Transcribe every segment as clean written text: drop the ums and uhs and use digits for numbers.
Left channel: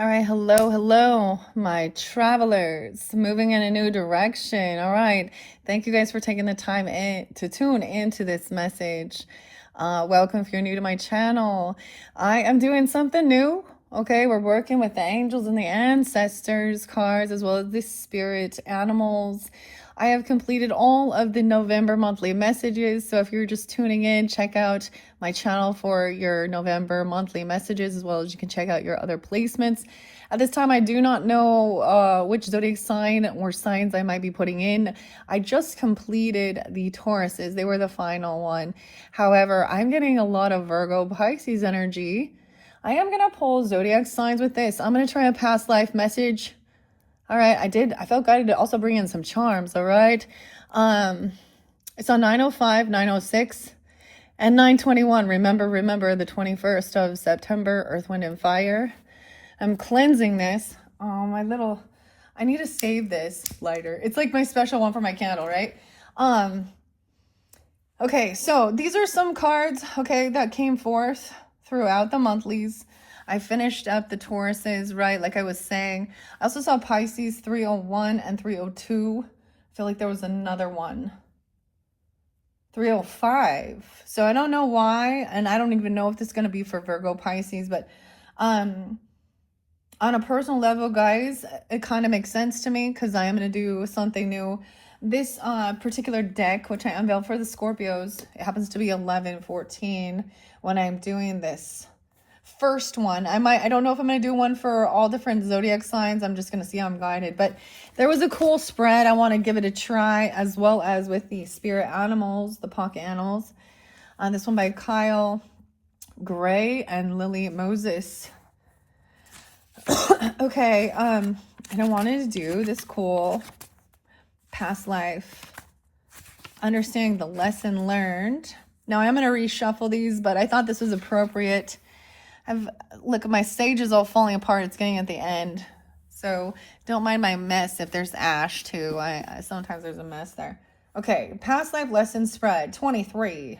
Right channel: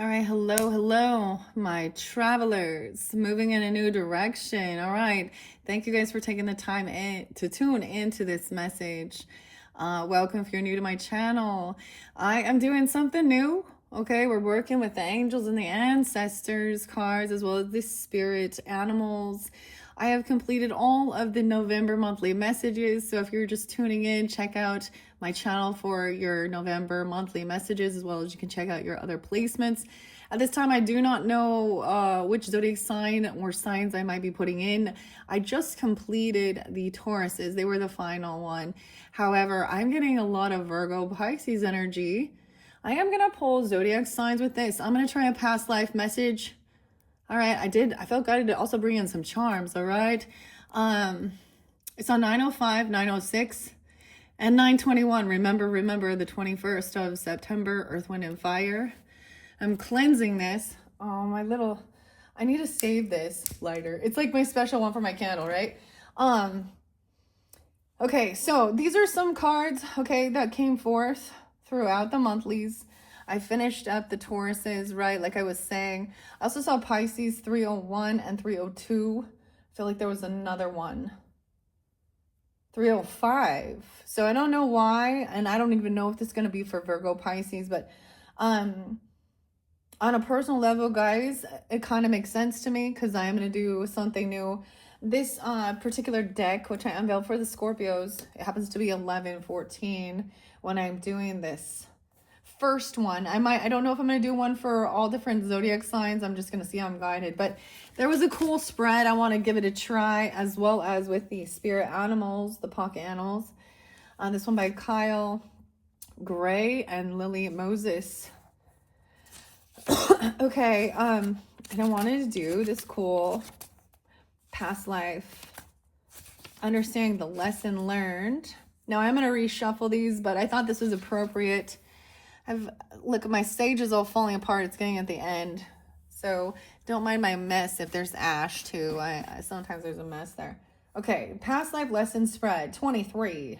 All right, hello, my travelers, moving in a new direction. All right, thank you guys for taking the time to tune into this message. Welcome if you're new to my channel. I am doing something new. Okay, we're working with the angels and the ancestors cards, as well as the spirit animals. I have completed all of the November monthly messages. So if you're just tuning in, check out my channel for your November monthly messages, as well as you can check out your other placements. At this time, I do not know which zodiac sign or signs I might be putting in. I just completed the Tauruses. They were the final one. However, I'm getting a lot of Virgo Pisces energy. I am going to pull zodiac signs with this. I'm going to try a past life message. All right, I felt guided to also bring in some charms, all right? It's on 9:05, 9:06, and 9:21. Remember the 21st of September, Earth, Wind, and Fire. I'm cleansing this. Oh, I need to save this lighter. It's like my special one for my candle, right? Okay, so these are some cards, okay, that came forth throughout the monthlies. I finished up the Tauruses, right, like I was saying. I also saw Pisces 301 and 302. I feel like there was another one. 305. So I don't know why, and I don't even know if this is going to be for Virgo Pisces, but on a personal level, guys, it kind of makes sense to me because I am going to do something new. This particular deck, which I unveiled for the Scorpios, it happens to be 11/14 when I'm doing this first one. I don't know if I'm going to do one for all different zodiac signs. I'm just going to see how I'm guided. But there was a cool spread. I want to give it a try, as well as with the spirit animals, the pocket animals. This one by Kyle Gray and Lily Moses. Okay, and I wanted to do this cool past life, understanding the lesson learned. Now I'm going to reshuffle these, but I thought this was appropriate. Look, my stage is all falling apart. It's getting at the end, so don't mind my mess if there's ash too. Sometimes there's a mess there. Okay, past life lesson spread 23.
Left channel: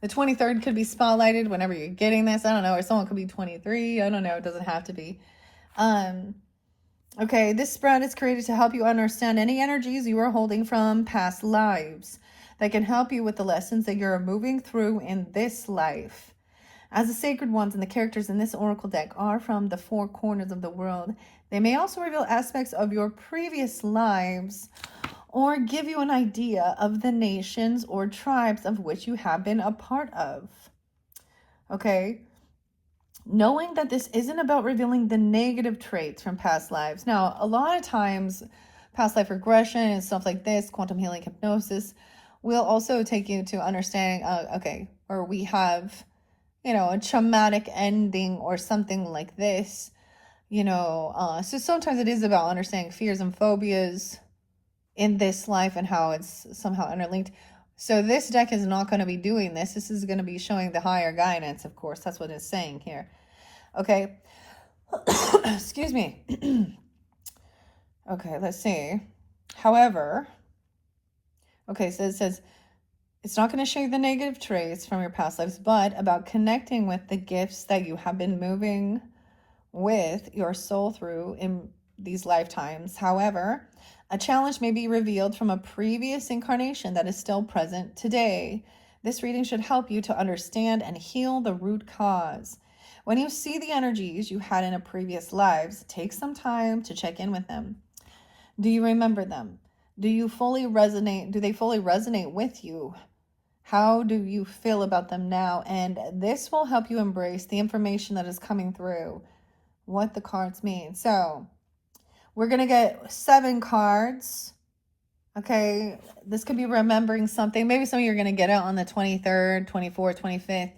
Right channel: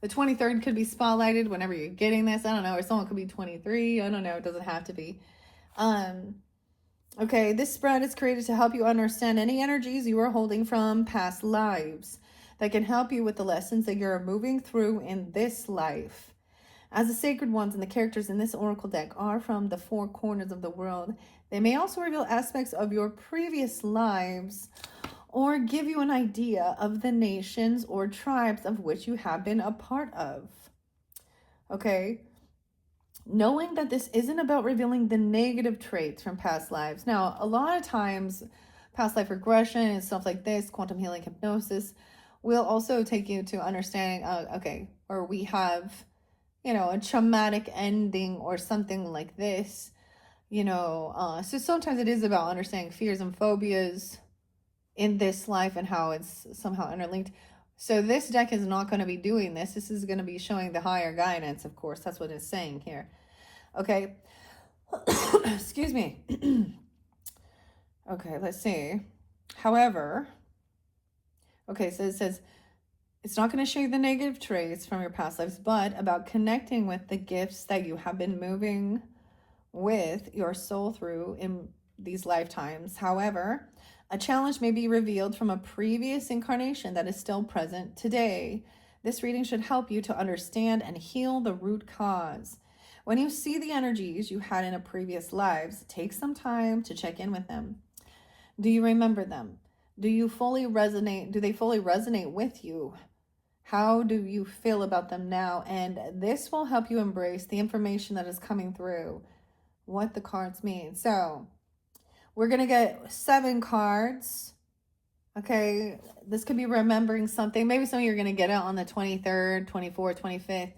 The 23rd could be spotlighted whenever you're getting this. I don't know, or someone could be 23. I don't know. It doesn't have to be. Okay, this spread is created to help you understand any energies you are holding from past lives that can help you with the lessons that you're moving through in this life. As the sacred ones and the characters in this oracle deck are from the four corners of the world, they may also reveal aspects of your previous lives or give you an idea of the nations or tribes of which you have been a part of. Okay, knowing that this isn't about revealing the negative traits from past lives. Now, a lot of times, past life regression and stuff like this, quantum healing hypnosis, will also take you to understanding, okay, or we have, a traumatic ending or something like this, so sometimes it is about understanding fears and phobias in this life and how it's somehow interlinked. So this deck is not going to be doing this. This is going to be showing the higher guidance, of course. That's what it's saying here. Okay. Excuse me. Okay, let's see. However, okay, so it says, it's not going to show you the negative traits from your past lives, but about connecting with the gifts that you have been moving with your soul through in these lifetimes. However, a challenge may be revealed from a previous incarnation that is still present today. This reading should help you to understand and heal the root cause. When you see the energies you had in a previous lives, take some time to check in with them. Do you remember them? Do they fully resonate with you? How do you feel about them now? And this will help you embrace the information that is coming through, what the cards mean. So we're going to get 7 cards. Okay, this could be remembering something. Maybe some of you are going to get it on the 23rd, 24th, 25th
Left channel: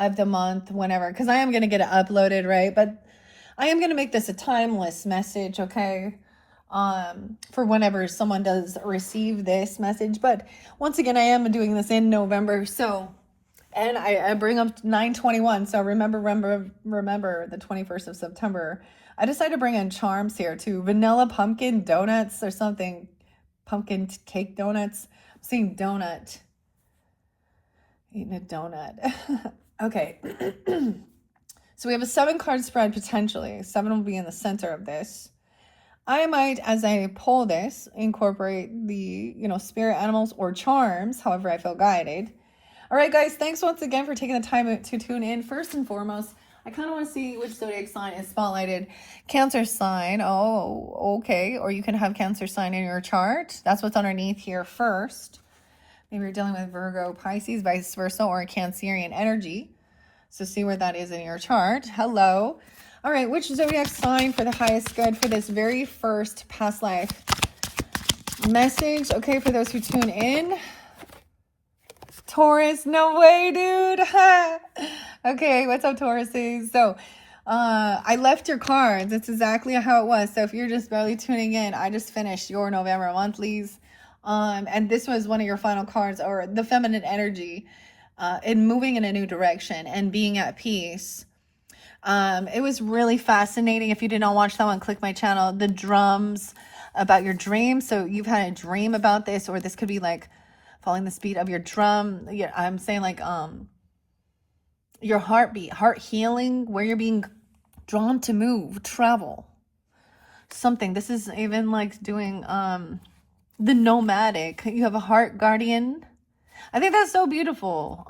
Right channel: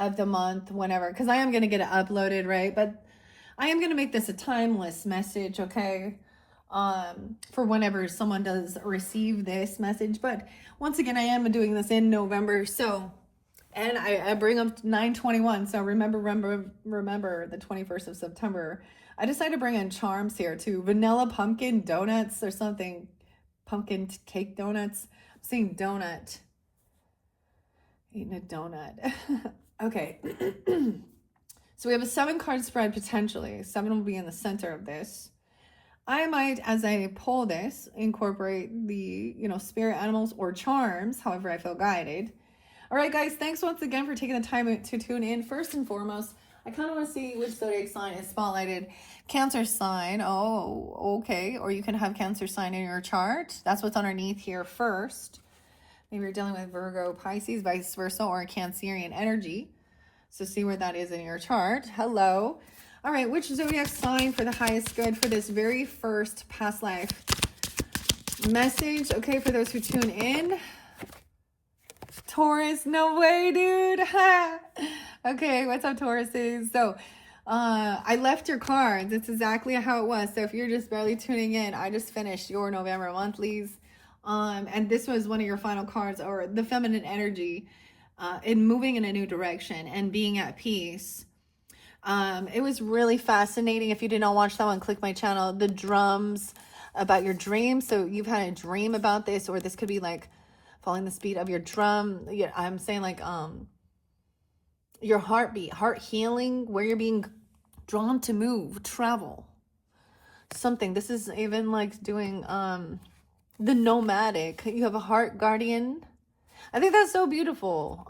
of the month, whenever, because I am going to get it uploaded, right? But I am going to make this a timeless message, okay? For whenever someone does receive this message. But once again, I am doing this in November, so, and I bring up 9/21, so remember the 21st of September. I decided to bring in charms here too. Vanilla pumpkin donuts or something. Pumpkin cake donuts. I'm seeing donut. Eating a donut. Okay. So we have a 7-card spread potentially. 7 will be in the center of this. I might, as I pull this, incorporate the, spirit animals or charms, however I feel guided. All right, guys, thanks once again for taking the time to tune in. First and foremost, I kind of want to see which zodiac sign is spotlighted. Cancer sign. Oh, okay. Or you can have Cancer sign in your chart. That's what's underneath here first. Maybe you're dealing with Virgo, Pisces, vice versa, or a Cancerian energy. So see where that is in your chart. Hello. All right, which zodiac sign for the highest good for this very first past life message? Okay, for those who tune in. Taurus, no way, dude. Okay, what's up, Tauruses? So, I left your cards. That's exactly how it was. So if you're just barely tuning in, I just finished your November monthlies. And this was one of your final cards, or the feminine energy, in moving in a new direction and being at peace. It was really fascinating. If you did not watch that one, click my channel. The drums about your dream. So you've had a dream about this, or this could be like following the speed of your drum. Yeah, I'm saying like your heartbeat, heart healing, where you're being drawn to move, travel, something. This is even like doing the nomadic. You have a heart guardian. I think that's so beautiful.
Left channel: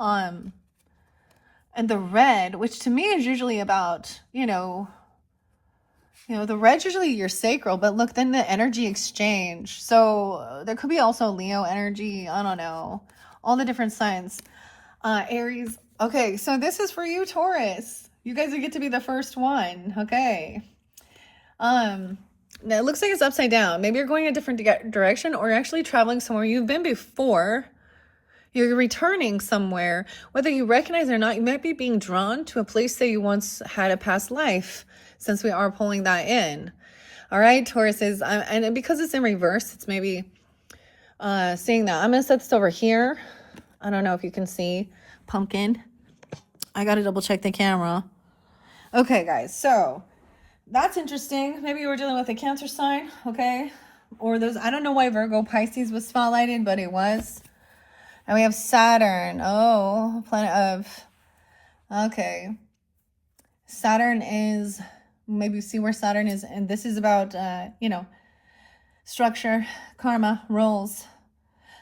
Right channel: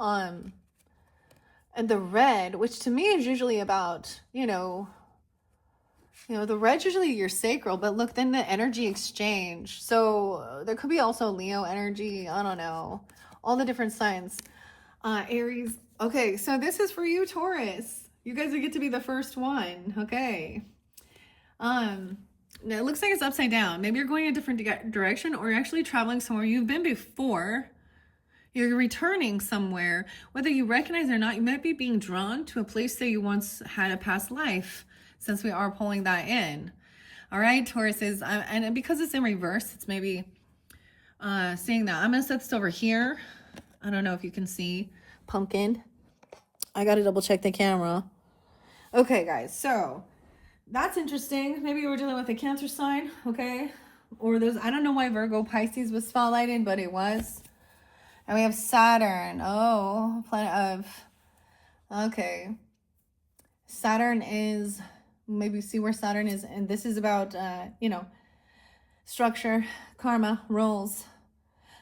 And the red, which to me is usually about, the red's usually your sacral, but look, then the energy exchange. So there could be also Leo energy. I don't know. All the different signs. Aries. Okay, so this is for you, Taurus. You guys get to be the first one. Okay. Now it looks like it's upside down. Maybe you're going a different direction, or you're actually traveling somewhere you've been before. You're returning somewhere. Whether you recognize it or not, you might be being drawn to a place that you once had a past life, since we are pulling that in. All right, Tauruses. And because it's in reverse, it's maybe seeing that. I'm going to set this over here. I don't know if you can see. Pumpkin. I got to double check the camera. Okay, guys. So that's interesting. Maybe you were dealing with a Cancer sign. Okay. Or those. I don't know why Virgo Pisces was spotlighted, but it was. And we have Saturn. Oh, planet of, okay. Saturn is, maybe see where Saturn is. And this is about, structure, karma, roles.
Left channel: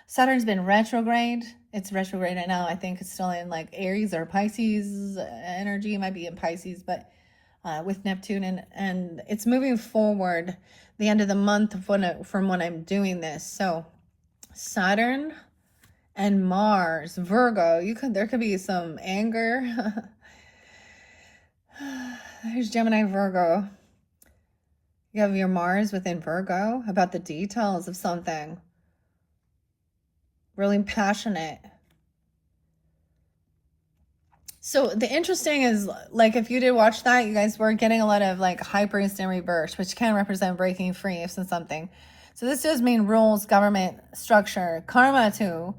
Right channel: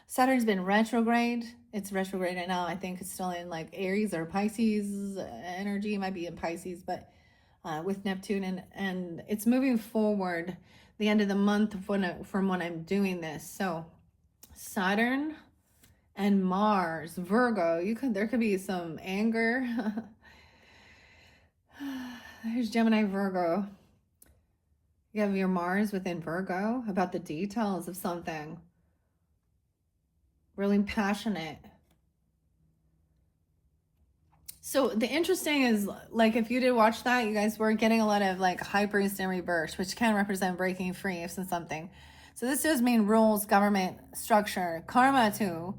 Saturn's been retrograde. It's retrograde right now. I think it's still in like Aries or Pisces energy. It might be in Pisces, but with Neptune. And it's moving forward the end of the month from when I'm doing this. So Saturn and Mars, Virgo, there could be some anger. There's Gemini, Virgo. You have your Mars within Virgo about the details of something. Really passionate. So the interesting is, like, if you did watch that, you guys were getting a lot of like high priest in reverse, which can represent breaking free from something. So this does mean rules, government, structure, karma too.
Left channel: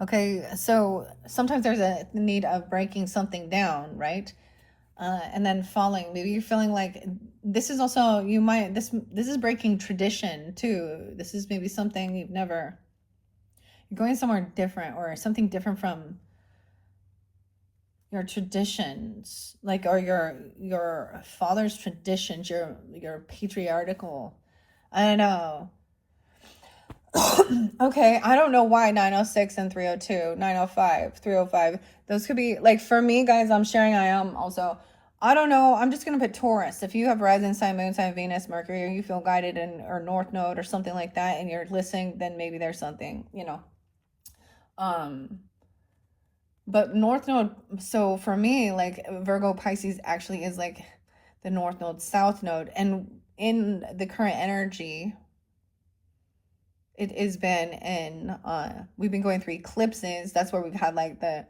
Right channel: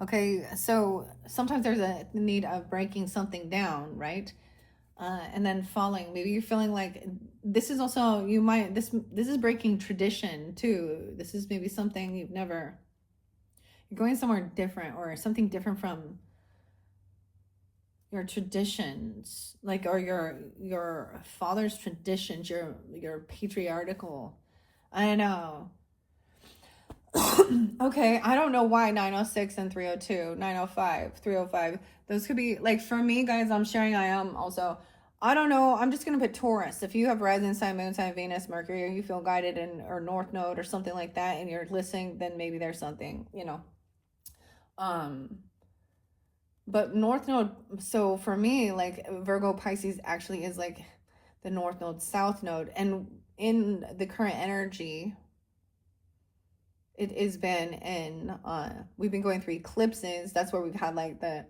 Okay, so sometimes there's a need of breaking something down, right? And then falling. Maybe you're feeling like this is also, this is breaking tradition too. This is maybe something you're going somewhere different, or something different from your traditions, like, or your father's traditions, your patriarchal. I don't know. Okay, I don't know why 906 and 302, 905, 305. Those could be, like, for me, guys, I'm sharing, I am also, I don't know, I'm just going to put Taurus. If you have rising sign, moon sign, Venus, Mercury, or you feel guided or North Node or something like that, and you're listening, then maybe there's something, But North Node, so for me, like, Virgo Pisces actually is like the North Node, South Node. And in the current energy, it has been in, we've been going through eclipses. That's where we've had like the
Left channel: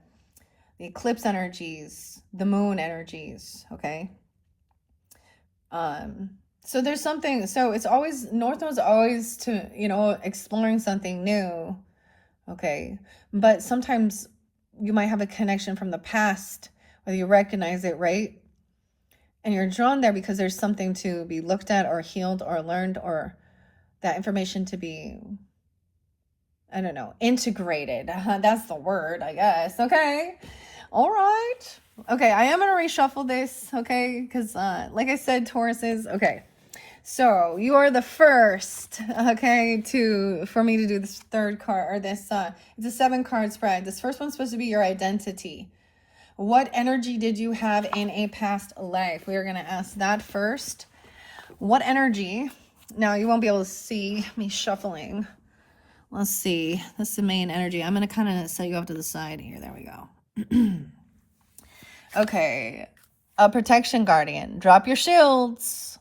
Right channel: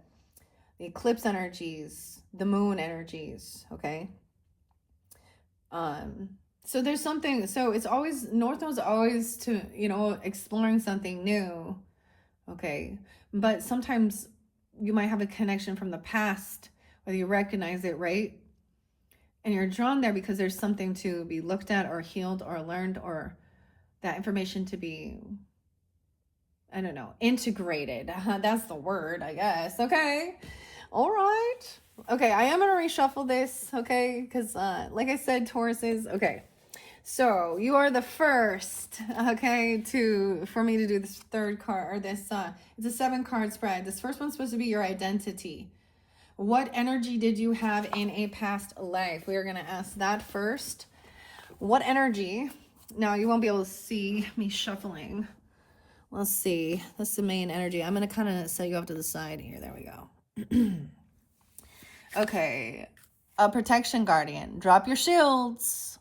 eclipse energies, the moon energies, okay? So there's something, so it's always, North Node's always to, exploring something new, okay? But sometimes you might have a connection from the past, whether you recognize it, right? And you're drawn there because there's something to be looked at or healed or learned, or that information to be, I don't know, integrated. That's the word, I guess. Okay. All right. Okay, I am going to reshuffle this, okay? Because, like I said, Tauruses, okay. So, you are the first, okay, for me to do this third card, or this, it's a 7-card spread. This first one's supposed to be your identity. What energy did you have in a past life? We are going to ask that first. What energy? Now, you won't be able to see me shuffling. Let's see. This is the main energy. I'm going to kind of set you off to the side here. There we go. Okay. A protection guardian. Drop your shields.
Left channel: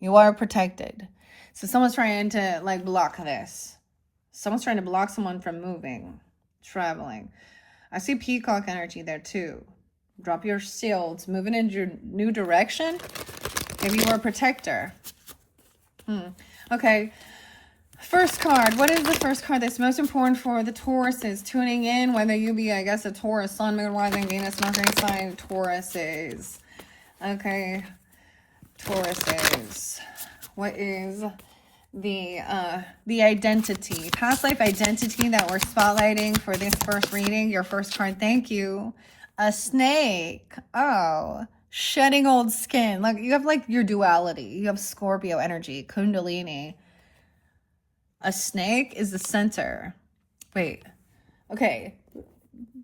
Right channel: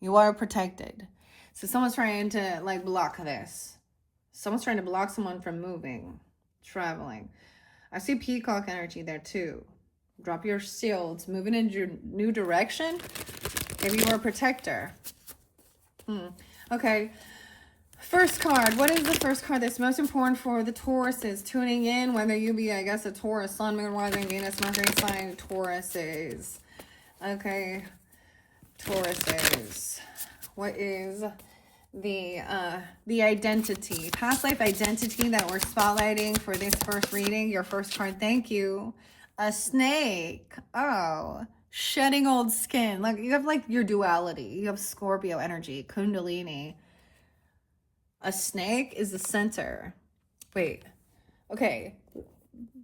You are protected. So someone's trying to like block this. Someone's trying to block someone from moving, traveling. I see peacock energy there too. Drop your shields. Moving in your new direction. Maybe you were a protector. Okay. First card. What is the first card that's most important for the Tauruses tuning in? Whether you be, I guess, a Taurus, Sun, Moon, Rising, Venus, Mercury sign, Tauruses. Okay. Tauruses. What is the identity, past life identity that we're spotlighting for this first reading? Your first card. Thank you. A snake. Oh. Shedding old skin. Like you have like your duality. You have Scorpio energy, Kundalini. A snake is the center. Wait. Okay.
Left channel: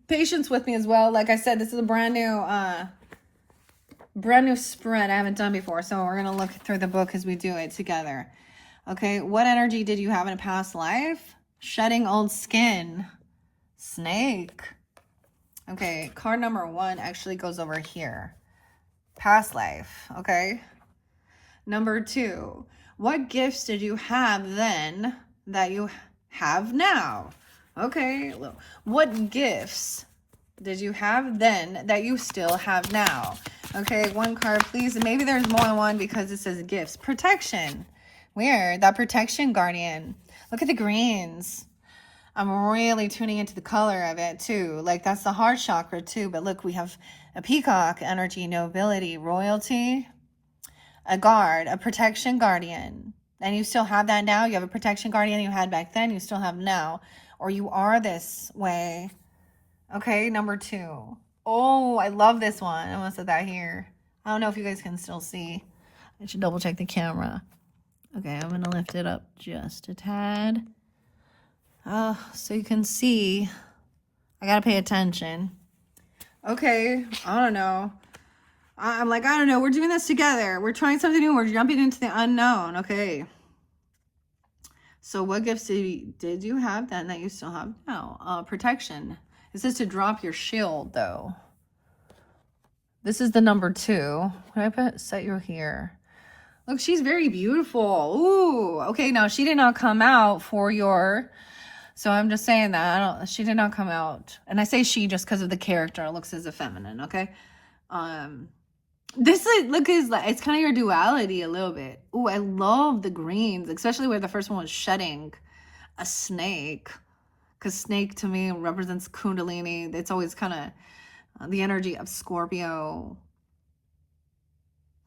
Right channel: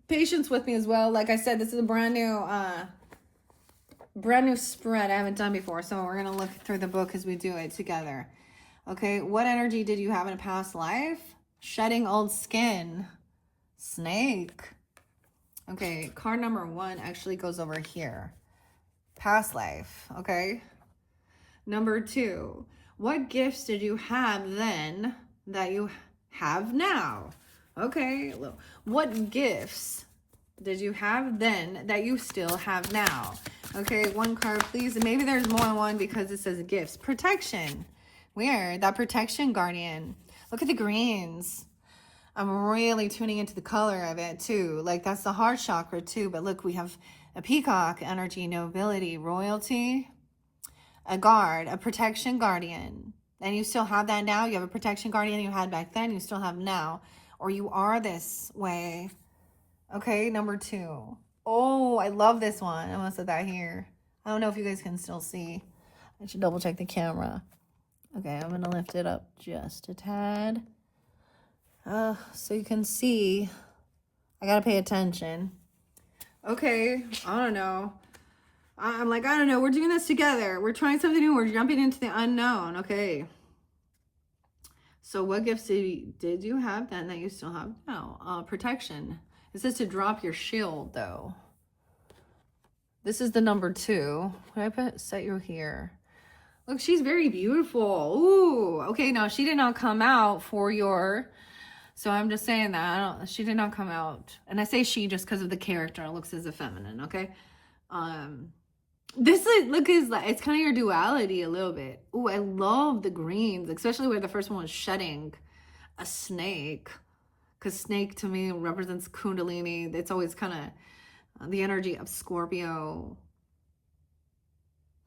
Patience with me as well. Like I said, this is a brand new spread I haven't done before. So we're going to look through the book as we do it together. Okay. What energy did you have in a past life? Shedding old skin. Snake. Okay. Card number 1 actually goes over here. Past life. Okay. Number 2. What gifts did you have then that you have now? Okay. What gifts did you have then that you still have now? Okay. 1 card, please. And maybe there's more than one because it says gifts. Protection. Weird. That protection guardian. Look at the greens. I'm really tuning into the color of it too. Like that's the heart chakra too. But look, we have a peacock energy, nobility, royalty. A guard, a protection guardian. And you still have that now. You have a protection guardian you had back then. You still have now. Or you are this way. Okay, number 2. Oh, I love this one. I'm going to set that here. I don't know if you guys can still see. I should double check the camera. Okay, I'm going to lift it up just a tad. So you can see. I got to pay attention. Okay, I don't know. I'm like, I don't know. We're doing this together. We're trying something new. We're jumping into the unknown. Okay. So what gifts did you have then that you still have now? Protection. It says to drop your shield, though. This is the number 2. Can I set you here? Look, she's very beautiful. Ooh. Okay, now she did not come out for your... So I'm just saying that. She did not come out. And I say she just because of the character. It looks as a feminine, okay? This look is like it's kind of your duality a little bit. Oh, I love the greens, especially where the first one was shedding a snake, because snake to me represents Kundalini. It's always kind of the energy of Scorpio.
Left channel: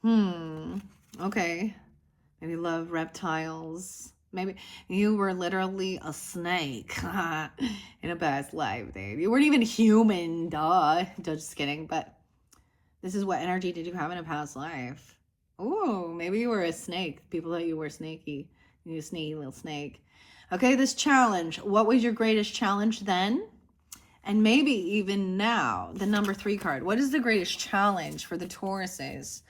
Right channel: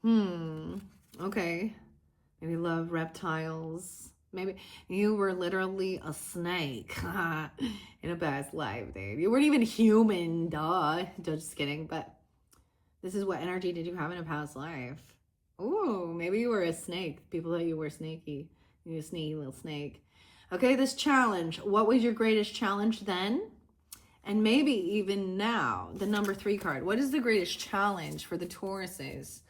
Okay, maybe love reptiles. Maybe you were literally a snake in a past life, dude. You weren't even human, duh. Just kidding, but. This is what energy did you have in a past life? Oh, maybe you were a snake. People thought you were snaky. You sneaky little snake. Okay, this challenge. What was your greatest challenge then? And maybe even now, the number 3 card. What is the greatest challenge for the Tauruses?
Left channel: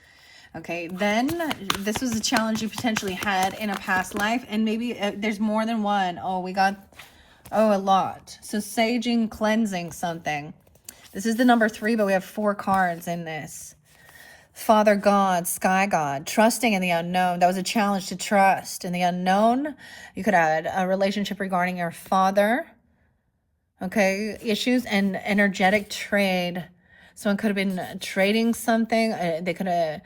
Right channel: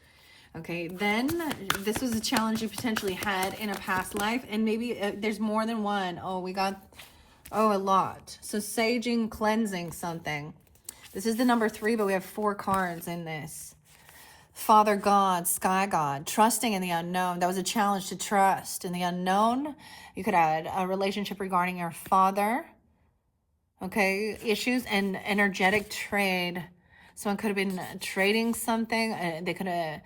Okay, then this was a challenge you potentially had in a past life. And maybe there's more than one. Oh, we got, a lot. So saging, cleansing something. This is the number 3, but we have 4 cards in this. Father God, Sky God, trusting in the unknown. That was a challenge to trust in the unknown. You could add a relationship regarding your father. Okay, issues and energetic trade. Someone could have been trading something. They could have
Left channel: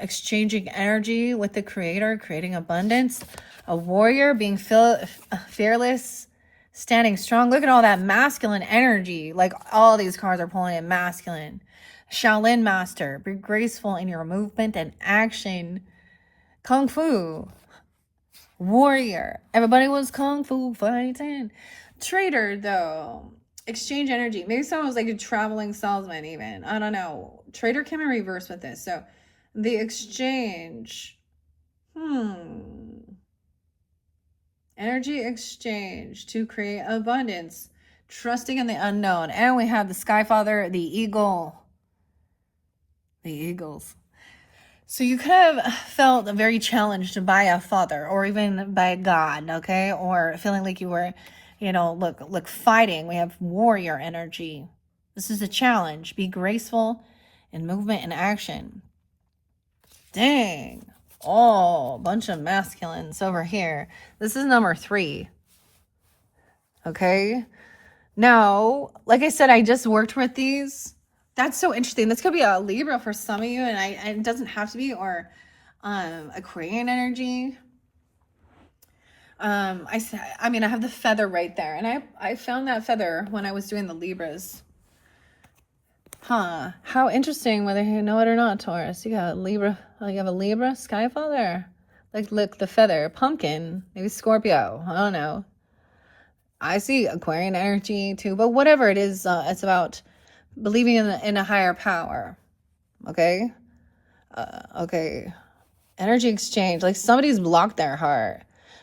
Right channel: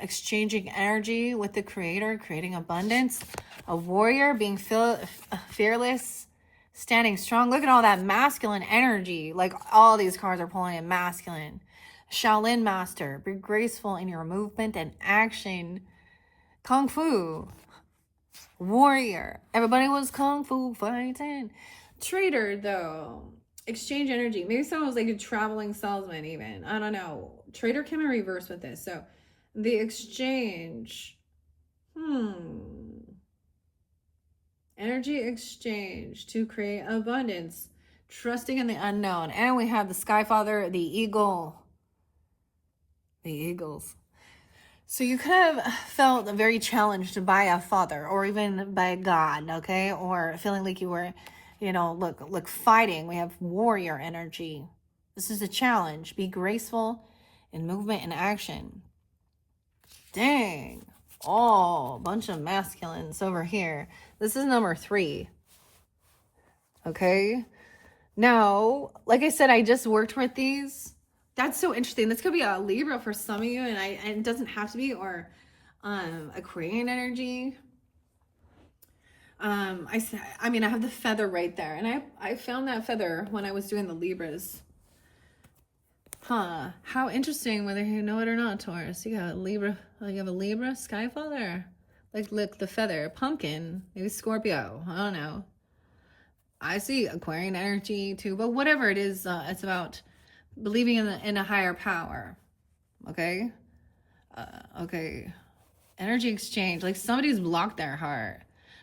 exchanging energy with the creator, creating abundance. A warrior, being fearless. Standing strong. Look at all that masculine energy. Like all these cards are pulling in masculine. Shaolin master. Be graceful in your movement and action. Kung Fu. Warrior. Everybody was Kung Fu fighting. Traitor, though. exchange energy. Maybe someone was like a traveling salesman even. I don't know. Trader came in reverse with this. So the exchange. Energy exchange to create abundance. Trusting in the unknown. And we have the Sky Father, the eagle. The eagles. So you could have felt very challenged by a father or even by God, okay? Or feeling like you were, you know, look, fighting. We have warrior energy. This is a challenge. Be graceful in movement and action. Dang. Oh, bunch of masculines over here. This is number 3. Okay? Now, like I said, I just worked with these. That's so interesting. This could be a Libra for some of you, and it doesn't have to be, or Aquarian energy. I mean, I have the feather right there, and I found that feather when I was doing the Libras. Huh. How interesting, whether you know it or not, Taurus. You got a Libra. Oh, you have a Libra Sky Father. Like, look, the feather. Pumpkin. Maybe Scorpio. I don't know. I see Aquarian energy too, but whatever it is, it's about believing in a higher power. Okay? Okay. Energy exchange. Like somebody's blocked their heart.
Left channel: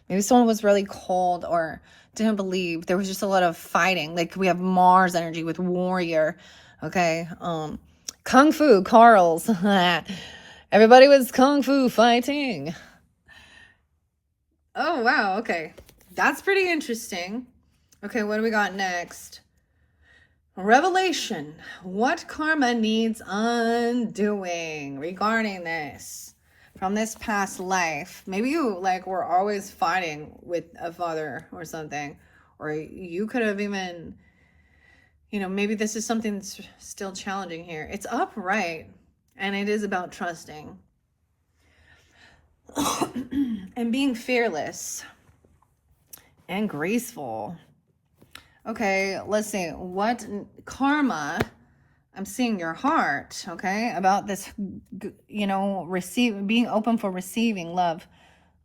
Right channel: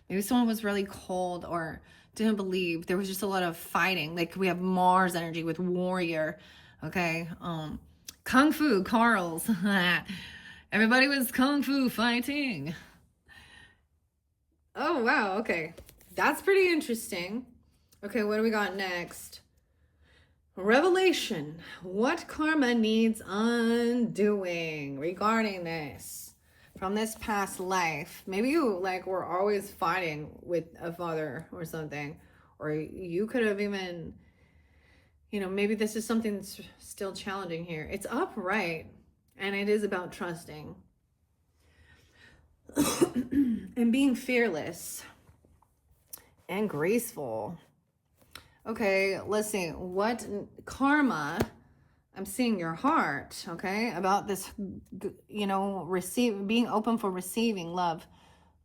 Maybe someone was really cold or didn't believe. There was just a lot of fighting. Like we have Mars energy with warrior. Okay. Kung Fu, Carl's. Everybody was Kung Fu fighting. Oh, wow. Okay. That's pretty interesting. Okay, what do we got next? Revelation. What karma needs undoing regarding this from this past life? Maybe you like were always fighting with a father or something, or you could have even, you know, maybe this is something that's still challenging here. It's upright, and it is about trusting and being fearless and graceful. Okay, let's see. What karma? I'm seeing your heart, okay, about this, you know, being open for receiving love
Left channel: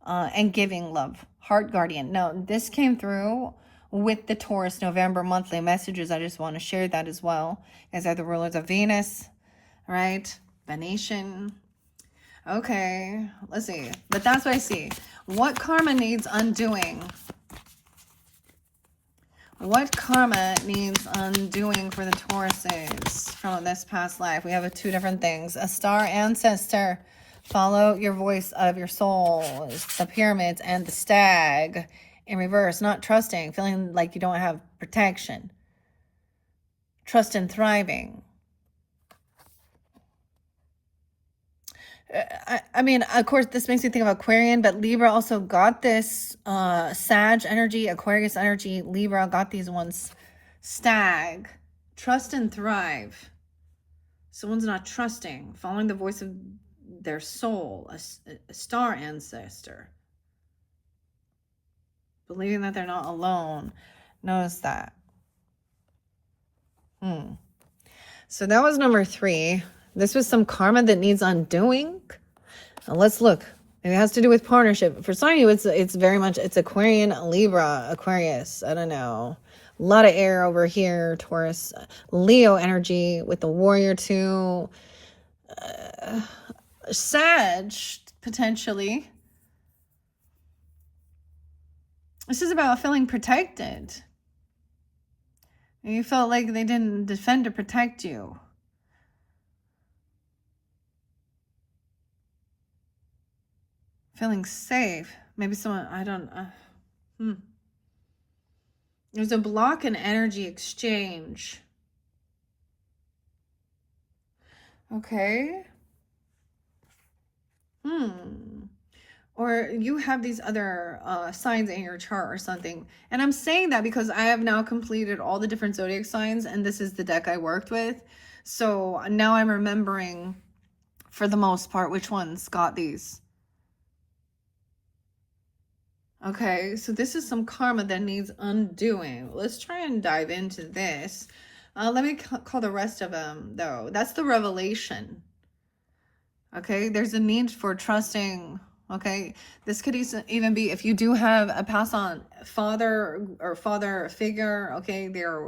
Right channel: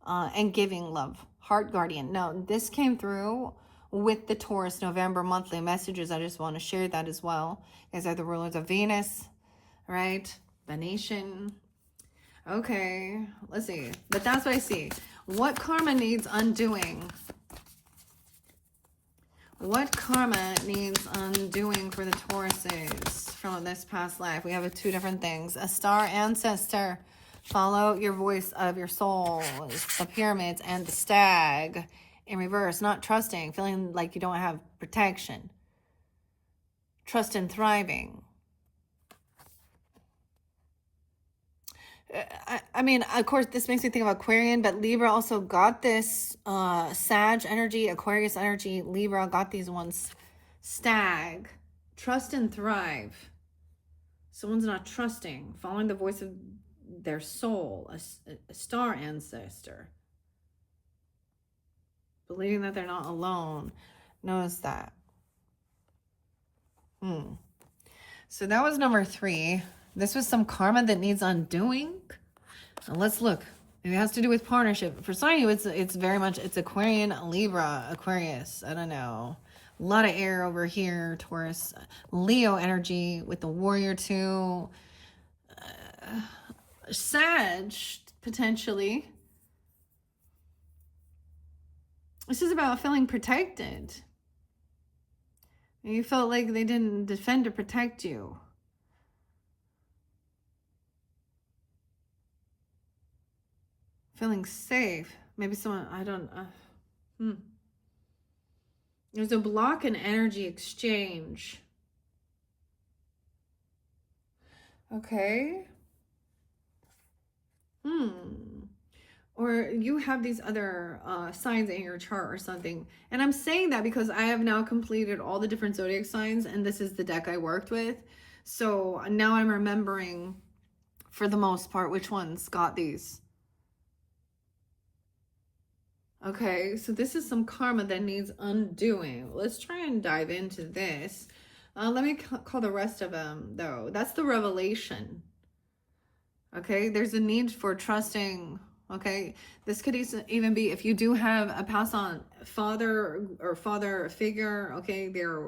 and giving love. Heart guardian. Now, this came through with the Taurus November monthly messages. I just want to share that as well. As are the rulers of Venus, right? Venetian. Okay, let's see. But that's what I see. What karma needs undoing? What karma needs undoing for the Tauruses from this past life? We have 2 different things. A star ancestor. Follow your voice of your soul. The pyramids and the stag in reverse. Not trusting. Feeling like you don't have protection. Trust in thriving. I mean, of course, this makes me think of Aquarian, but Libra also got this Sag energy, Aquarius energy. Libra got these ones. Stag, trust and thrive. Someone's not trusting, following the voice of their soul, a star ancestor. Believing that they're not alone. Notice that. So that was number 3. This was some karma that needs undoing. Now let's look. It has to do with partnership. For some of you, it's very much, it's Aquarian, Libra, Aquarius. I don't know. A lot of air over here, Taurus. Leo energy with the warrior too. Sag, potentially. This is about feeling protected. You felt like they didn't defend or protect you. Feeling safe. Maybe someone, I don't, There's a block in energy exchange. Okay. Or you have these other signs in your chart or something. And I'm saying that because I have now completed all the different zodiac signs, and this is the deck I worked with. So now I'm remembering, for the most part, which ones got these. Okay, so this is some karma that needs undoing. Let's try and dive into this. Let me call the rest of them, though. That's the revelation. Okay, there's a need for trusting. Okay, this could even be if you do have a pass on father or father figure. Okay, they're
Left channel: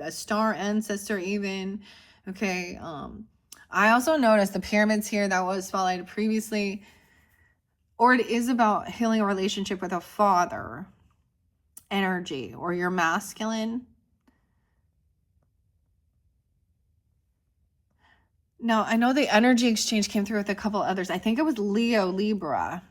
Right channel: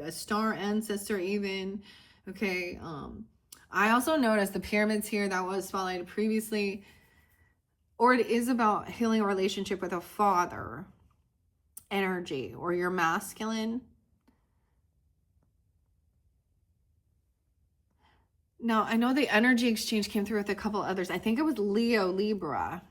a star ancestor even. Okay. I also noticed the pyramids here that was spotlighted previously, or it is about healing a relationship with a father energy or your masculine. Now, I know the energy exchange came through with a couple others. I think it was Leo, Libra.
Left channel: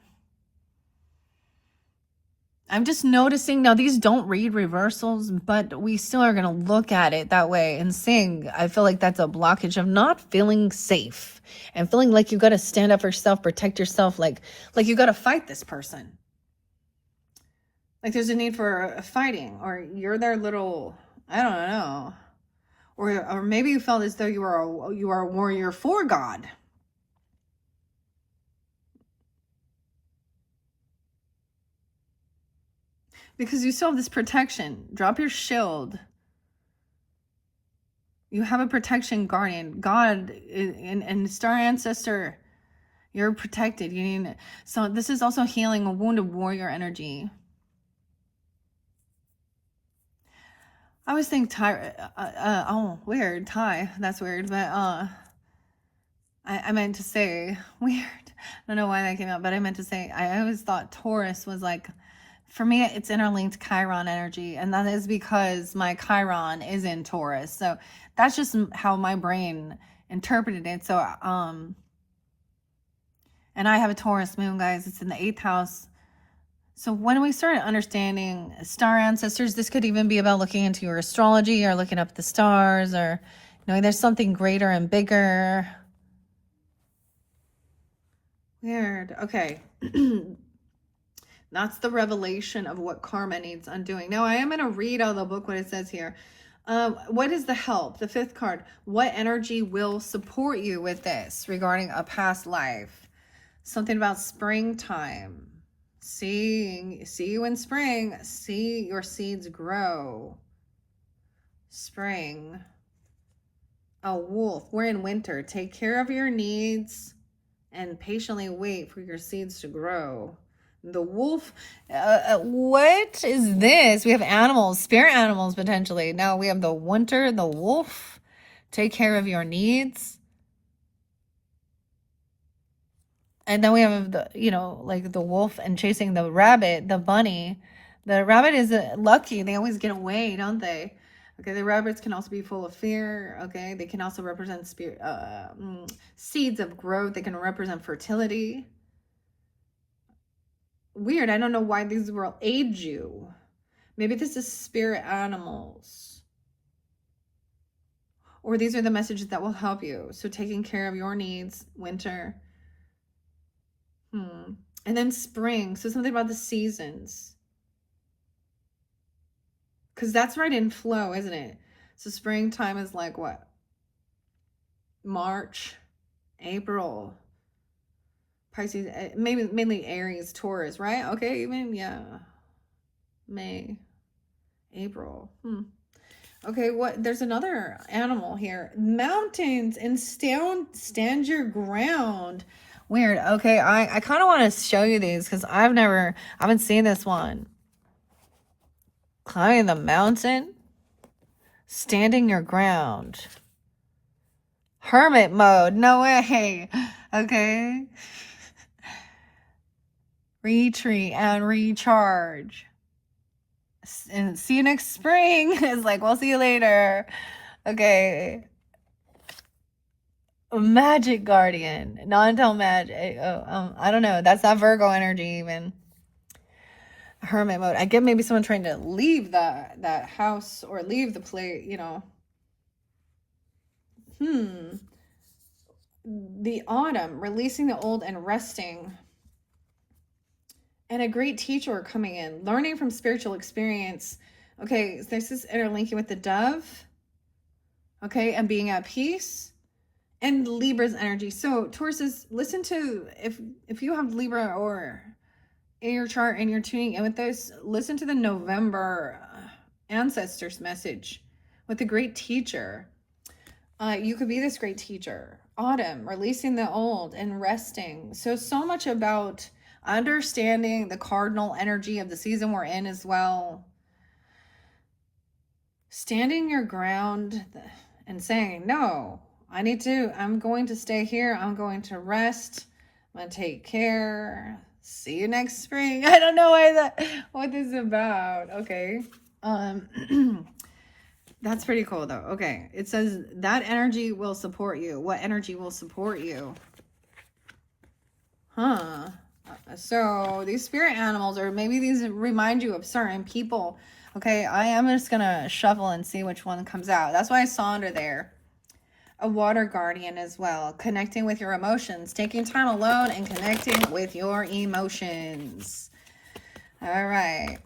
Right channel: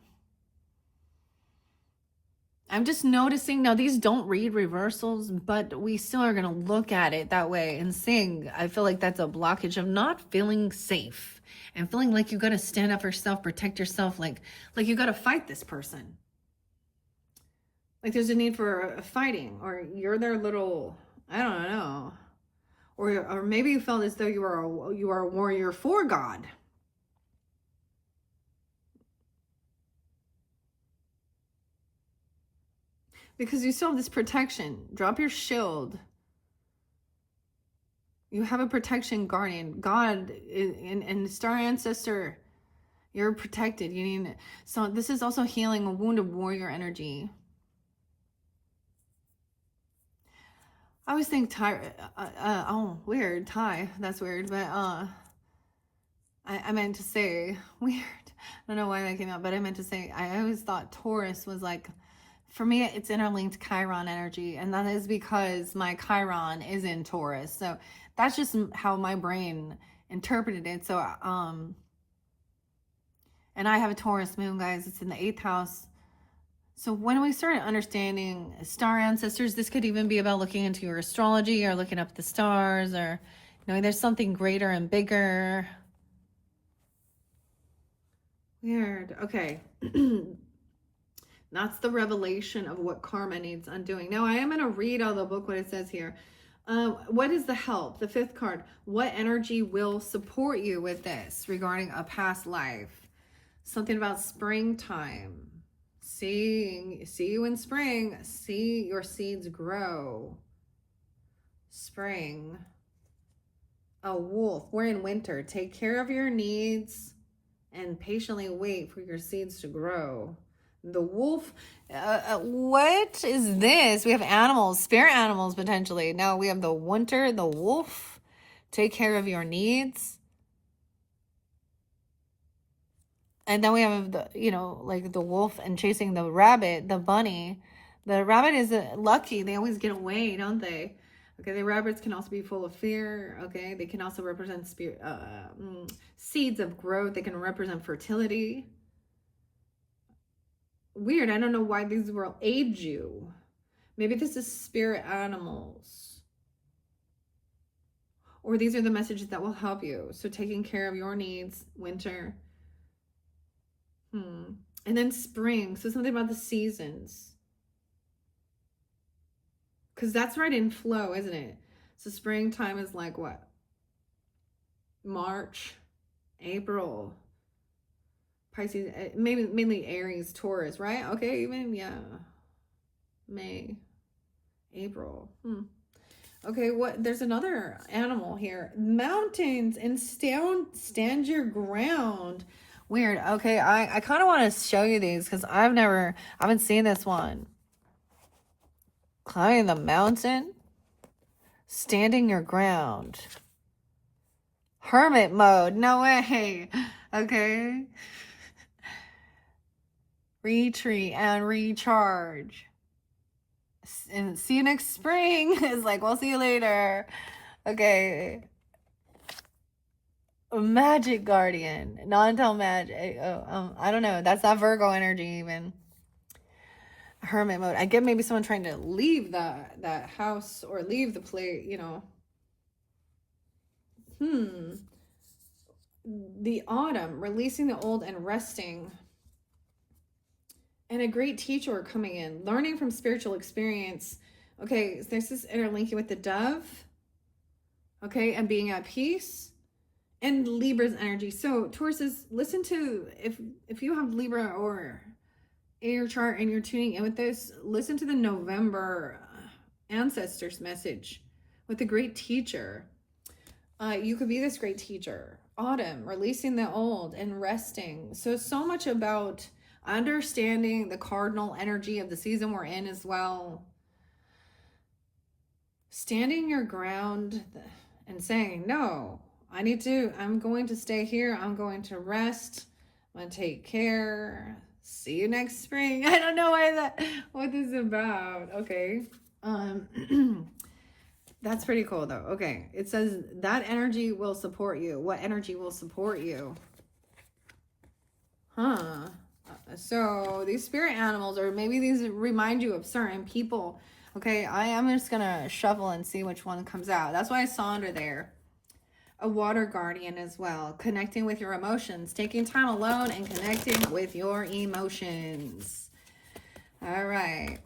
I'm just noticing now these don't read reversals, but we still are going to look at it that way and sing. I feel like that's a blockage of not feeling safe and feeling like you got to stand up for yourself, protect yourself, like you got to fight this person. Like there's a need for fighting, or you're their little, I don't know. Or maybe you felt as though you are a warrior for God. Because you still have this protection. Drop your shield. You have a protection guardian. God and star ancestor, you're protected. You need, so this is also healing a wounded warrior energy. I always think oh, weird, Thai. That's weird, but I meant to say weird. I don't know why that came out, but I meant to say I always thought Taurus was like, for me, it's interlinked Chiron energy, and that is because my Chiron is in Taurus. So that's just how my brain interpreted it. So and I have a Taurus moon, guys. It's in the 8th house. So when we started understanding star ancestors, this could even be about looking into your astrology or looking up the stars, or knowing there's something greater and bigger. Weird. Okay. That's the revelation of what karma needs undoing. Now, I am going to read out of the book what it says here. What is the help? The 5th card. What energy will support you with this regarding a past life? Something about springtime. See you in spring. See your seeds grow. Spring. A wolf. We're in winter. Take care of your needs and patiently wait for your seeds to grow. The wolf. What is this? We have animals, spirit animals potentially. Now we have the winter, the wolf. Take care of your needs. And then we have the, like the wolf and chasing the rabbit, the bunny. The rabbit is lucky. They always get away, don't they? Okay, the rabbits can also be full of fear. Okay, they can also represent seeds of growth. They can represent fertility. Weird. I don't know why these will aid you. Maybe this is spirit animals. Or these are the messages that will help you. So taking care of your needs, winter. And then spring. So something about the seasons. Because that's right in flow, isn't it? So springtime is like what? March, April. Pisces, maybe mainly Aries, Taurus, right? Okay, even, yeah. May, April. Okay, there's another animal here. Mountains and stand your ground. Weird. Okay, I kind of want to show you these because I haven't seen this one. Climbing the mountain, standing your ground. Hermit mode. No way. Okay. Retreat and recharge. And see you next spring. It's like, we'll see you later. Okay. Magic guardian. Non-tell magic. I don't know. That's not Virgo energy even. Hermit mode. I get maybe someone trying to leave that house or leave the place, The autumn, releasing the old and resting. And a great teacher coming in, learning from spiritual experience. Okay, so there's this interlinking with the dove. Okay, and being at peace. And Libra's energy. So Taurus is, listen to, if you have Libra or air chart and you're tuning in with this, listen to the November ancestors message with the great teacher. You could be this great teacher. Autumn, releasing the old and resting. So much about understanding the cardinal energy of the season we're in as well. standing your ground and saying, no, I'm going to stay here. I'm going to rest. I'm going to take care. See you next spring. I don't know what this is about. Okay. That's pretty cool though. Okay. It says that energy will support you. What energy will support you? Huh. So these spirit animals, or maybe these remind you of certain people. Okay, I am just gonna shuffle and see which one comes out. That's why I saw under there a water guardian as well. Connecting with your emotions, taking time alone and connecting with your emotions. All right.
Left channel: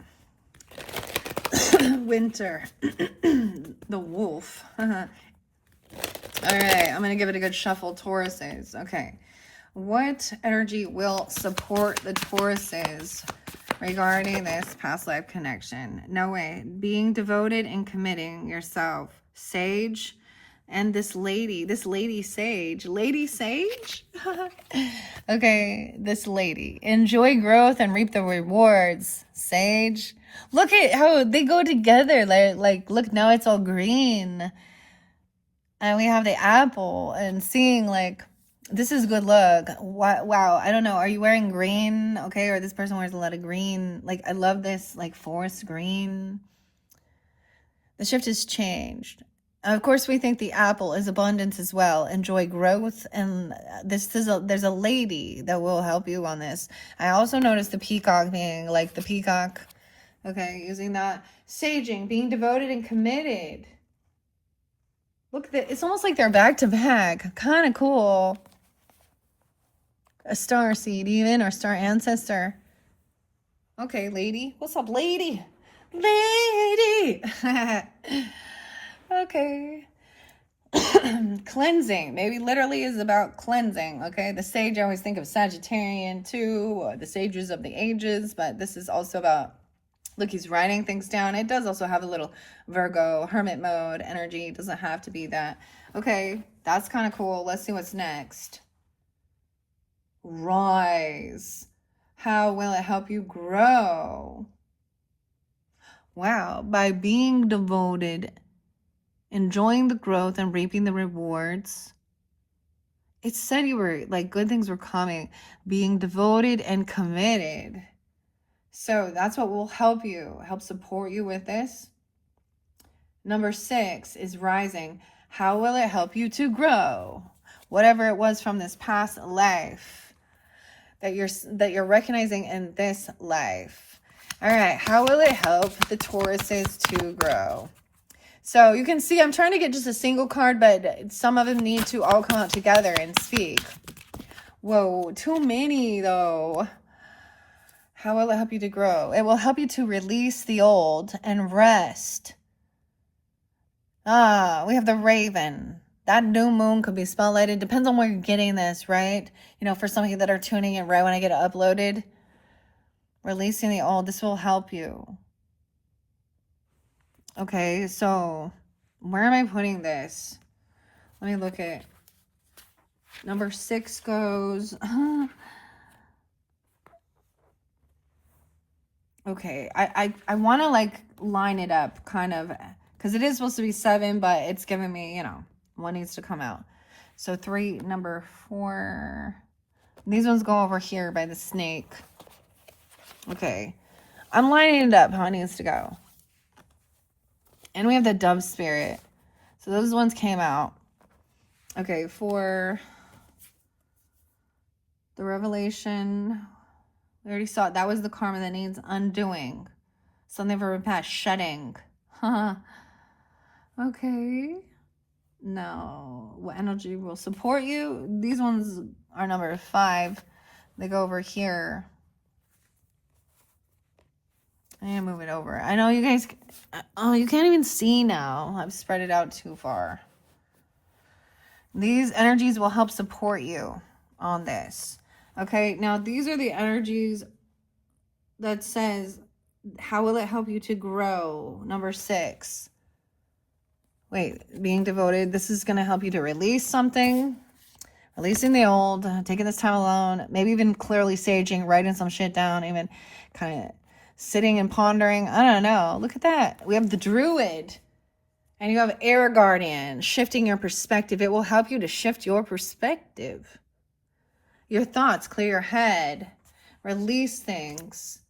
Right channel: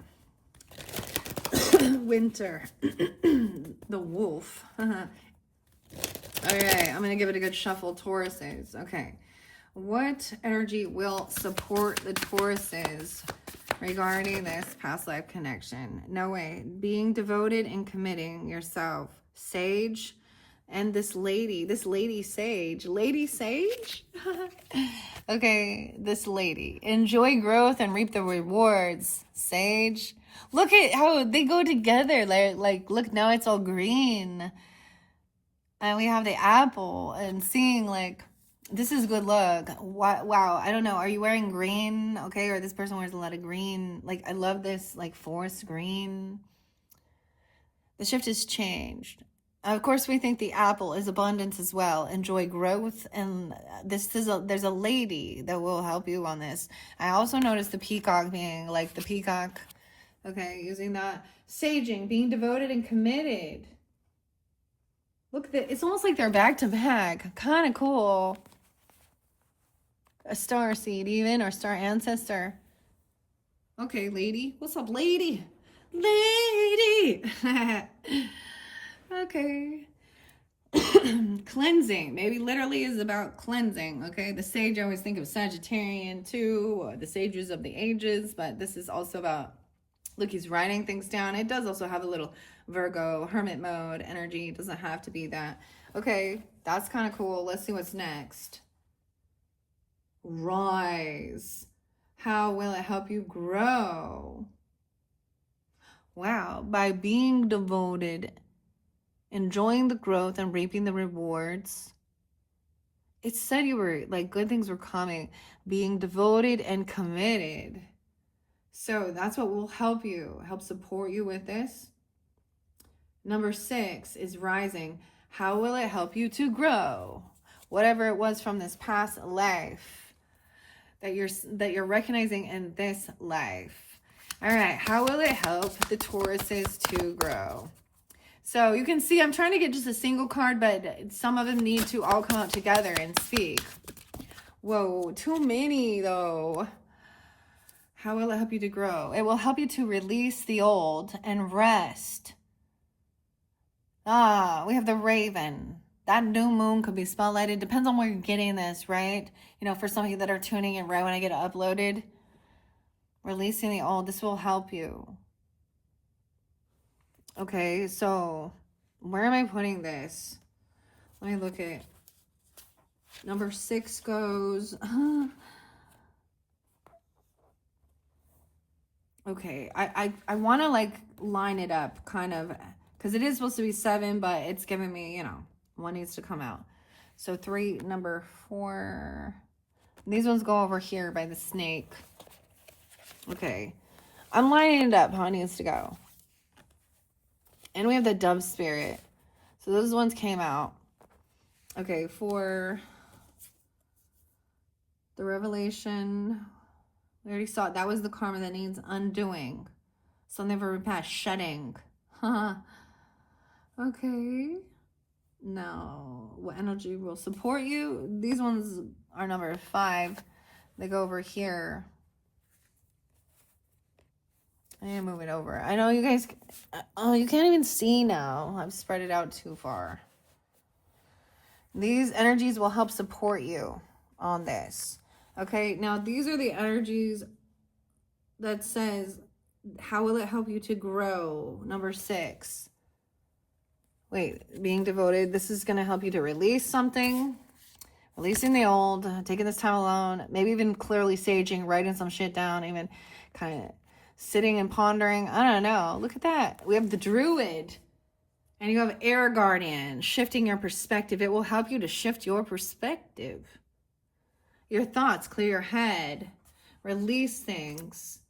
Winter. The wolf. All right, I'm gonna give it a good shuffle, Tauruses. Okay. What energy will support the Tauruses regarding this past life connection? No way. Being devoted and committing yourself. Sage. And this lady sage. Lady sage? Okay, this lady. Enjoy growth and reap the rewards. Sage. Look at how they go together. Like look, now it's all green. And we have the apple and seeing like, this is good luck. Wow. I don't know. Are you wearing green? Okay. Or this person wears a lot of green. Like, I love this, like, forest green. The shift has changed. Of course, we think the apple is abundance as well. Enjoy growth. And there's a lady that will help you on this. I also noticed the peacock being like the peacock. Okay. Using that. Saging, being devoted and committed. Look, it's almost like they're back to back. Kind of cool. A star seed even, or star ancestor. Okay, lady. What's up, lady? Lady! Okay. Cleansing. Maybe literally is about cleansing, okay? The sage, I always think of Sagittarian too, or the sages of the ages, but this is also about, look, he's writing things down. It does also have a little Virgo, hermit mode energy. It doesn't have to be that. Okay, that's kind of cool. Let's see what's next. Rise. How will it help you grow? Wow. By being devoted, enjoying the growth and reaping the rewards. It said you were like good things were coming. Being devoted and committed. So that's what will help support you with this. Number 6 is rising. How will it help you to grow? Whatever it was from this past life that you're recognizing in this life. All right, how will it help the Tauruses to grow? So you can see I'm trying to get just a single card, but some of them need to all come out together and speak. Whoa, too many though. How will it help you to grow? It will help you to release the old and rest. We have the Raven. That new moon could be spotlighted. Depends on where you're getting this, right? You know, for some of you that are tuning in right when I get it uploaded. Releasing the old. This will help you. Okay, so where am I putting this? Let me look at. Number 6 goes... Okay, I want to like line it up kind of, because it is supposed to be 7, but it's giving me, you know, one needs to come out. So 3, number 4. These ones go over here by the snake. Okay, I'm lining it up how it needs to go. And we have the dove spirit. So those ones came out. Okay, for the revelation, we already saw it. That was the karma that needs undoing. Something for past shedding. Okay. No. What energy will support you? These ones are number 5. They go over here. I need to move it over. I know you guys... Oh, you can't even see now. I've spread it out too far. These energies will help support you on this. Okay, now these are the energies that says, how will it help you to grow? Number 6. Wait, being devoted. This is going to help you to release something. Releasing the old, taking this time alone, maybe even clearly saging, writing some shit down, even kind of sitting and pondering. I don't know. Look at that. We have the druid. And you have air guardian, shifting your perspective. It will help you to shift your perspective. Your thoughts, clear your head, release things.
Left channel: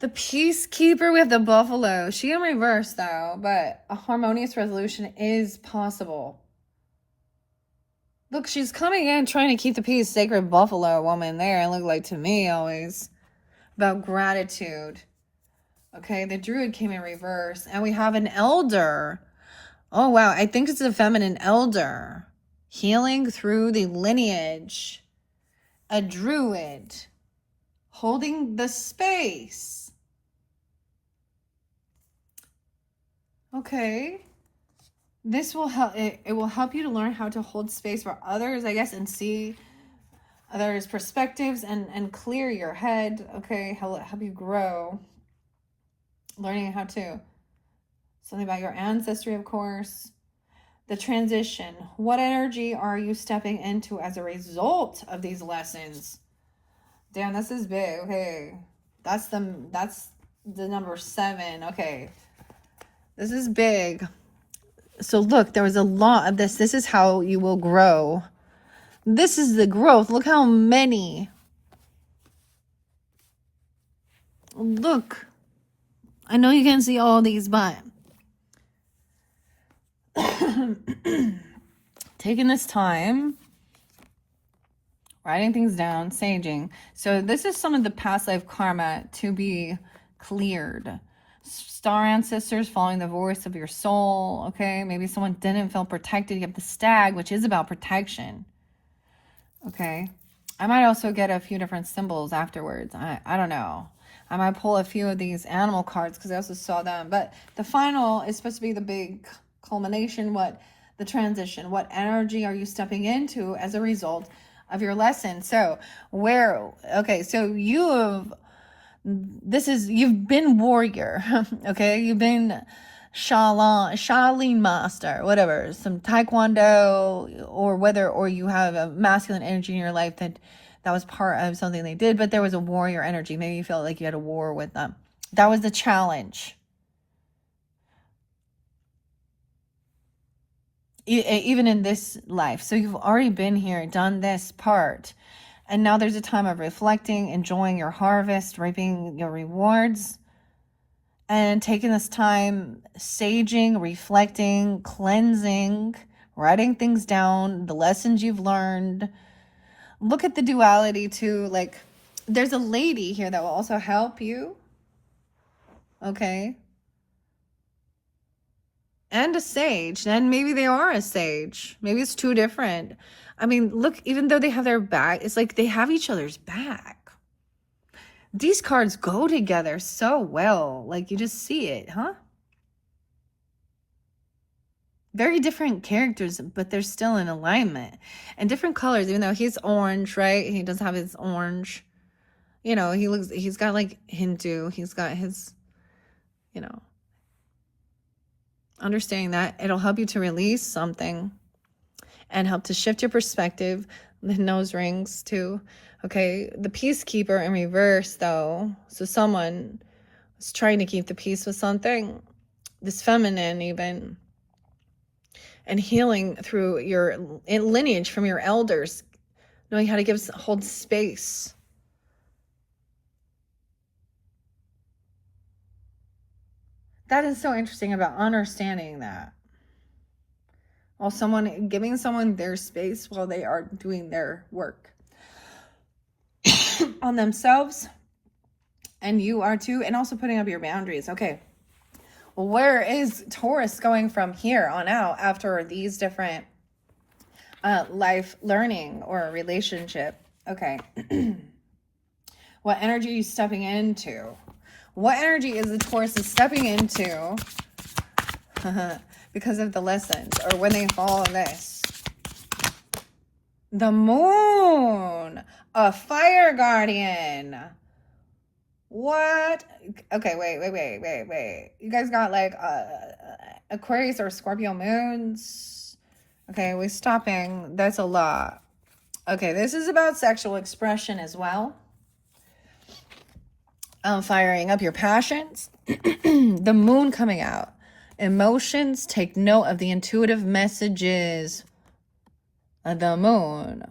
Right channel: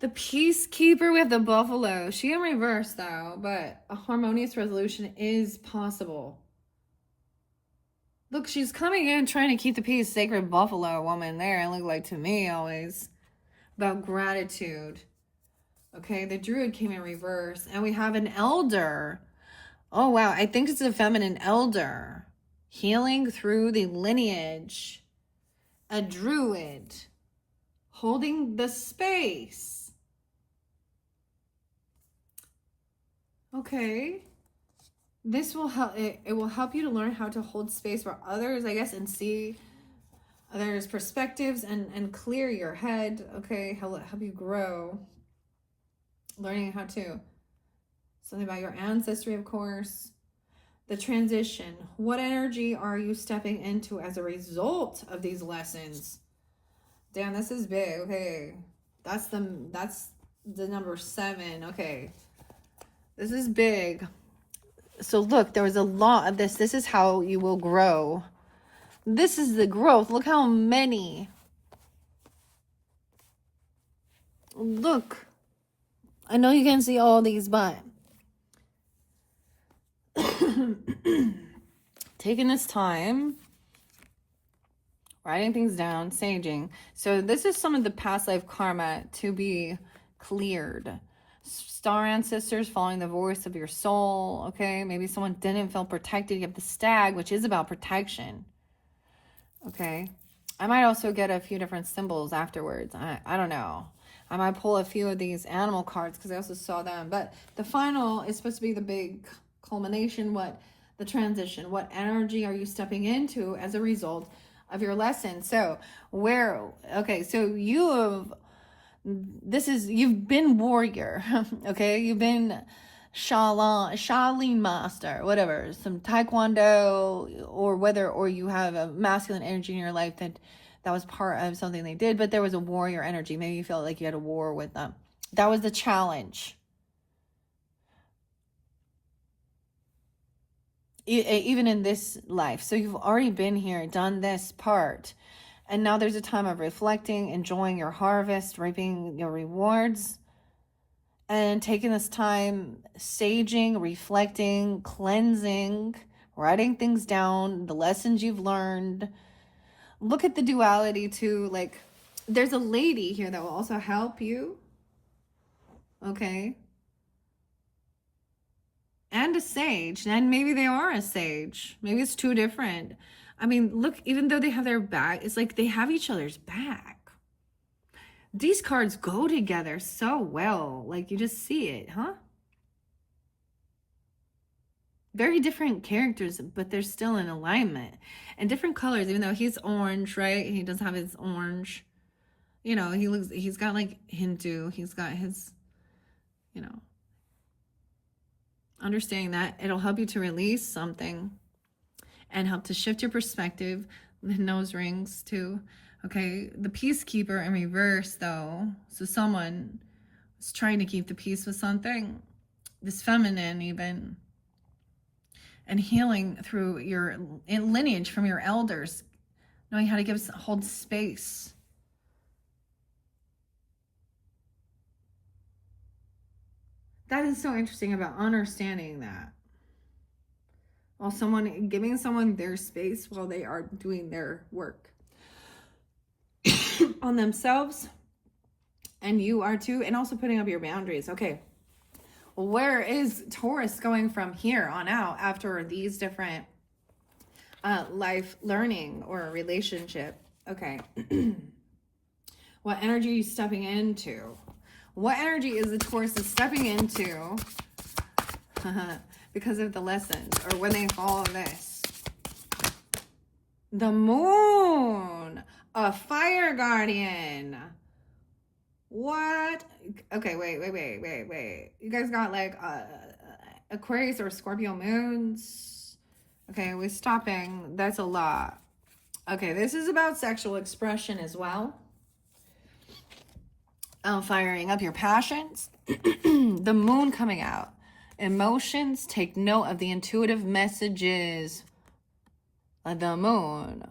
The peacekeeper, we have the buffalo. She in reverse though, but a harmonious resolution is possible. Look, she's coming in trying to keep the peace. Sacred buffalo woman there. It looked like to me always. About gratitude. Okay, the druid came in reverse. And we have an elder. Oh, wow. I think it's a feminine elder. Healing through the lineage. A druid. Holding the space. Okay. This will help. It will help you to learn how to hold space for others, I guess, and see others' perspectives and clear your head. Okay, help you grow. Learning how to. Something about your ancestry, of course. The transition. What energy are you stepping into as a result of these lessons? Damn, this is big. Okay, that's the number 7. Okay, this is big. So look, there was a lot of this. This is how you will grow. This is the growth. Look how many. Look. I know you can't see all these, but taking this time, writing things down, saging. So this is some of the past life karma to be cleared. Star ancestors following the voice of your soul. Okay, maybe someone didn't feel protected. You have the stag, which is about protection. Okay, I might also get a few different symbols afterwards. I don't know. I might pull a few of these animal cards because I also saw them. But the final is supposed to be the big culmination. What the transition? What energy are you stepping into as a result of your lesson? So okay, so you've been warrior. Okay, you've been Shaolin master, whatever, some taekwondo, or you have a masculine energy in your life that was part of something they did, but there was a warrior energy. Maybe you felt like you had a war with them. That was the challenge. Even in this life. So you've already been here, done this part. And now there's a time of reflecting, enjoying your harvest, reaping your rewards, and taking this time, saging, reflecting, cleansing, writing things down, the lessons you've learned. Look at the duality too. Like, there's a lady here that will also help you. Okay. And a sage. And maybe they are a sage. Maybe it's 2 different. I mean, look, even though they have their back, it's like they have each other's back. These cards go together so well. Like, you just see it, huh? Very different characters, but they're still in alignment. And different colors, even though he's orange, right? He does have his orange. You know, he's got like Hindu. He's got his, you know. Understanding that, it'll help you to release something and help to shift your perspective. The nose rings too. Okay, the peacekeeper in reverse though. So someone is trying to keep the peace with something. This feminine even. And healing through your lineage from your elders. Knowing how to hold space. That is so interesting about understanding that. While giving someone their space while they are doing their work on themselves, and you are too, and also putting up your boundaries. Okay, where is Taurus going from here on out after these different life learning or relationship? Okay. What energy are you stepping into? What energy is the Taurus stepping into because of the lessons, or when they follow this? The moon, a fire guardian. What? Okay, wait. You guys got like Aquarius or Scorpio moons. Okay, we're stopping. That's a lot. Okay, this is about sexual expression as well. Firing up your passions. The moon coming out. Emotions, take note of the intuitive messages of the moon.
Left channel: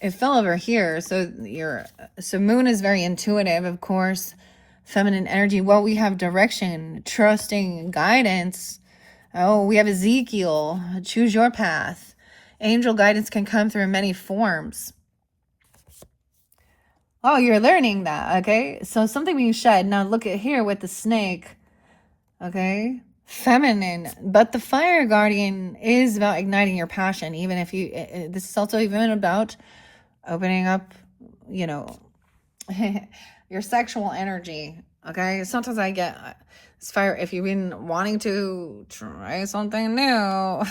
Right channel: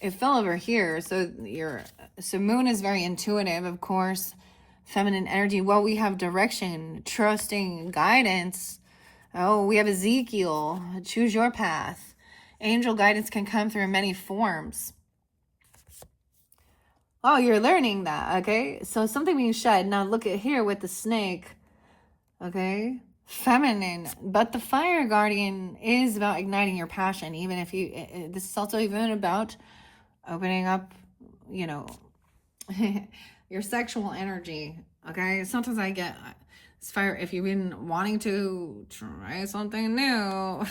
It fell over here. So moon is very intuitive, of course. Feminine energy. Well, we have direction, trusting, guidance. Oh, we have Ezekiel. Choose your path. Angel guidance can come through many forms. Oh, you're learning that, okay? So something being shed. Now look at here with the snake, okay? Feminine, but the fire guardian is about igniting your passion. Even if you, this is also even about opening up, you know, your sexual energy, okay? Sometimes I get this fire, if you've been wanting to try something new.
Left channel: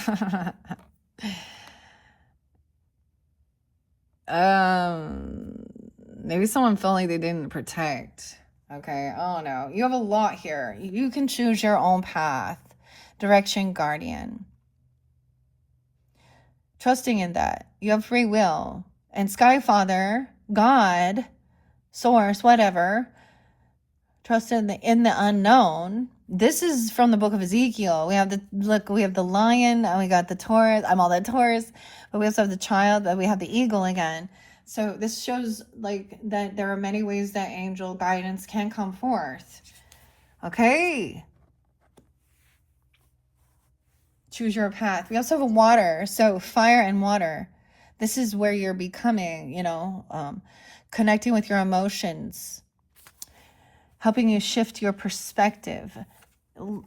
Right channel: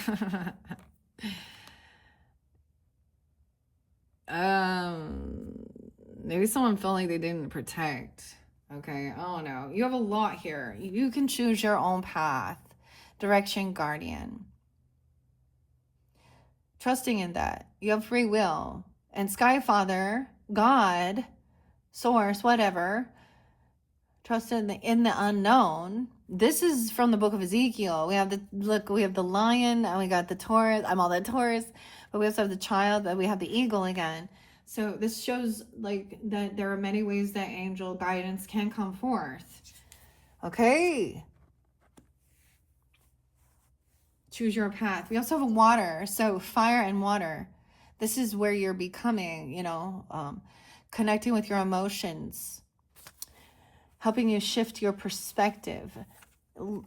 Maybe someone felt like they didn't protect. Okay. Oh no. You have a lot here. You can choose your own path. Direction guardian. Trusting in that. You have free will. And Sky Father, God, source, whatever. Trust in the unknown. This is from the book of Ezekiel. We have the lion, and we got the Taurus. I'm all that Taurus, but we also have the child, but we have the eagle again. So this shows like that there are many ways that angel guidance can come forth. Okay. Choose your path. We also have a water. So fire and water. This is where you're becoming, you know, connecting with your emotions, helping you shift your perspective,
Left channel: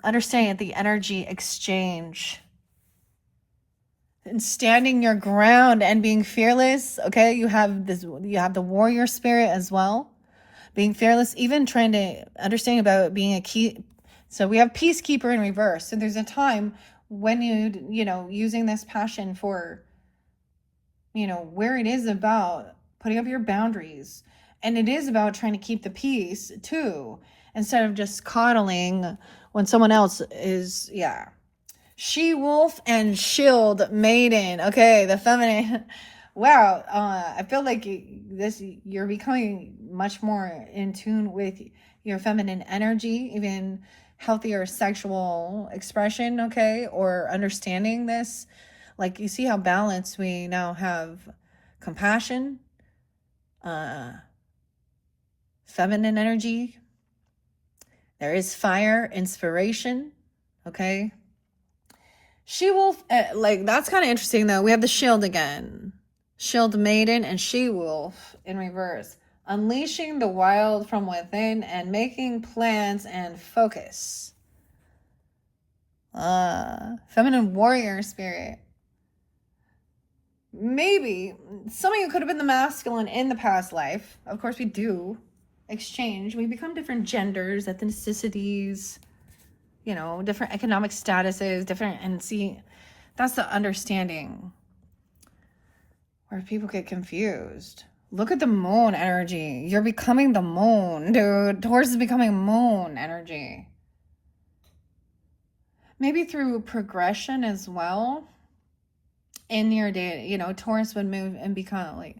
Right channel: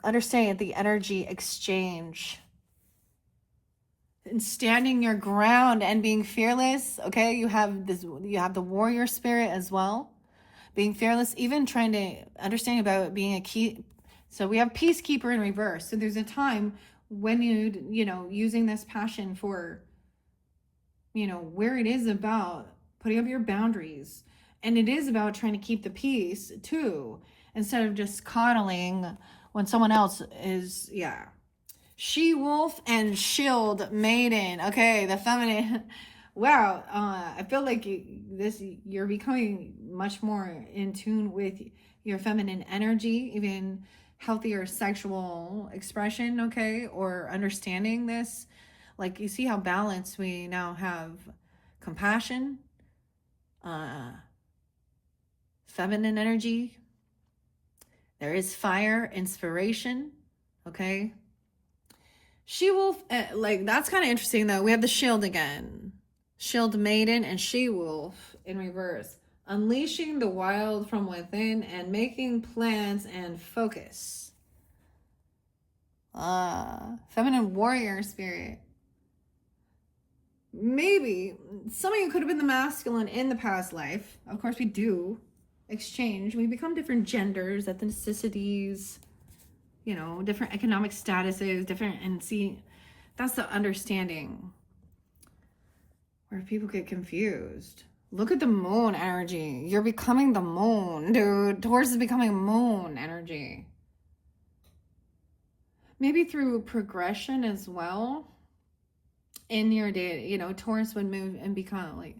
understanding the energy exchange, and standing your ground and being fearless. Okay, you have the warrior spirit as well, being fearless, even trying to understand about being a key. So we have peacekeeper in reverse. So there's a time when you know, using this passion for, you know, where it is about putting up your boundaries, and it is about trying to keep the peace too, instead of just coddling when someone else is, yeah. She-wolf and shield maiden. Okay, the feminine. Wow, I feel like you're becoming much more in tune with your feminine energy, even healthier sexual expression, okay, or understanding this. Like, you see how balanced we now have compassion, feminine energy. There is fire, inspiration, okay? She-wolf, like, that's kind of interesting, though. We have the shield again. Shield maiden and she-wolf in reverse. Unleashing the wild from within and making plans and focus. Feminine warrior spirit. Maybe some of you could have been the masculine in the past life. Of course, we do exchange. We become different genders, ethnicities, you know, different economic statuses, different, and see, that's the understanding where people get confused. Look at the moon energy. You're becoming the moon, dude. Taurus is becoming moon energy. Maybe through progression as well. In your day, you know, Taurus would move and become like,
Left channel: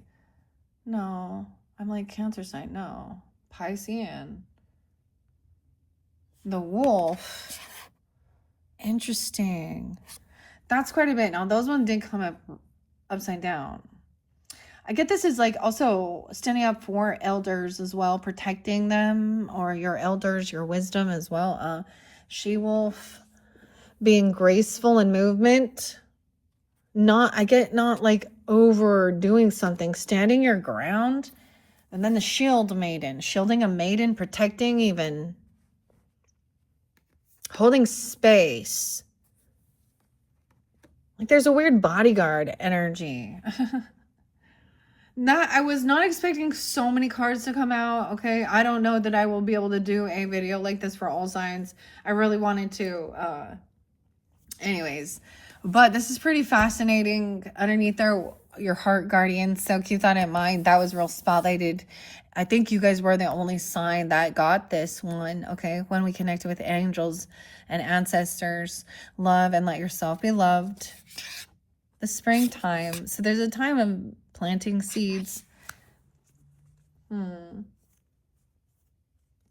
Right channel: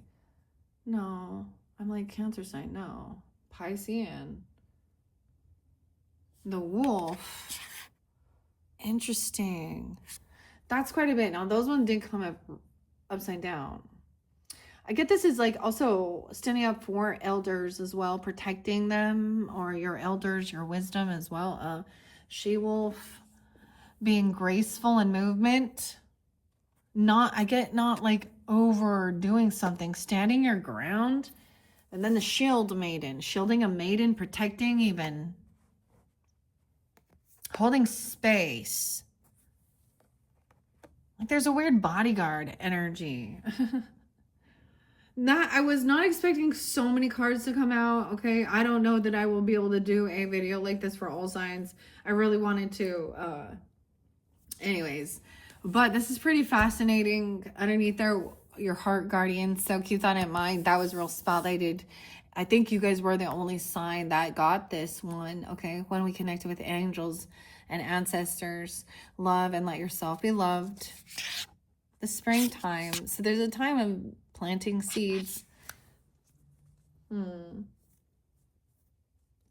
no, I'm like Cancer sign, no. Piscean. The wolf. Interesting. That's quite a bit. Now, those ones did come up upside down. I get this is like also standing up for elders as well, protecting them, or your elders, your wisdom as well. She-wolf, being graceful in movement. Not like overdoing something, standing your ground. And then the shield maiden, shielding a maiden, protecting, even holding space. Like there's a weird bodyguard energy. I was not expecting so many cards to come out. Okay, I don't know that I will be able to do a video like this for all signs. I really wanted to. Anyways, but this is pretty fascinating. Underneath there, your heart guardian. So keep that in mind. That was real spotlighted. I think you guys were the only sign that got this one. Okay, when we connected with angels and ancestors, love and let yourself be loved. The springtime. So there's a time of planting seeds.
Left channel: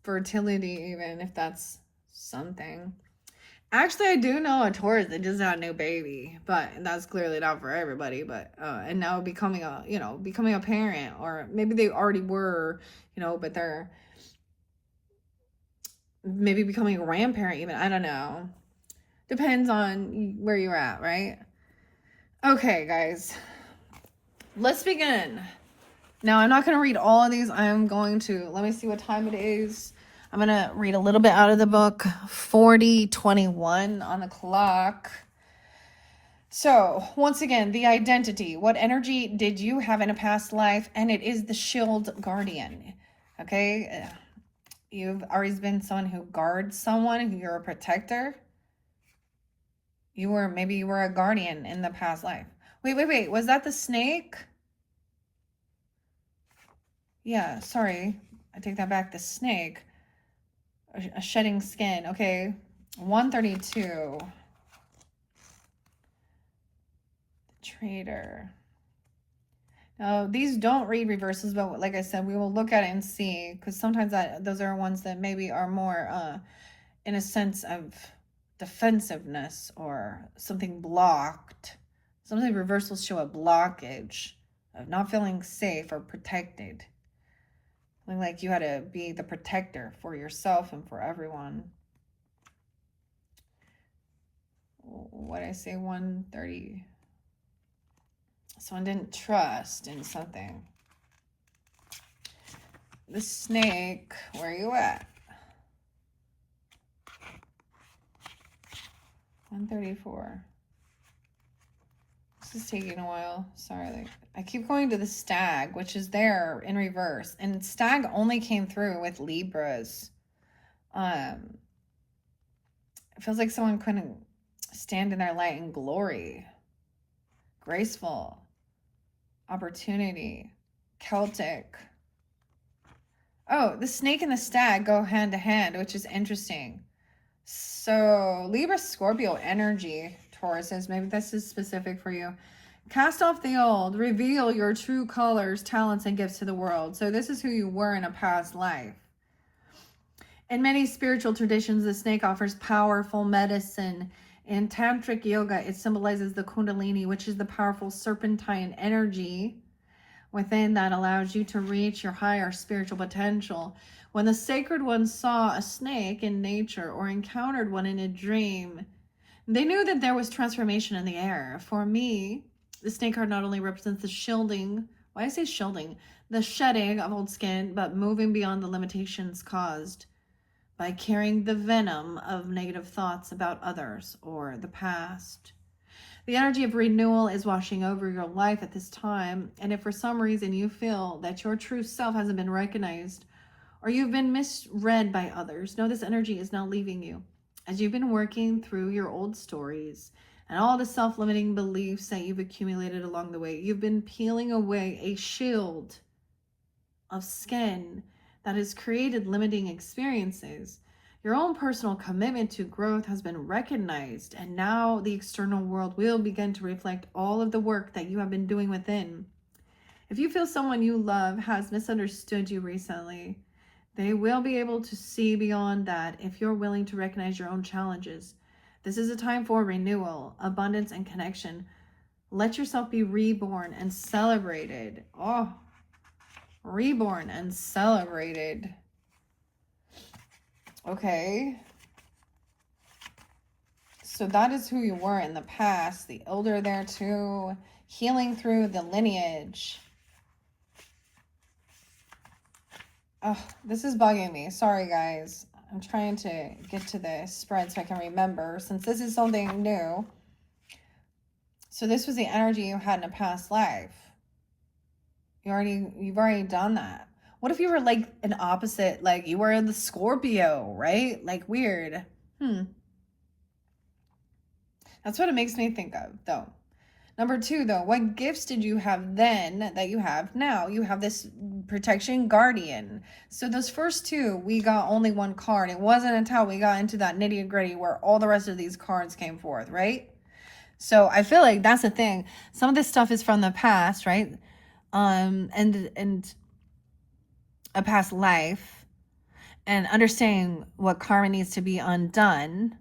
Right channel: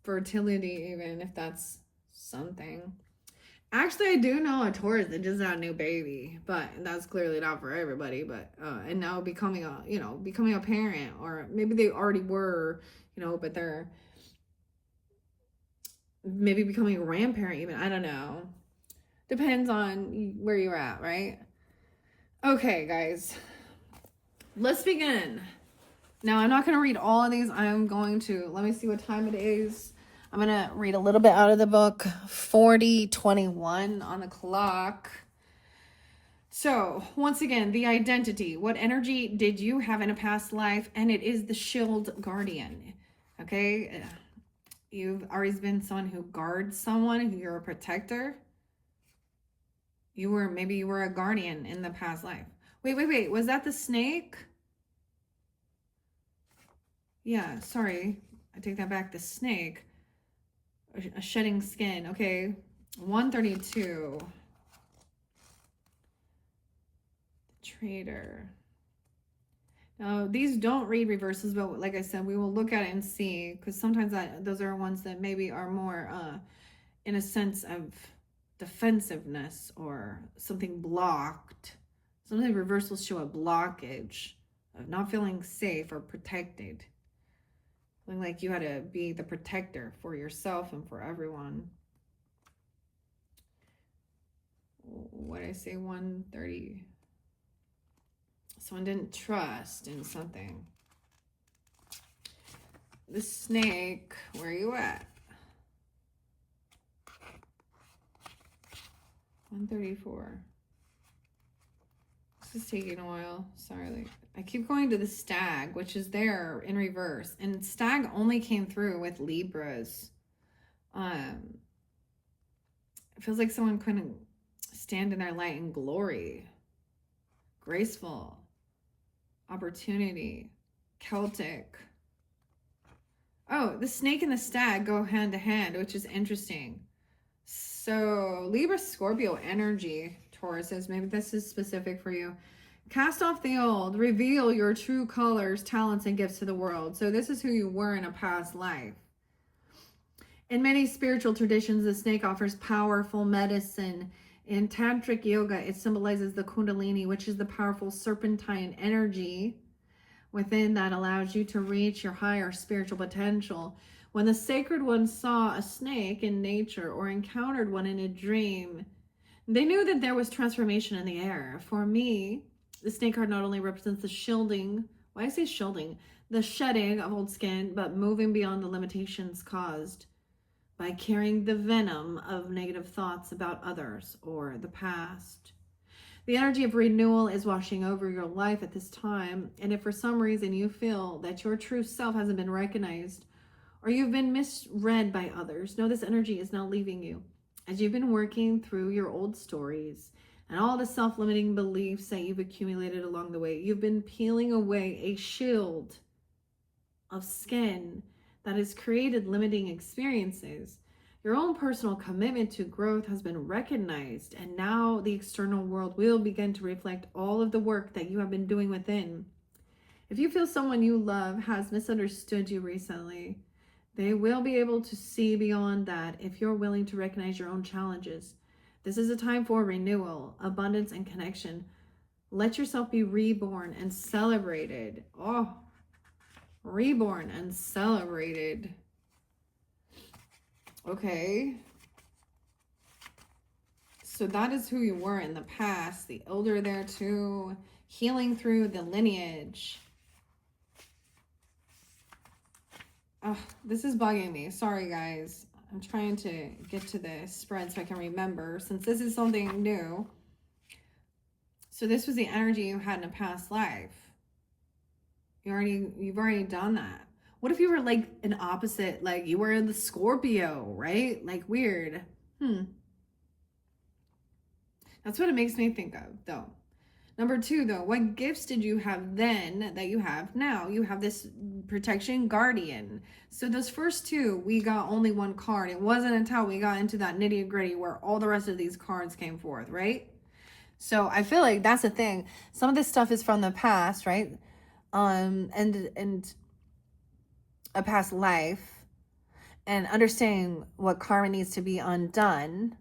Fertility, even if that's something. Actually, I do know a Taurus that just had a new baby, but that's clearly not for everybody. But and now becoming a becoming a parent, or maybe they already were, but they're maybe becoming a grandparent. Even I don't know. Depends on where you're at, right? Okay, guys, let's begin. Now, I'm not going to read all of these. I'm going to, let me see what time it is. I'm going to read a little bit out of the book. 40:21 on the clock. So, once again, the identity. What energy did you have in a past life? And it is the shield guardian. Okay? You've always been someone who guards someone, who you're a protector. Maybe you were a guardian in the past life. Wait. Was that the snake? Yeah, sorry. I take that back. The snake. A shedding skin. Okay. 132. The trader. Now, these don't read reversals, but like I said, we will look at it and see, because sometimes those are ones that maybe are more in a sense of defensiveness or something blocked. Sometimes reversals show a blockage of not feeling safe or protected. Feeling like you had to be the protector for yourself and for everyone. What did I say? 130. Someone didn't trust in something. The snake, where are you at? 134. This is taking a while. Sorry. I keep going to the stag, which is there in reverse. And stag only came through with Libras. It feels like someone couldn't stand in their light and glory. Graceful. Opportunity. Celtic. Oh, the snake and the stag go hand to hand, which is interesting. So Libra Scorpio energy, Tauruses, maybe this is specific for you. Cast off the old, reveal your true colors, talents, and gifts to the world. So this is who you were in a past life. In many spiritual traditions, the snake offers powerful medicine. In tantric yoga, it symbolizes the kundalini, which is the powerful serpentine energy within that allows you to reach your higher spiritual potential. When the sacred ones saw a snake in nature or encountered one in a dream, they knew that there was transformation in the air. For me, the snake card not only represents the shielding, why I say shielding, the shedding of old skin, but moving beyond the limitations caused by carrying the venom of negative thoughts about others or the past. The energy of renewal is washing over your life at this time, and if for some reason you feel that your true self hasn't been recognized or you've been misread by others, know this energy is now leaving you. As you've been working through your old stories and all the self-limiting beliefs that you've accumulated along the way, you've been peeling away a shield of skin that has created limiting experiences. Your own personal commitment to growth has been recognized, and now the external world will begin to reflect all of the work that you have been doing within. If you feel someone you love has misunderstood you recently, they will be able to see beyond that if you're willing to recognize your own challenges. This is a time for renewal, abundance, and connection. Let yourself be reborn and celebrated. Oh, reborn and celebrated. Okay. So that is who you were in the past. The elder there too. Healing through the lineage. Oh, this is bugging me. Sorry, guys. I'm trying to get to the spread so I can remember, since this is something new. So this was the energy you had in a past life. You've already done that. What if you were like an opposite, like you were the Scorpio, right? Like weird. That's what it makes me think of, though. Number 2, though, what gifts did you have then that you have now? You have this protection guardian. So those first 2, we got only one card. It wasn't until we got into that nitty gritty where all the rest of these cards came forth, right? So I feel like that's the thing. Some of this stuff is from the past, right? And a past life, and understanding what karma needs to be undone.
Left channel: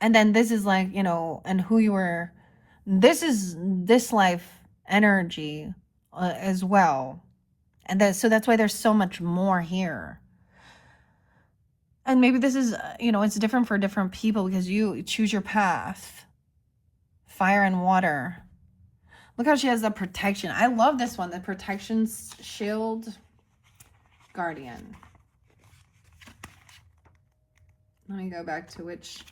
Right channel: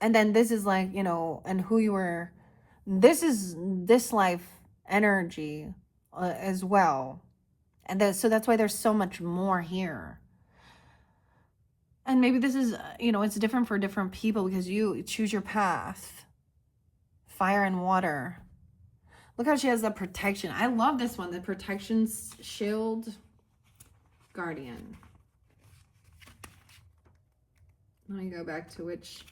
And then this is like, you know, and who you were. This is this life energy as well. And so that's why there's so much more here. And maybe this is, you know, it's different for different people because you choose your path. Fire and water. Look how she has the protection. I love this one. The protection shield guardian. Let me go back to which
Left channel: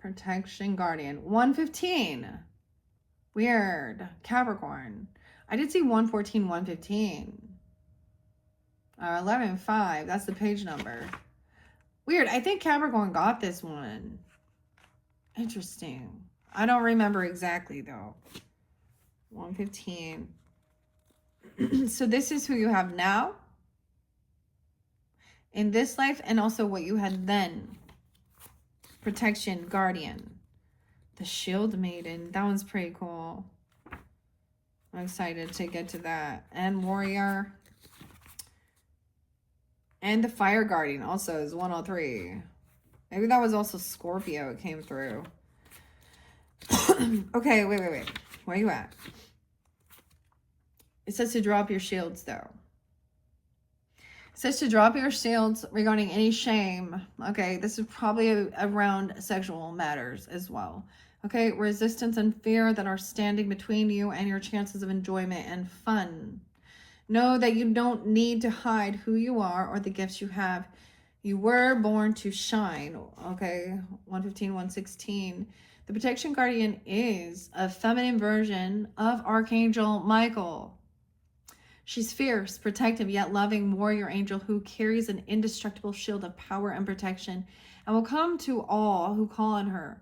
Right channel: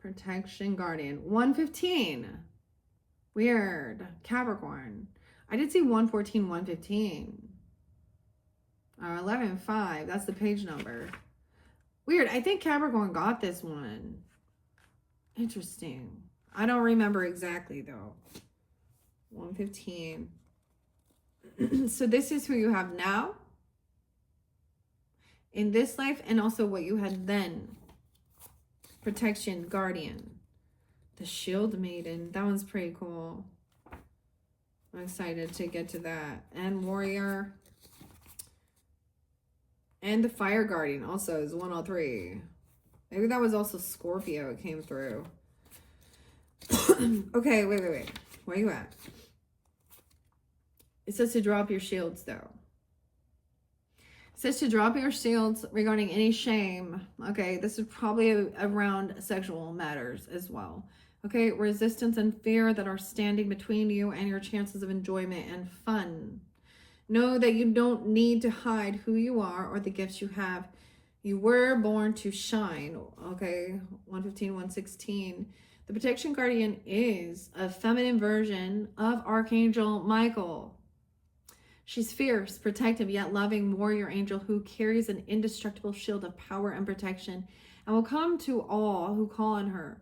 protection guardian. 115. Weird. Capricorn. I did see 114, 115. 11-5. That's the page number. Weird. I think Capricorn got this one. Interesting. I don't remember exactly though. 115. So this is who you have now in this life, and also what you had then. Protection, guardian. The shield maiden. That one's pretty cool. I'm excited to get to that. And warrior. And the fire guardian also is 103. Maybe that was also Scorpio. It came through. Okay, wait. Where are you at? It says to drop your shields, though. It says to drop your shields regarding any shame. Okay, this is probably around sexual matters as well. Okay, resistance and fear that are standing between you and your chances of enjoyment and fun. Know that you don't need to hide who you are or the gifts you have. You were born to shine. Okay, 115, 116. The protection guardian is a feminine version of Archangel Michael. She's fierce, protective, yet loving warrior angel who carries an indestructible shield of power and protection and will come to all who call on her.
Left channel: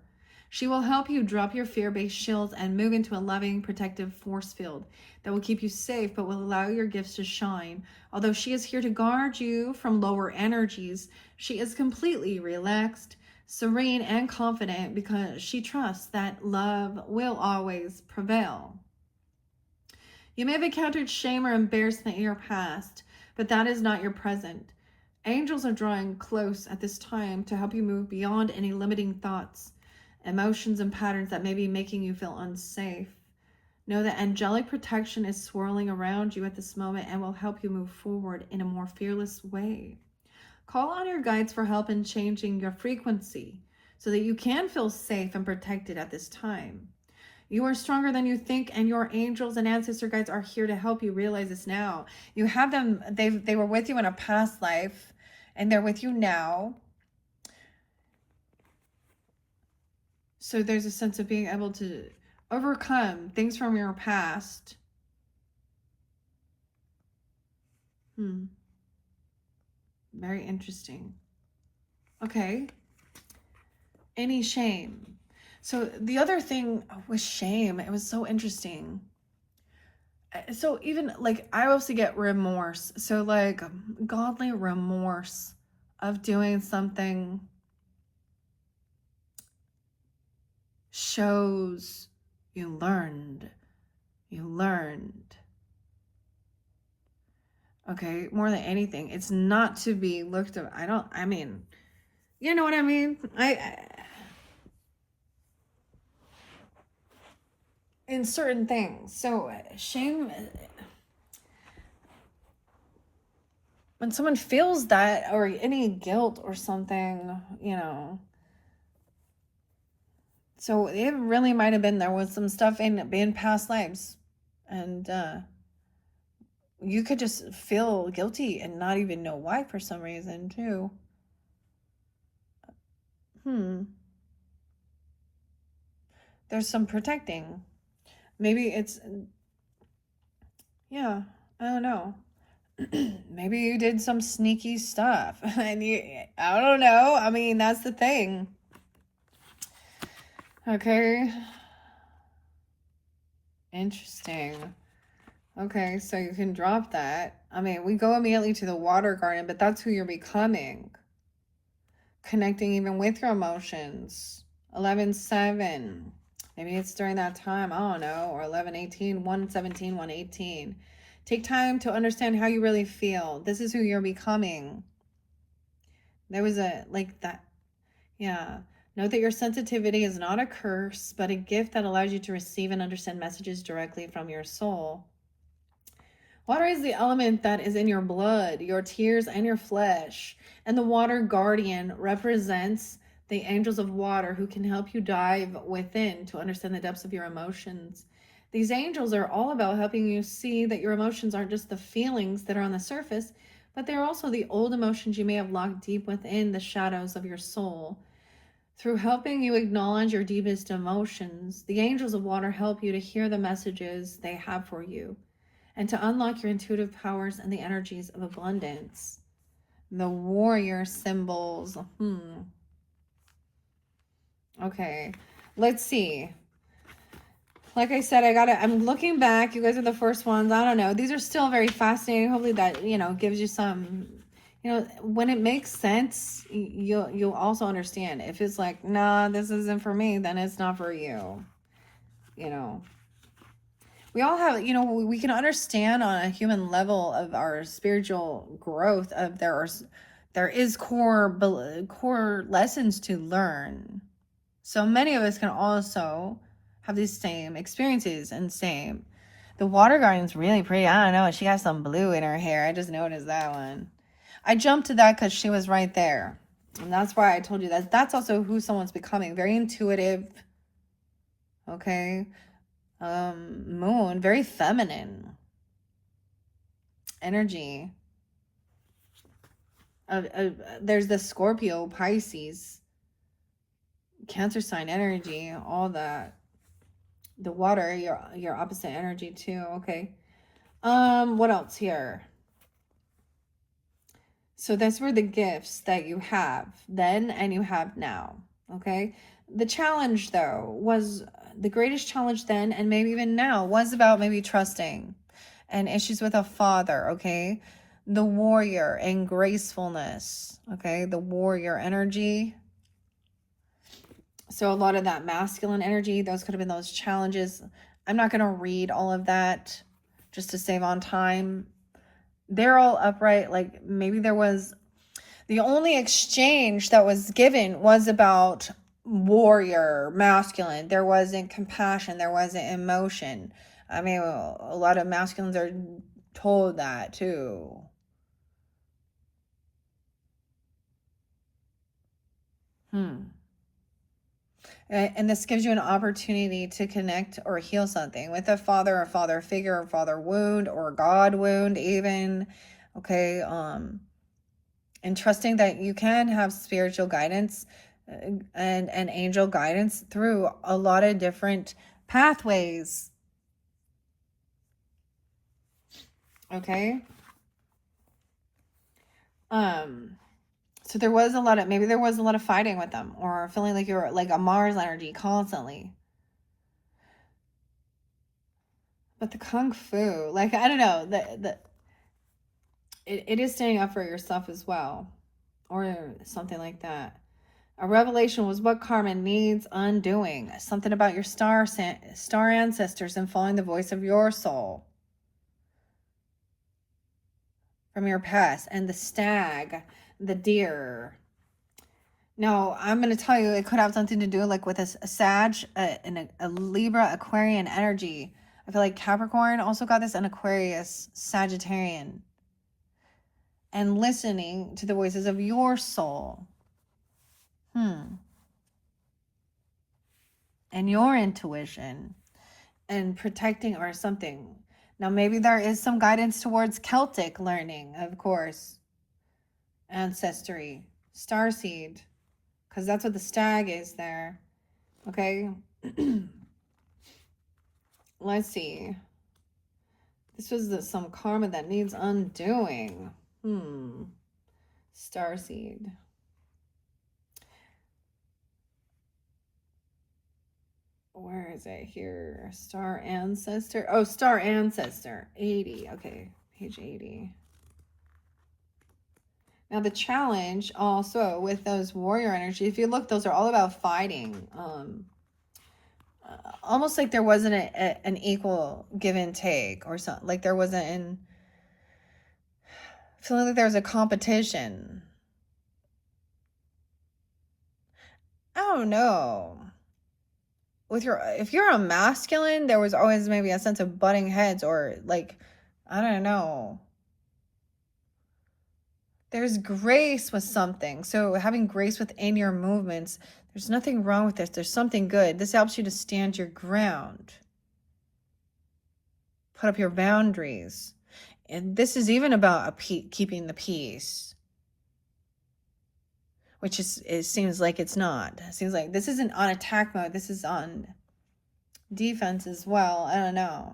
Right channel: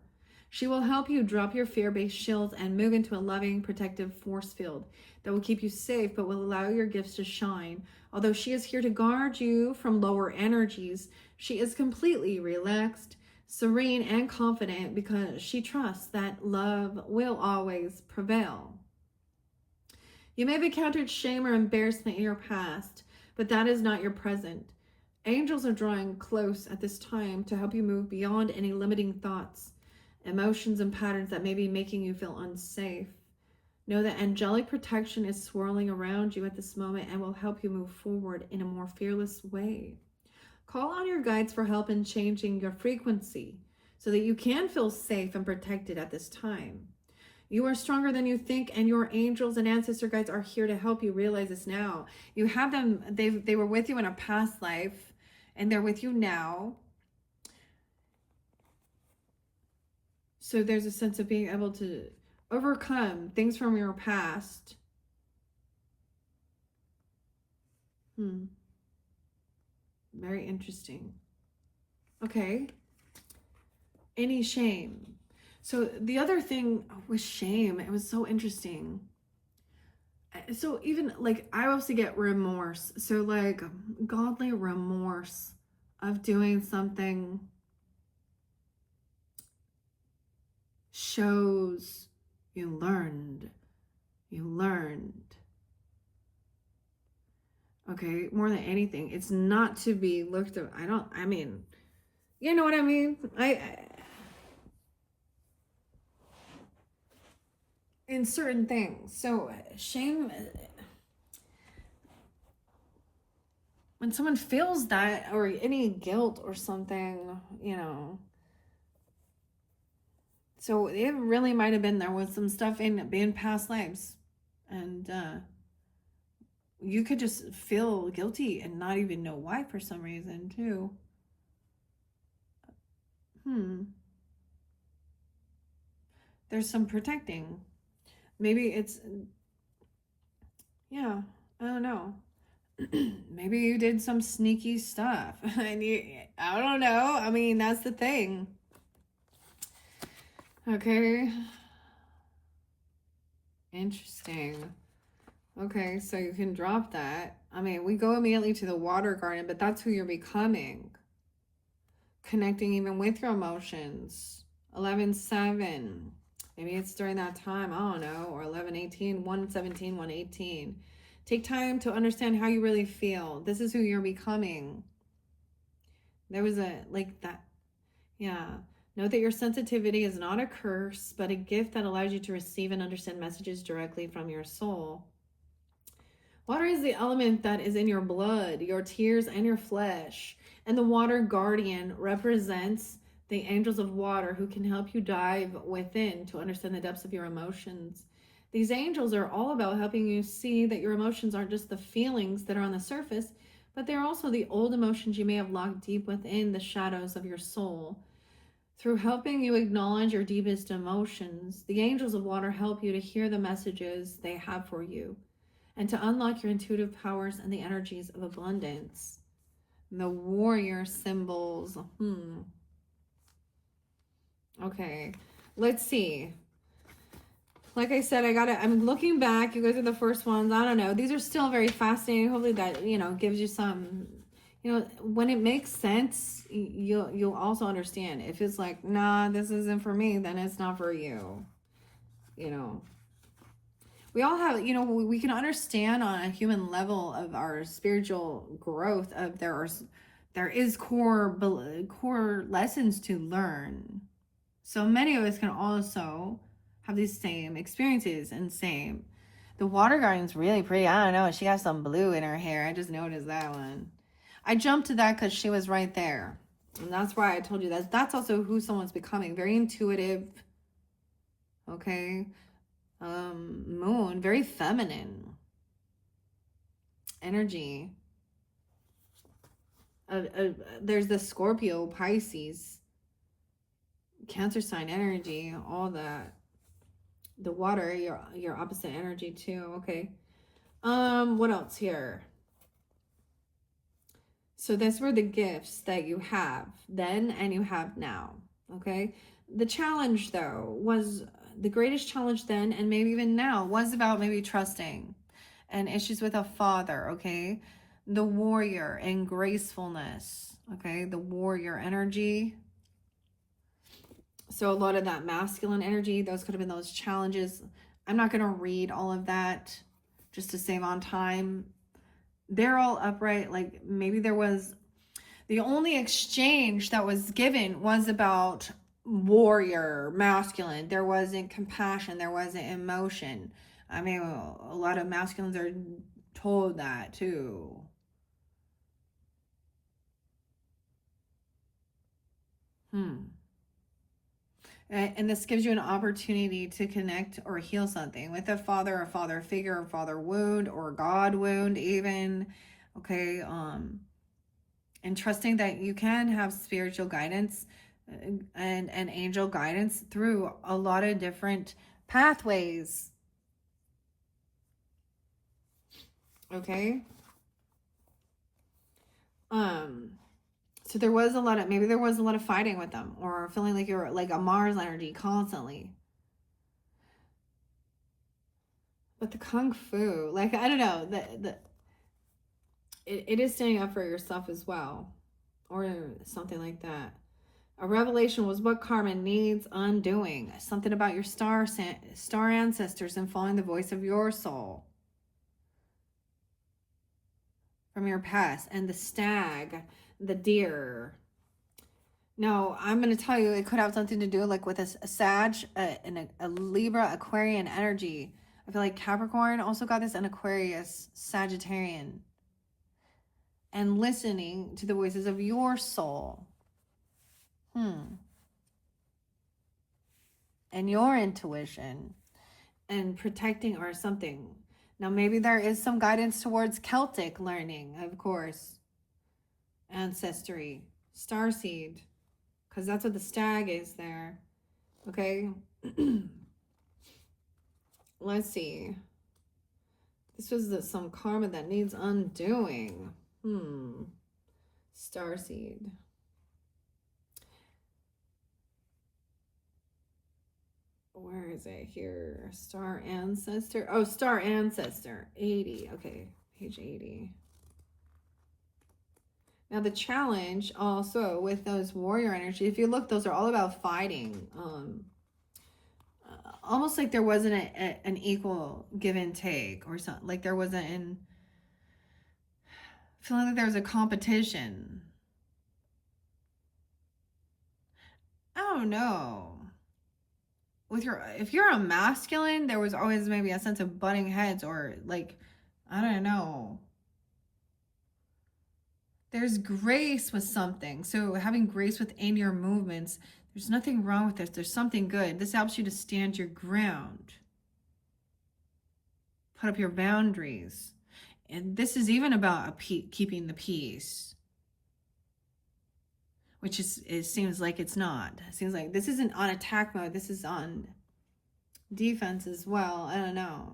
She will help you drop your fear-based shields and move into a loving, protective force field that will keep you safe but will allow your gifts to shine. Although she is here to guard you from lower energies, she is completely relaxed, serene, and confident because she trusts that love will always prevail. You may have encountered shame or embarrassment in your past, but that is not your present. Angels are drawing close at this time to help you move beyond any limiting thoughts, emotions, and patterns that may be making you feel unsafe. Know that angelic protection is swirling around you at this moment and will help you move forward in a more fearless way. Call on your guides for help in changing your frequency so that you can feel safe and protected at this time. You are stronger than you think, and your angels and ancestor guides are here to help you realize this now. You have them, they were with you in a past life, and they're with you now. So there's a sense of being able to overcome things from your past. Very interesting. Okay. Any shame. So the other thing with shame, it was so interesting. So even like I also get remorse. So like godly remorse of doing something shows you learned. Okay, more than anything, it's not to be looked at. I mean, you know what I mean? In certain things. So shame, when someone feels that, or any guilt or something, you know. So it really might have been there was some stuff in past lives, and you could just feel guilty and not even know why for some reason too. There's some protecting. Maybe it's, yeah, I don't know. Maybe you did some sneaky stuff. And I don't know. I mean, that's the thing. Okay. Interesting. Okay, so you can drop that. I mean, we go immediately to the water garden, but that's who you're becoming. Connecting even with your emotions. 11-7. Maybe it's during that time, I don't know, or 11-18, 117, 118. Take time to understand how you really feel. This is who you're becoming. There was a, like that, yeah. Note that your sensitivity is not a curse, but a gift that allows you to receive and understand messages directly from your soul. Water is the element that is in your blood, your tears, and your flesh. And the water guardian represents the angels of water who can help you dive within to understand the depths of your emotions. These angels are all about helping you see that your emotions aren't just the feelings that are on the surface, but they're also the old emotions you may have locked deep within the shadows of your soul. Through helping you acknowledge your deepest emotions, the angels of water help you to hear the messages they have for you and to unlock your intuitive powers and the energies of abundance. The warrior symbols. Okay, let's see. Like I said, I'm looking back. You guys are the first ones. I don't know. These are still very fascinating. Hopefully that, gives you some, when it makes sense, you'll also understand. If it's like, nah, this isn't for me, then it's not for you. We all have, we can understand on a human level of our spiritual growth of there is core lessons to learn. So many of us can also have these same experiences and same. The water guardian's really pretty. I don't know. She has some blue in her hair. I just noticed that one. I jumped to that because she was right there. And that's why I told you that. That's also who someone's becoming. Very intuitive. Okay. Moon. Very feminine. Energy. There's the Scorpio, Pisces. Cancer sign energy. All that. The water, your opposite energy too. Okay. What else here? So that's where the gifts that you have then and you have now. Okay. The challenge though was the greatest challenge then and maybe even now was about maybe trusting and issues with a father. Okay. The warrior and gracefulness. Okay. The warrior energy. So a lot of that masculine energy, those could have been those challenges. I'm not going to read all of that just to save on time. They're all upright. Like maybe there was the only exchange that was given was about warrior, masculine. There wasn't compassion. There wasn't emotion. I mean, a lot of masculines are told that too. And this gives you an opportunity to connect or heal something with a father figure, or father wound, or God wound even. Okay. And trusting that you can have spiritual guidance and angel guidance through a lot of different pathways. Okay. So there was maybe there was a lot of fighting with them, or feeling like you're like a Mars energy constantly. But the kung fu, like I don't know, it is standing up for yourself as well, or something like that. A revelation was what karma needs undoing. Something about your star ancestors and following the voice of your soul from your past, and the stag, the deer. No, I'm going to tell you, it could have something to do like with a Sag, a Libra, Aquarian energy. I feel like Capricorn also got this, an Aquarius, Sagittarian. And listening to the voices of your soul. And your intuition. And protecting or something. Now, maybe there is some guidance towards Celtic learning, of course. Ancestry. Starseed. Because that's what the stag is there. Okay. Let's see. This was some karma that needs undoing. Starseed. Where is it here? Star ancestor. Oh, star ancestor. 80. Okay. Page 80. Now the challenge also with those warrior energy, if you look, those are all about fighting. Almost like there wasn't an equal give and take or something. Like there wasn't feeling like there was a competition. I don't know. If you're a masculine, there was always maybe a sense of butting heads, or like, I don't know. There's grace with something. So having grace within your movements, there's nothing wrong with this. There's something good. This helps you to stand your ground. Put up your boundaries. And this is even about keeping the peace, which it seems like it's not. It seems like this isn't on attack mode. This is on defense as well. I don't know.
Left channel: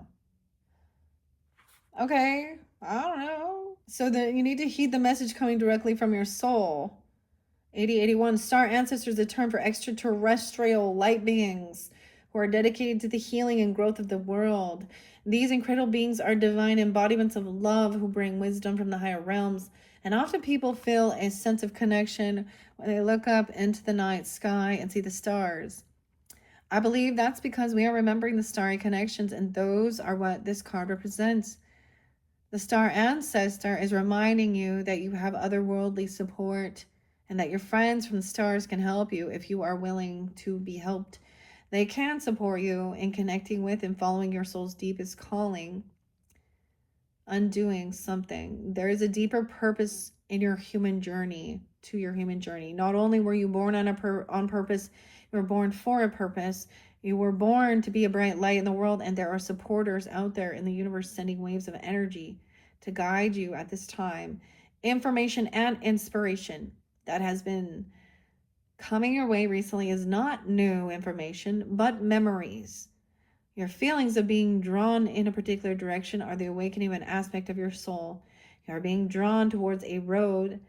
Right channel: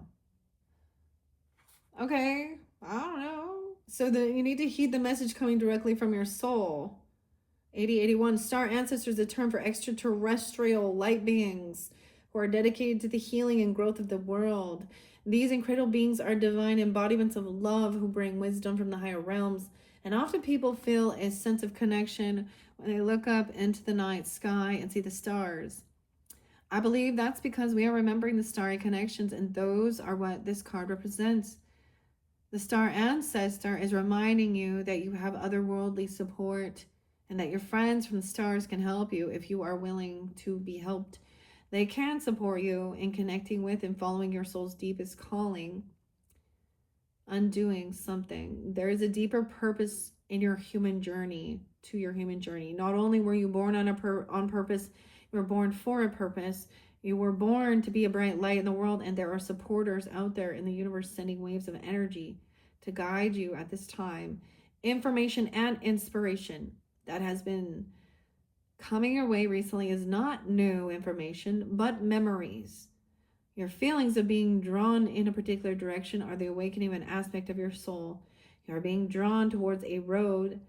Okay, I don't know. So that you need to heed the message coming directly from your soul. 8081, star ancestors, a term for extraterrestrial light beings who are dedicated to the healing and growth of the world. These incredible beings are divine embodiments of love who bring wisdom from the higher realms. And often people feel a sense of connection when they look up into the night sky and see the stars. I believe that's because we are remembering the starry connections, and those are what this card represents. The star ancestor is reminding you that you have otherworldly support and that your friends from the stars can help you if you are willing to be helped. They can support you in connecting with and following your soul's deepest calling, undoing something. There is a deeper purpose in your human journey, to your human journey. Not only were you born on purpose, you were born for a purpose. You were born to be a bright light in the world, and there are supporters out there in the universe sending waves of energy to guide you at this time. Information and inspiration that has been coming your way recently is not new information, but memories. Your feelings of being drawn in a particular direction are the awakening of an aspect of your soul. You are being drawn towards a road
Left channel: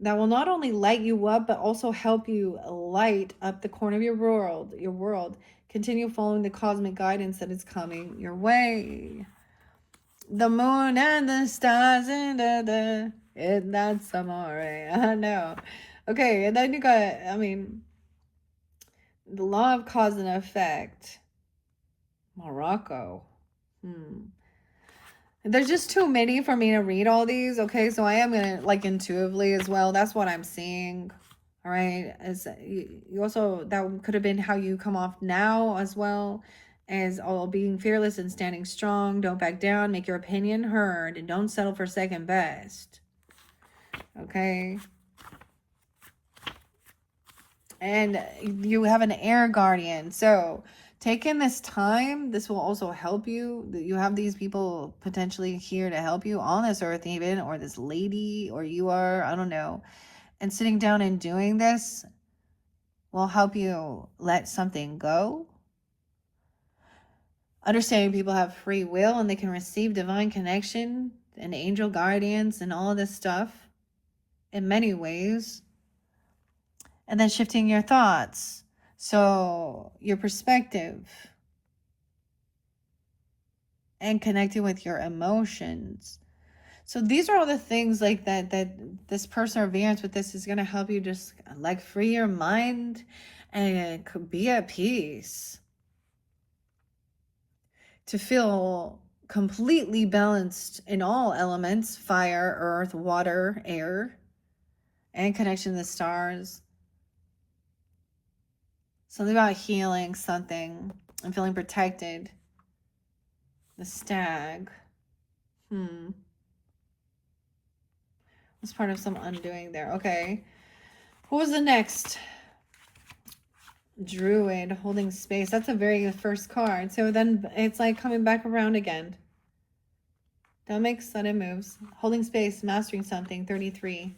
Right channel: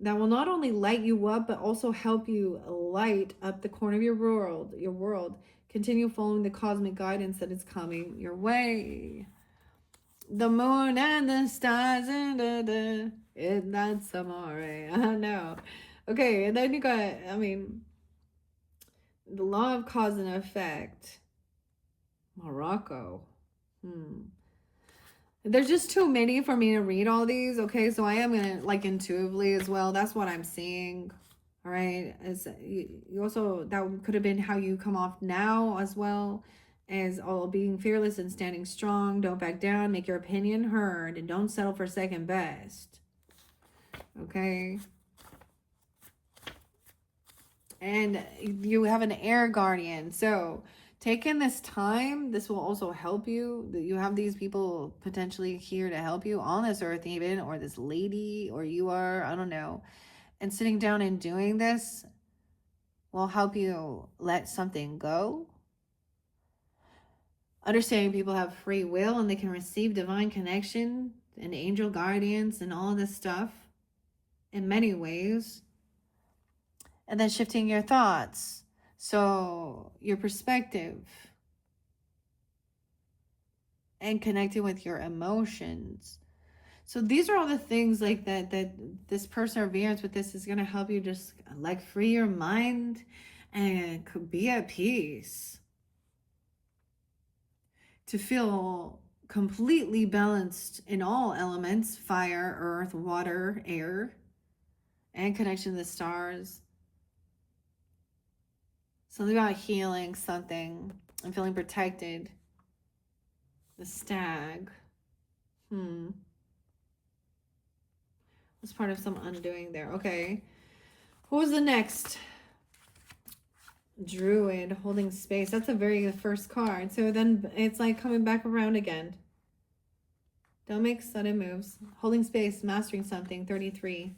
that will not only light you up, but also help you light up the corner of your world. Continue following the cosmic guidance that is coming your way. The moon and the stars and that's amore. I know. Okay, and then you got, I mean, the law of cause and effect. Morocco. There's just too many for me to read all these. Okay, so I am gonna like intuitively as well. That's what I'm seeing. All right, as you also, that could have been how you come off now as well, as all being fearless and standing strong. Don't back down. Make your opinion heard, and don't settle for second best. Okay. And you have an air guardian, so take in this time. This will also help you. You have these people potentially here to help you on this earth even, or this lady, or you are, I don't know. And sitting down and doing this will help you let something go. Understanding people have free will and they can receive divine connection and angel guardians and all of this stuff in many ways. And then shifting your thoughts. So your perspective and connecting with your emotions. So these are all the things like that this perseverance with this is going to help you just like free your mind and be at peace. To feel completely balanced in all elements, fire, earth, water, air, and connection to the stars. Something about healing something and feeling protected. The stag. It's part of some undoing there. Okay. Who was the next? Druid, holding space. That's a very first card. So then it's like coming back around again. Don't make sudden moves. Holding space, mastering something, 33.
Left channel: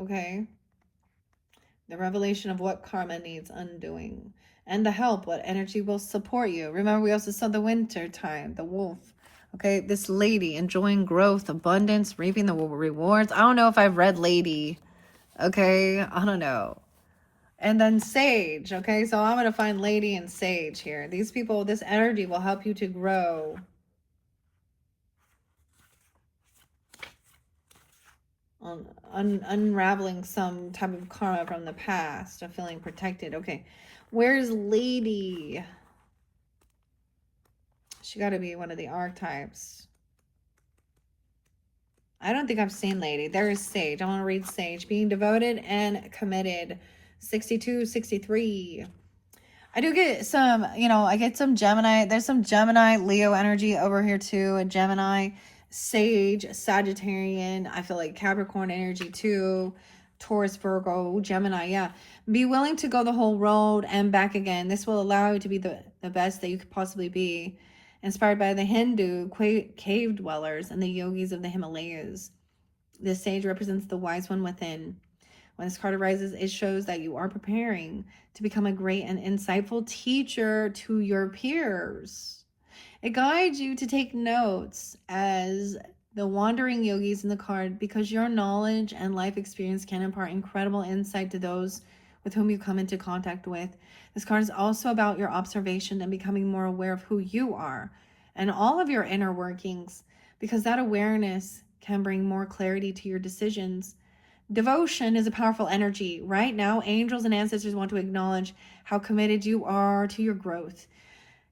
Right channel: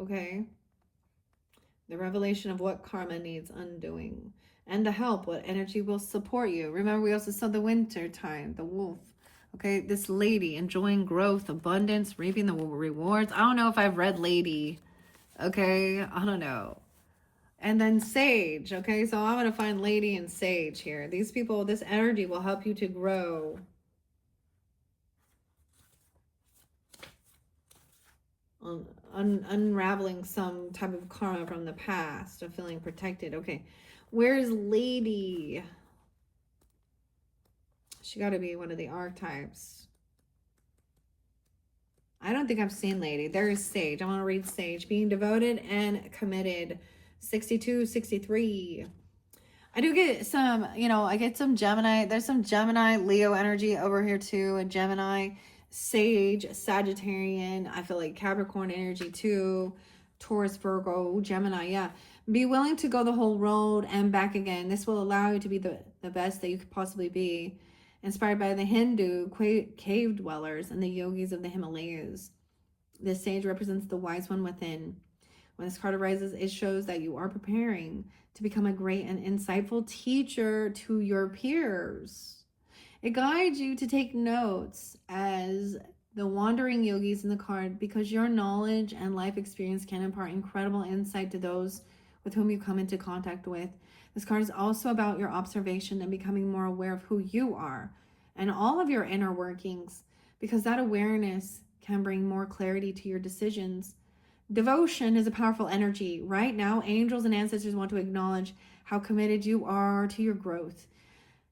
Okay. The revelation of what karma needs undoing. And the help, what energy will support you. Remember, we also saw the winter time, the wolf. Okay, this lady enjoying growth, abundance, reaping the rewards. I don't know if I've read Lady. Okay, I don't know. And then Sage. Okay, so I'm going to find Lady and Sage here. These people, this energy will help you to grow. Unraveling some type of karma from the past, of feeling protected. Okay, where's Lady? She got to be one of the archetypes. I don't think I've seen Lady. There is Sage. I want to read Sage. Being devoted and committed. 62, 63. I do get some, I get some Gemini. There's some Gemini, Leo energy over here too. A Gemini, Sage, Sagittarian. I feel like Capricorn energy too. Taurus, Virgo, Gemini. Yeah. Be willing to go the whole road and back again. This will allow you to be the best that you could possibly be. Inspired by the Hindu cave dwellers and the yogis of the Himalayas. This sage represents the wise one within. When this card arises, it shows that you are preparing to become a great and insightful teacher to your peers. It guides you to take notes as the wandering yogis in the card because your knowledge and life experience can impart incredible insight to those with whom you come into contact with. This card is also about your observation and becoming more aware of who you are and all of your inner workings because that awareness can bring more clarity to your decisions. Devotion is a powerful energy. Right now, angels and ancestors want to acknowledge how committed you are to your growth.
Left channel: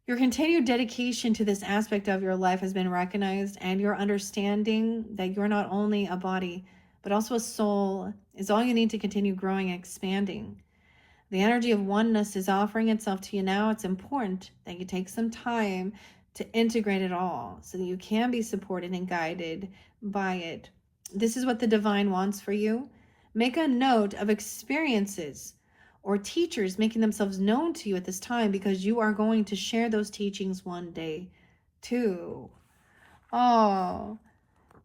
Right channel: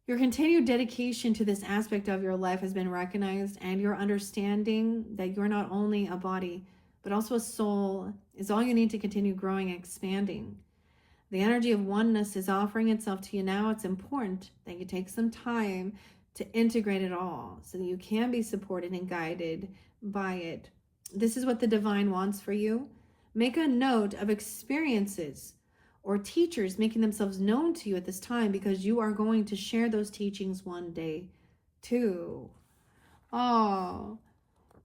Your continued dedication to this aspect of your life has been recognized, and your understanding that you're not only a body, but also a soul is all you need to continue growing and expanding. The energy of oneness is offering itself to you now. It's important that you take some time to integrate it all so that you can be supported and guided by it. This is what the divine wants for you. Make a note of experiences or teachers making themselves known to you at this time because you are going to share those teachings one day too. Oh,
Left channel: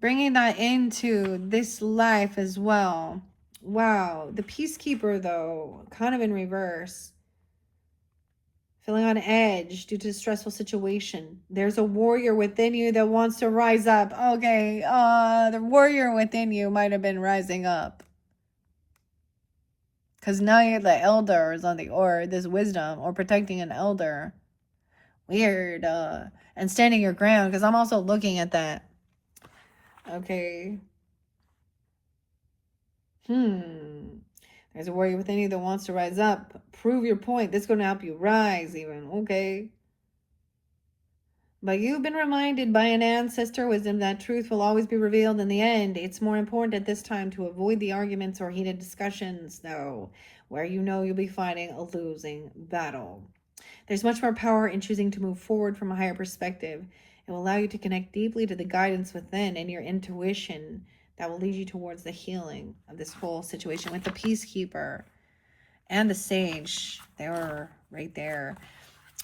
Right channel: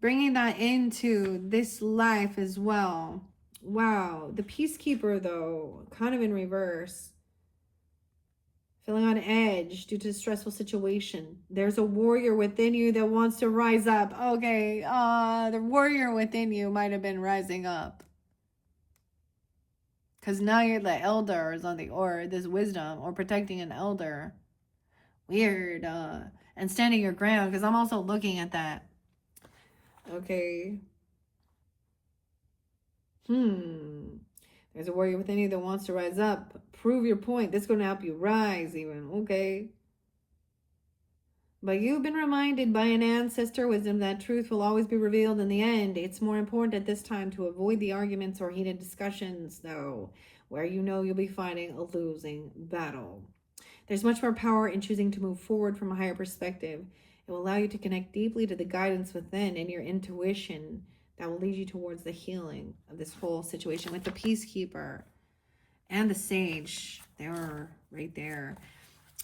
bringing that into this life as well. Wow, the peacekeeper though, kind of in reverse. Feeling on edge due to a stressful situation. There's a warrior within you that wants to rise up. Okay, the warrior within you might have been rising up. Because now you're the elders or this wisdom, or protecting an elder. Weird. And standing your ground, because I'm also looking at that. Okay. There's a warrior within you that wants to rise up. Prove your point. This is going to help you rise even. Okay. But you've been reminded by an ancestor wisdom that truth will always be revealed in the end. It's more important at this time to avoid the arguments or heated discussions, though, where you know you'll be fighting a losing battle. There's much more power in choosing to move forward from a higher perspective. It will allow you to connect deeply to the guidance within and your intuition that will lead you towards the healing of this whole situation with the peacekeeper and the sage. They were right there.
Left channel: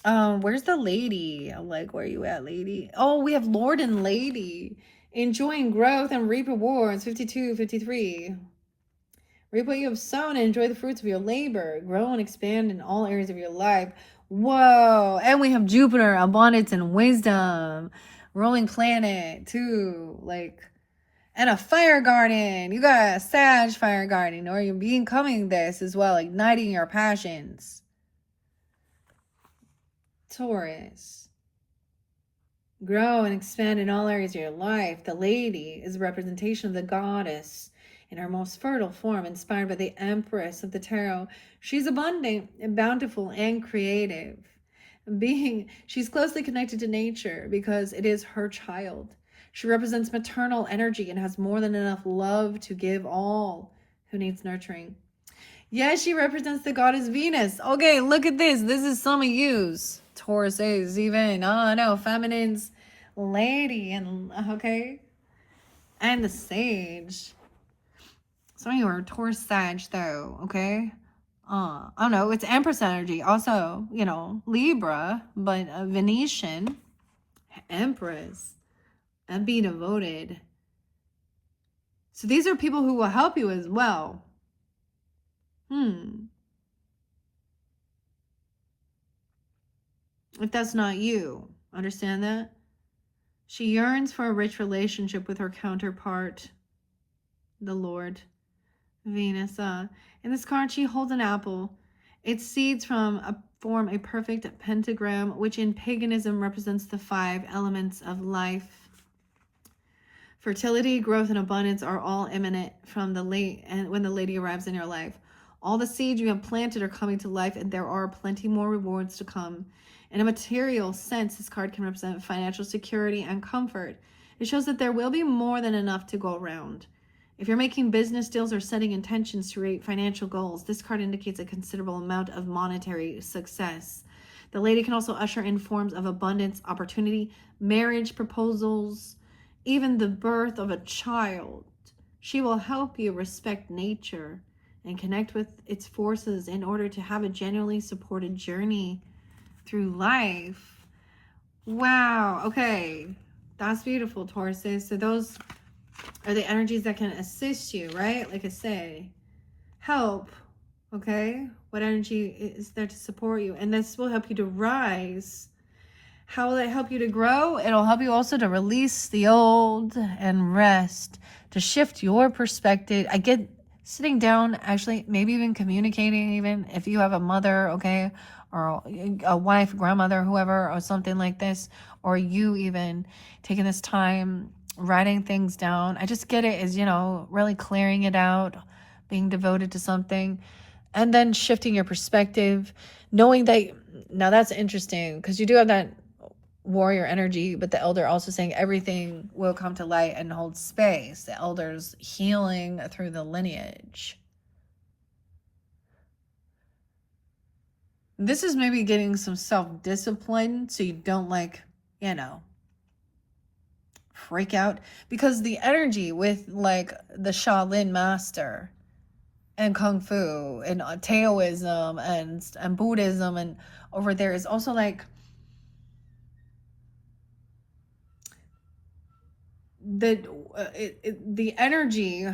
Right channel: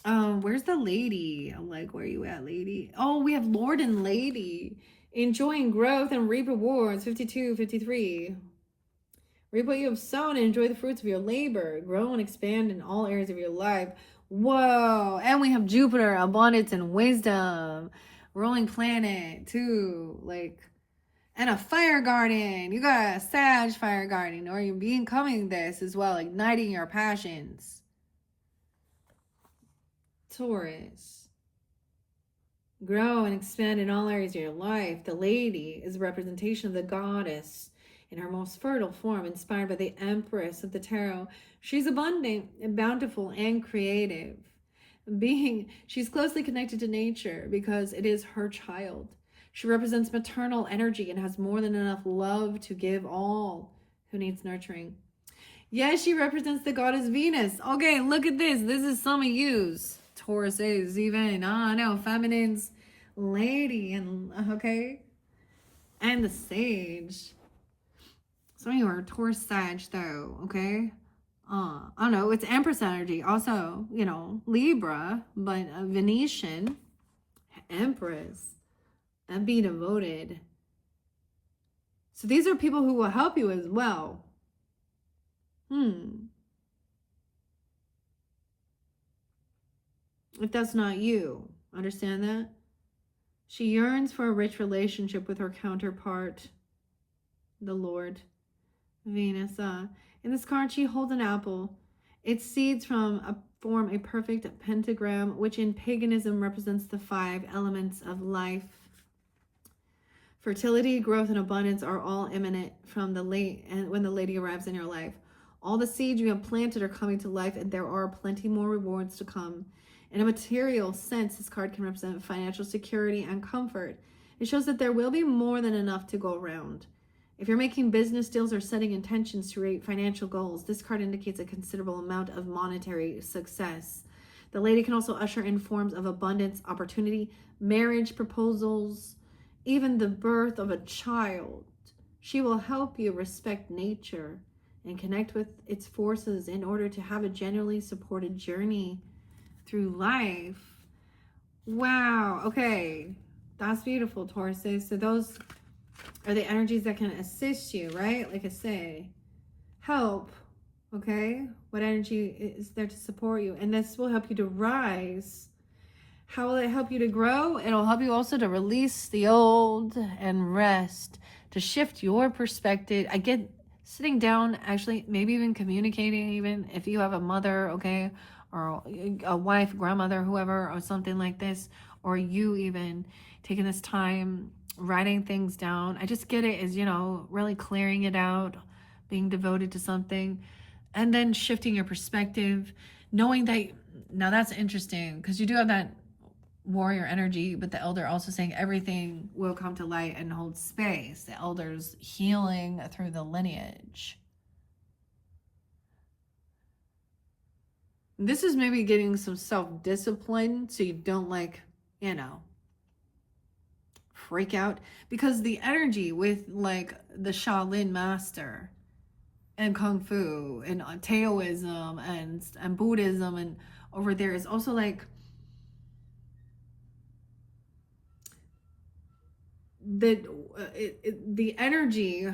Where's the lady? I'm like, where are you at, lady? Oh, we have Lord and Lady. Enjoying growth and reap rewards. 52, 53. Reap what you have sown and enjoy the fruits of your labor. Grow and expand in all areas of your life. Whoa. And we have Jupiter, abundance and wisdom. Rolling planet, too. Like, and a fire garden. You got a Sag fire garden, or you're becoming this as well, igniting your passions. Taurus. Grow and expand in all areas of your life. The lady is a representation of the goddess in her most fertile form, inspired by the Empress of the Tarot. She's abundant and bountiful and creative. She's closely connected to nature because it is her child. She represents maternal energy and has more than enough love to give all who needs nurturing. Yes, she represents the goddess Venus. Okay, look at this. This is some of yous. Taurus is even, I know, feminine's lady, and okay, and the sage. Some of you are Taurus Sag though, okay? I don't know, it's Empress energy. Also, Libra, but a Venetian, Empress, and be devoted. So these are people who will help you as well. If that's not you, understand that? She yearns for a rich relationship with her counterpart, the Lord, Venus. In this card, she holds an apple. Its seeds form a perfect pentagram, which in paganism represents the 5 elements of life. Fertility, growth, and abundance are all imminent from when the lady arrives in your life. All the seeds you have planted are coming to life, and there are plenty more rewards to come. In a material sense, this card can represent financial security and comfort. It shows that there will be more than enough to go around. If you're making business deals or setting intentions to reach financial goals, this card indicates a considerable amount of monetary success. The lady can also usher in forms of abundance, opportunity, marriage proposals, even the birth of a child. She will help you respect nature and connect with its forces in order to have a genuinely supported journey through life. Wow. Okay. That's beautiful, Tauruses. So those are the energies that can assist you, right? Like I say, help. Okay. What energy is there to support you? And this will help you to rise. How will it help you to grow? It'll help you also to release the old and rest, to shift your perspective. I get sitting down, actually, maybe even communicating, even if you have a mother, okay, or a wife, grandmother, whoever, or something like this, or you even taking this time, writing things down. I just get it as, really clearing it out, being devoted to something, and then shifting your perspective, knowing that, now that's interesting, because you do have that warrior energy, but the elder also saying everything will come to light and hold space. The elder's healing through the lineage. This is maybe getting some self-discipline so you don't freak out, because the energy with like the Shaolin master and Kung Fu and Taoism and Buddhism and over there is also like the energy,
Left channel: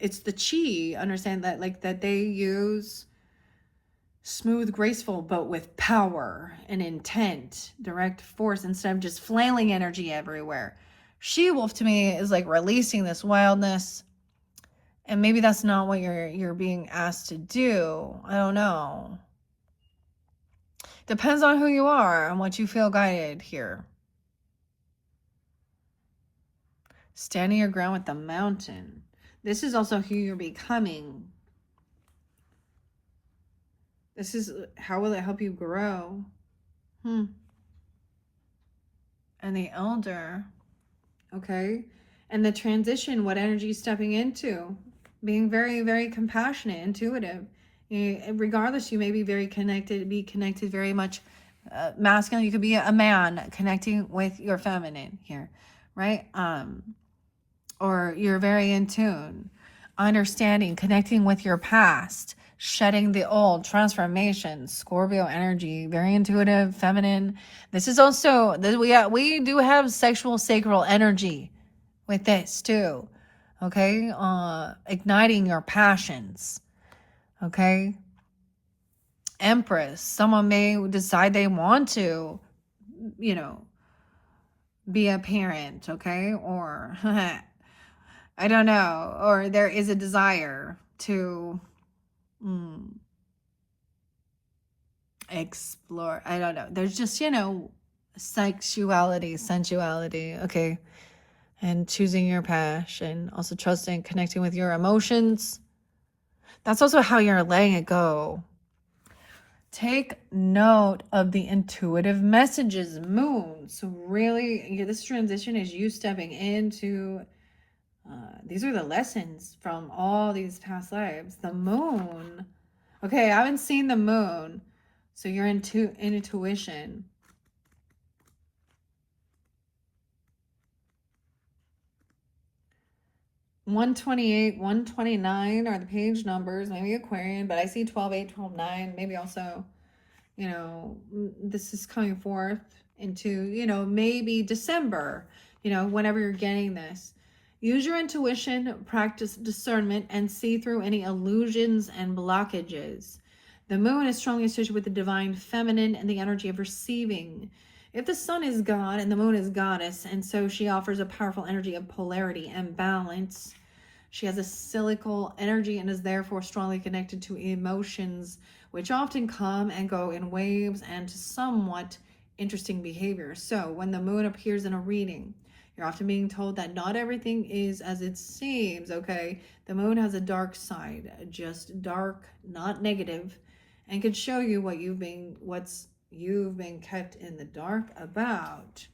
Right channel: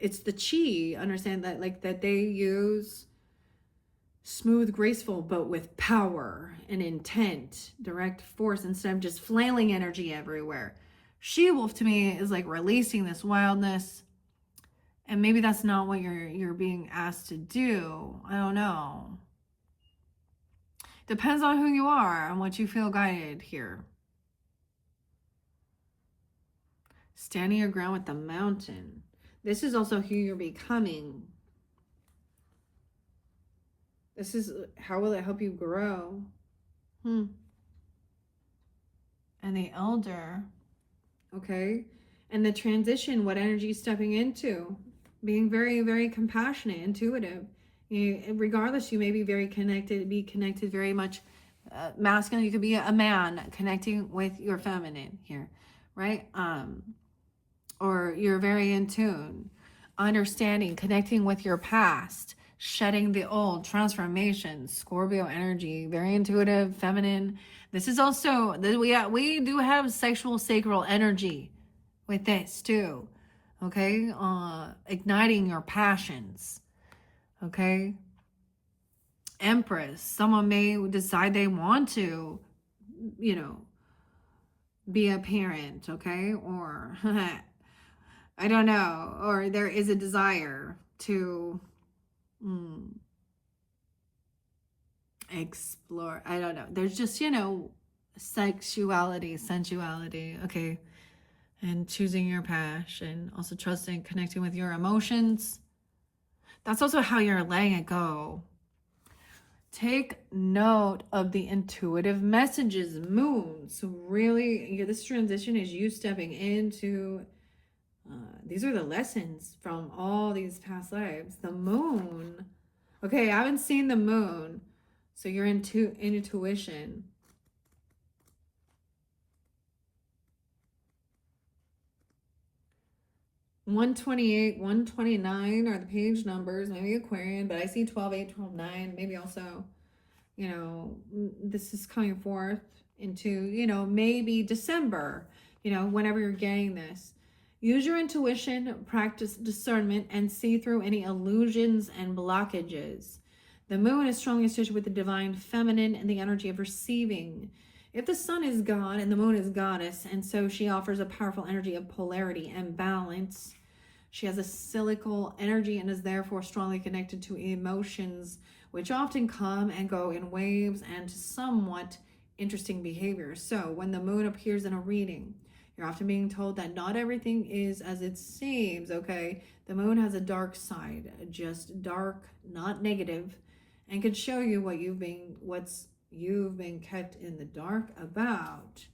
it's the chi, understand that, like, that they use smooth, graceful, but with power and intent, direct force, instead of just flailing energy everywhere. She-wolf to me is like releasing this wildness, and maybe that's not what you're being asked to do. I don't know. Depends on who you are and what you feel guided here. Standing your ground with the mountain. This is also who you're becoming. This is how will it help you grow? And the elder, okay? And the transition, what energy is stepping into? Being very, very compassionate, intuitive. Regardless, you may be very connected, very much masculine. You could be a man connecting with your feminine here, right? Or you're very in tune, understanding, connecting with your past, shedding the old, transformation, Scorpio energy, very intuitive, feminine. This is also, we do have sexual sacral energy with this too, okay? Igniting your passions, okay? Empress, someone may decide they want to, be a parent, okay? Or I don't know, or there is a desire to explore. I don't know. There's just, sexuality, sensuality, okay? And choosing your passion, also trusting, connecting with your emotions. That's also how you're letting it go. Take note of the intuitive messages, moon. So really, this transition is you stepping into, these are the lessons from all these past lives. The moon. Okay, I haven't seen the moon. So you're into intuition. $128, $129 are the page numbers, maybe Aquarian, but I see 12/8, 12/9, maybe also, this is coming forth into, maybe December, whenever you're getting this. Use your intuition, practice discernment, and see through any illusions and blockages. The moon is strongly associated with the divine feminine and the energy of receiving. If the sun is God and the moon is goddess, and so she offers a powerful energy of polarity and balance. She has a cyclical energy and is therefore strongly connected to emotions, which often come and go in waves and to somewhat interesting behavior. So when the moon appears in a reading, you're often being told that not everything is as it seems, okay? The moon has a dark side, just dark, not negative, and could show you what you've been kept in the dark about.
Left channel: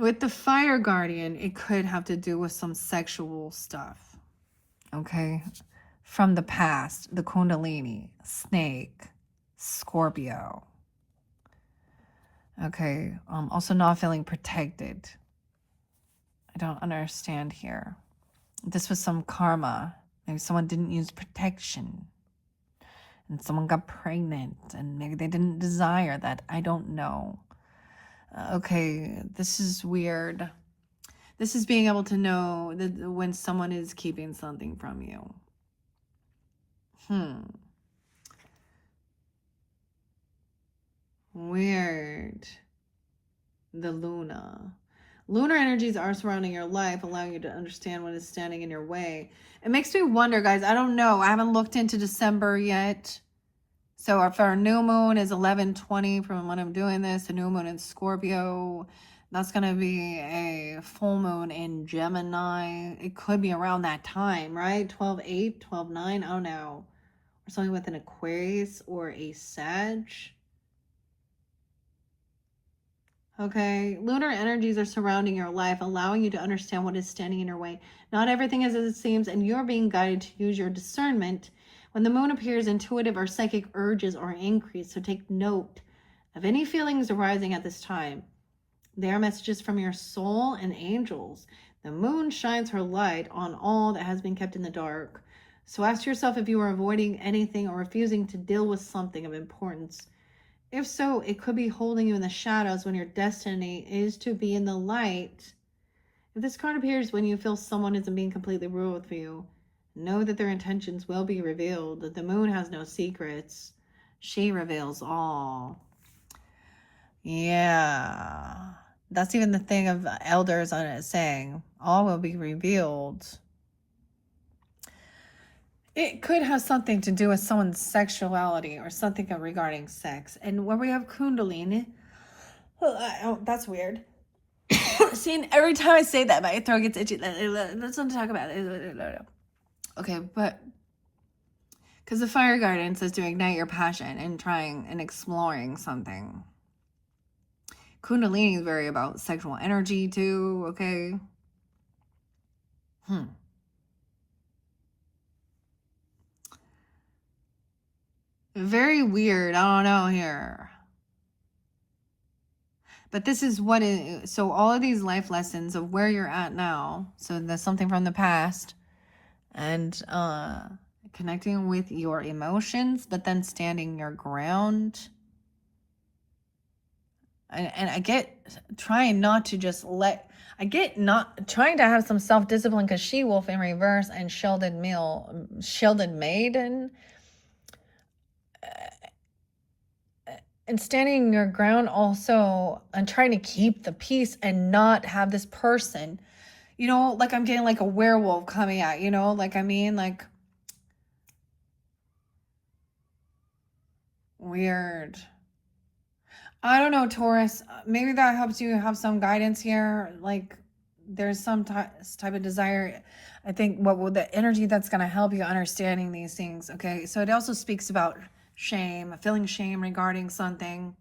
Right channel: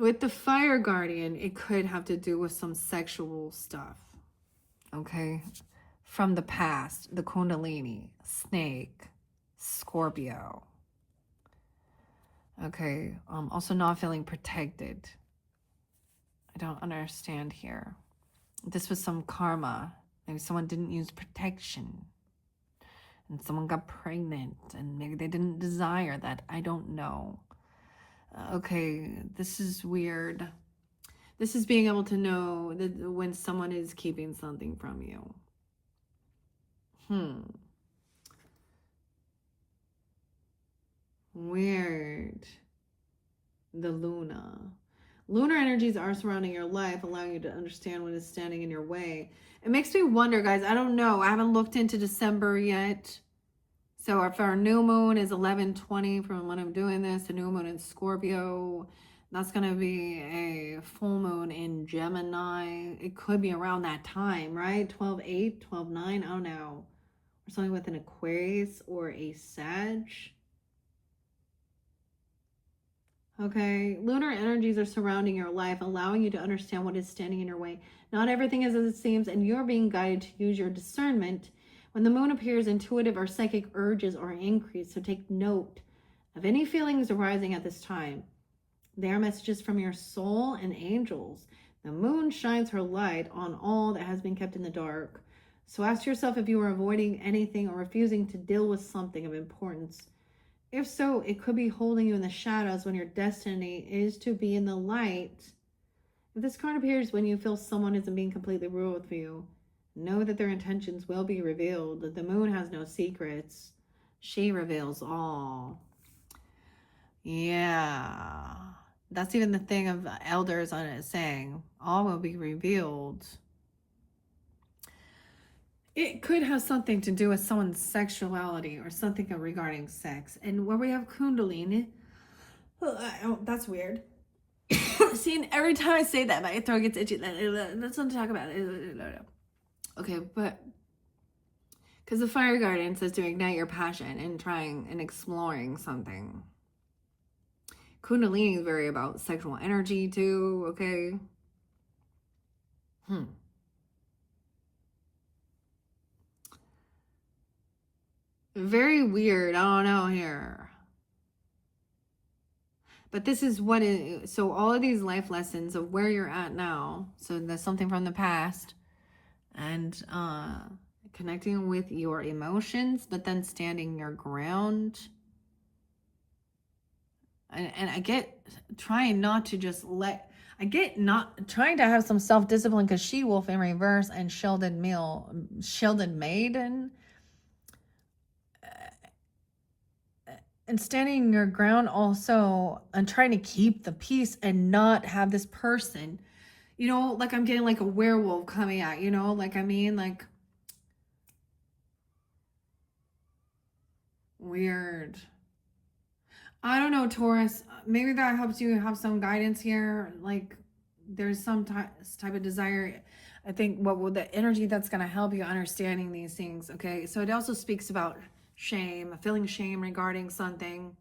with the fire guardian, it could have to do with some sexual stuff. Okay. From the past, the Kundalini, snake, Scorpio. Okay. Also not feeling protected. I don't understand here. This was some karma. Maybe someone didn't use protection. And someone got pregnant. And maybe they didn't desire that. I don't know. Okay, this is weird. This is being able to know that when someone is keeping something from you. Weird. The Luna. Lunar energies are surrounding your life, allowing you to understand what is standing in your way. It makes me wonder, guys. I don't know. I haven't looked into December yet. So if our new moon is 11/20 from when I'm doing this, the new moon in Scorpio, that's going to be a full moon in Gemini. It could be around that time, right? 12/8, 12/9, I don't know. Or something with an Aquarius or a Sag. Okay, lunar energies are surrounding your life, allowing you to understand what is standing in your way. Not everything is as it seems, and you're being guided to use your discernment. When the moon appears, intuitive or psychic urges are increased, so take note of any feelings arising at this time. They are messages from your soul and angels. The moon shines her light on all that has been kept in the dark. So ask yourself if you are avoiding anything or refusing to deal with something of importance. If so, it could be holding you in the shadows when your destiny is to be in the light. If this card appears when you feel someone isn't being completely real with you, know that their intentions will be revealed. The moon has no secrets. She reveals all. Yeah. That's even the thing of elders on it saying, all will be revealed. It could have something to do with someone's sexuality or something regarding sex. And when we have Kundalini, that's weird. See, every time I say that, my throat gets itchy. Let's not talk about it. Okay, but because the fire guardian says to ignite your passion and trying and exploring something. Kundalini is very about sexual energy too, okay? Very weird. I don't know here. But this is what it, so all of these life lessons of where you're at now. So there's something from the past and connecting with your emotions, but then standing your ground. And I get trying not to just not trying to have some self-discipline because She-Wolf in reverse and Sheldon Maiden. And standing your ground also and trying to keep the peace and not have this person, like I'm getting like a werewolf coming out, like weird. I don't know, Taurus. Maybe that helps you have some guidance here. Like there's some type of desire. I think the energy that's going to help you understanding these things. Okay. So it also speaks about shame, feeling shame regarding something.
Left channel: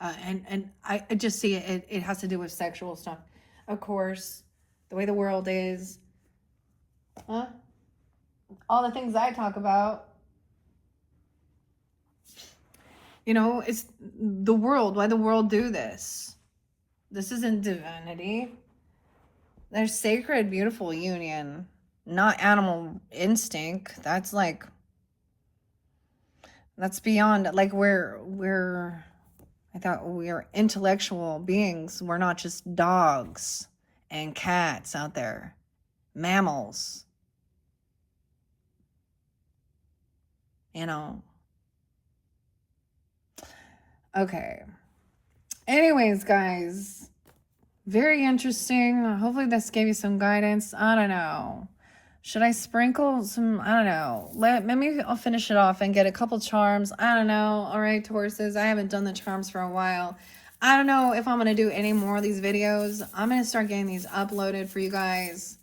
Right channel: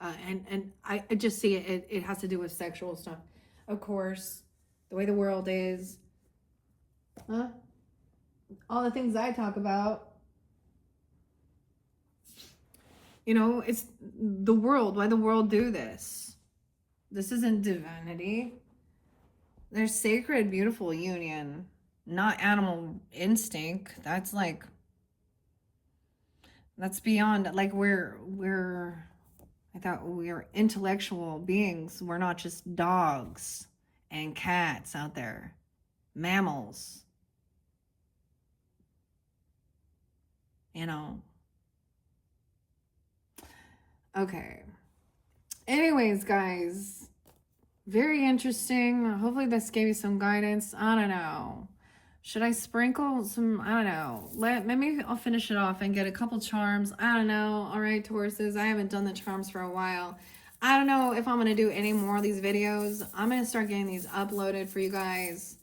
And I just see it has to do with sexual stuff. Of course, the way the world is. All the things I talk about. It's the world. Why the world do this? This isn't divinity. There's sacred, beautiful union, not animal instinct. That's beyond, like I thought we're intellectual beings. We're not just dogs and cats out there. Mammals. Okay. Anyways, guys, very interesting. Hopefully this gave you some guidance. I don't know. Should I sprinkle some? I don't know. Maybe I'll finish it off and get a couple charms. I don't know. All right, Tauruses. I haven't done the charms for a while. I don't know if I'm going to do any more of these videos. I'm going to start getting these uploaded for you guys.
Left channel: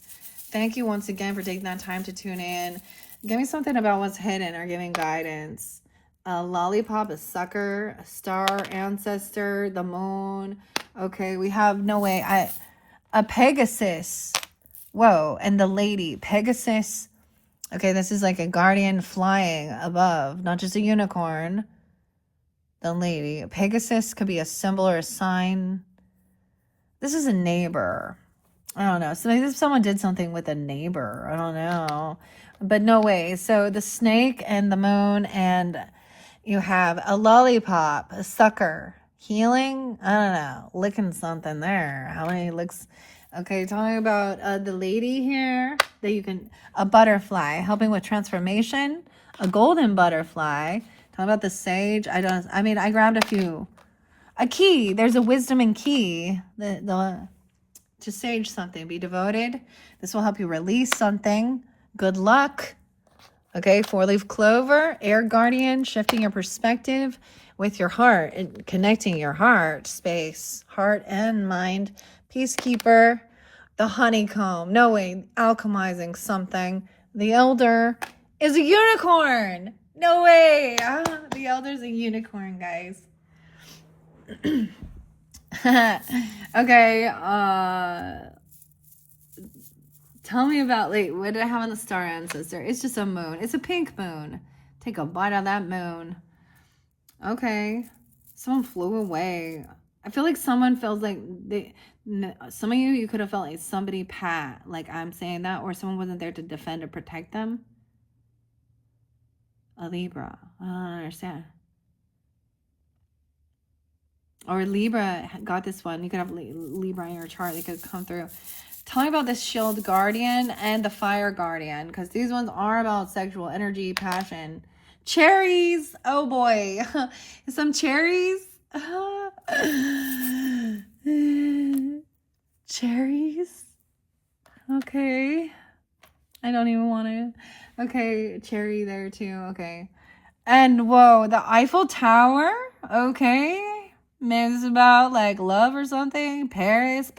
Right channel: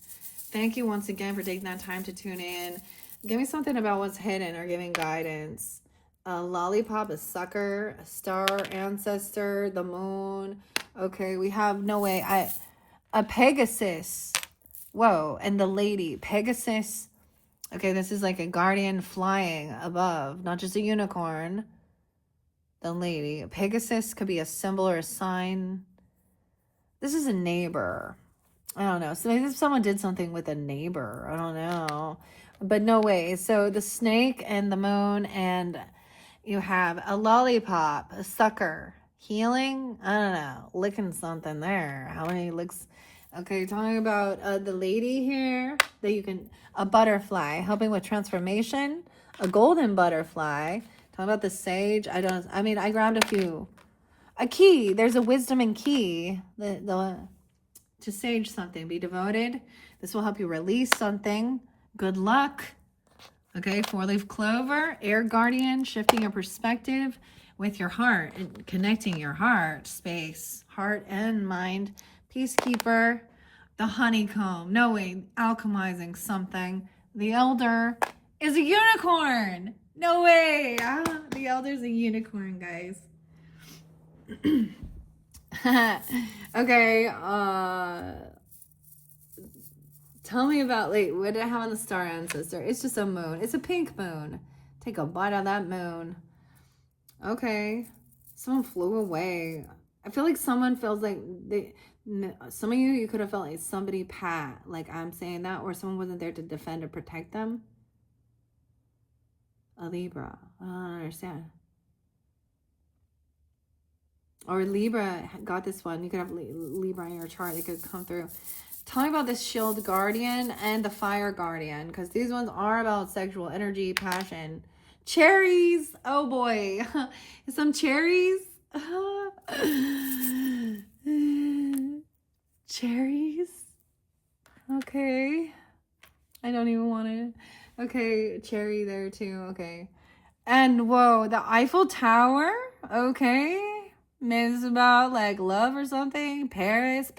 Thank you once again for taking that time to tune in. Give me something about what's hidden or giving guidance. A lollipop, a sucker, a star ancestor, the moon. Okay, we have no way. A Pegasus. Whoa, and the lady Pegasus. Okay, this is like a guardian flying above, not just a unicorn. The lady Pegasus could be a symbol or a sign. This is a neighbor. I don't know. So maybe if someone did something with a neighbor, I don't know. But no way. So the snake and the moon, and you have a lollipop, a sucker, healing. I don't know, licking something there. How many licks? Okay, talking about the lady here that you can, a butterfly helping with transformation, a golden butterfly. Talking about the sage. I mean, I grabbed a few. A key. There's a wisdom and key. To sage something. Be devoted. This will help you release something. Good luck. Okay, 4-leaf clover, air guardian, shifting your perspective with your heart and connecting your heart space, heart and mind. Peacekeeper, the honeycomb, knowing, alchemizing something. The elder is a unicorn. No way. The elder's a unicorn, guys. Okay, tell me about, like, what did I have on the star ancestor? It's just a moon. It's a pink moon. Take a bite of that moon. Okay. Someone flew away. I feel like someone feels like some of you could have felt like somebody like I'm saying that, or someone wasn't there to defend or protect them. A Libra. I don't understand. Or Libra got this one. You could have Libra in your chart. They could come through. Tell me about this shield guardian and the fire guardian, because these ones are about sexual energy, passion. Cherries. Oh boy. Some cherries. Cherries. Okay. I don't even want to. Okay. Cherry there too. Okay. And whoa, the Eiffel Tower. Okay. Maybe it's about like love or something. Paris,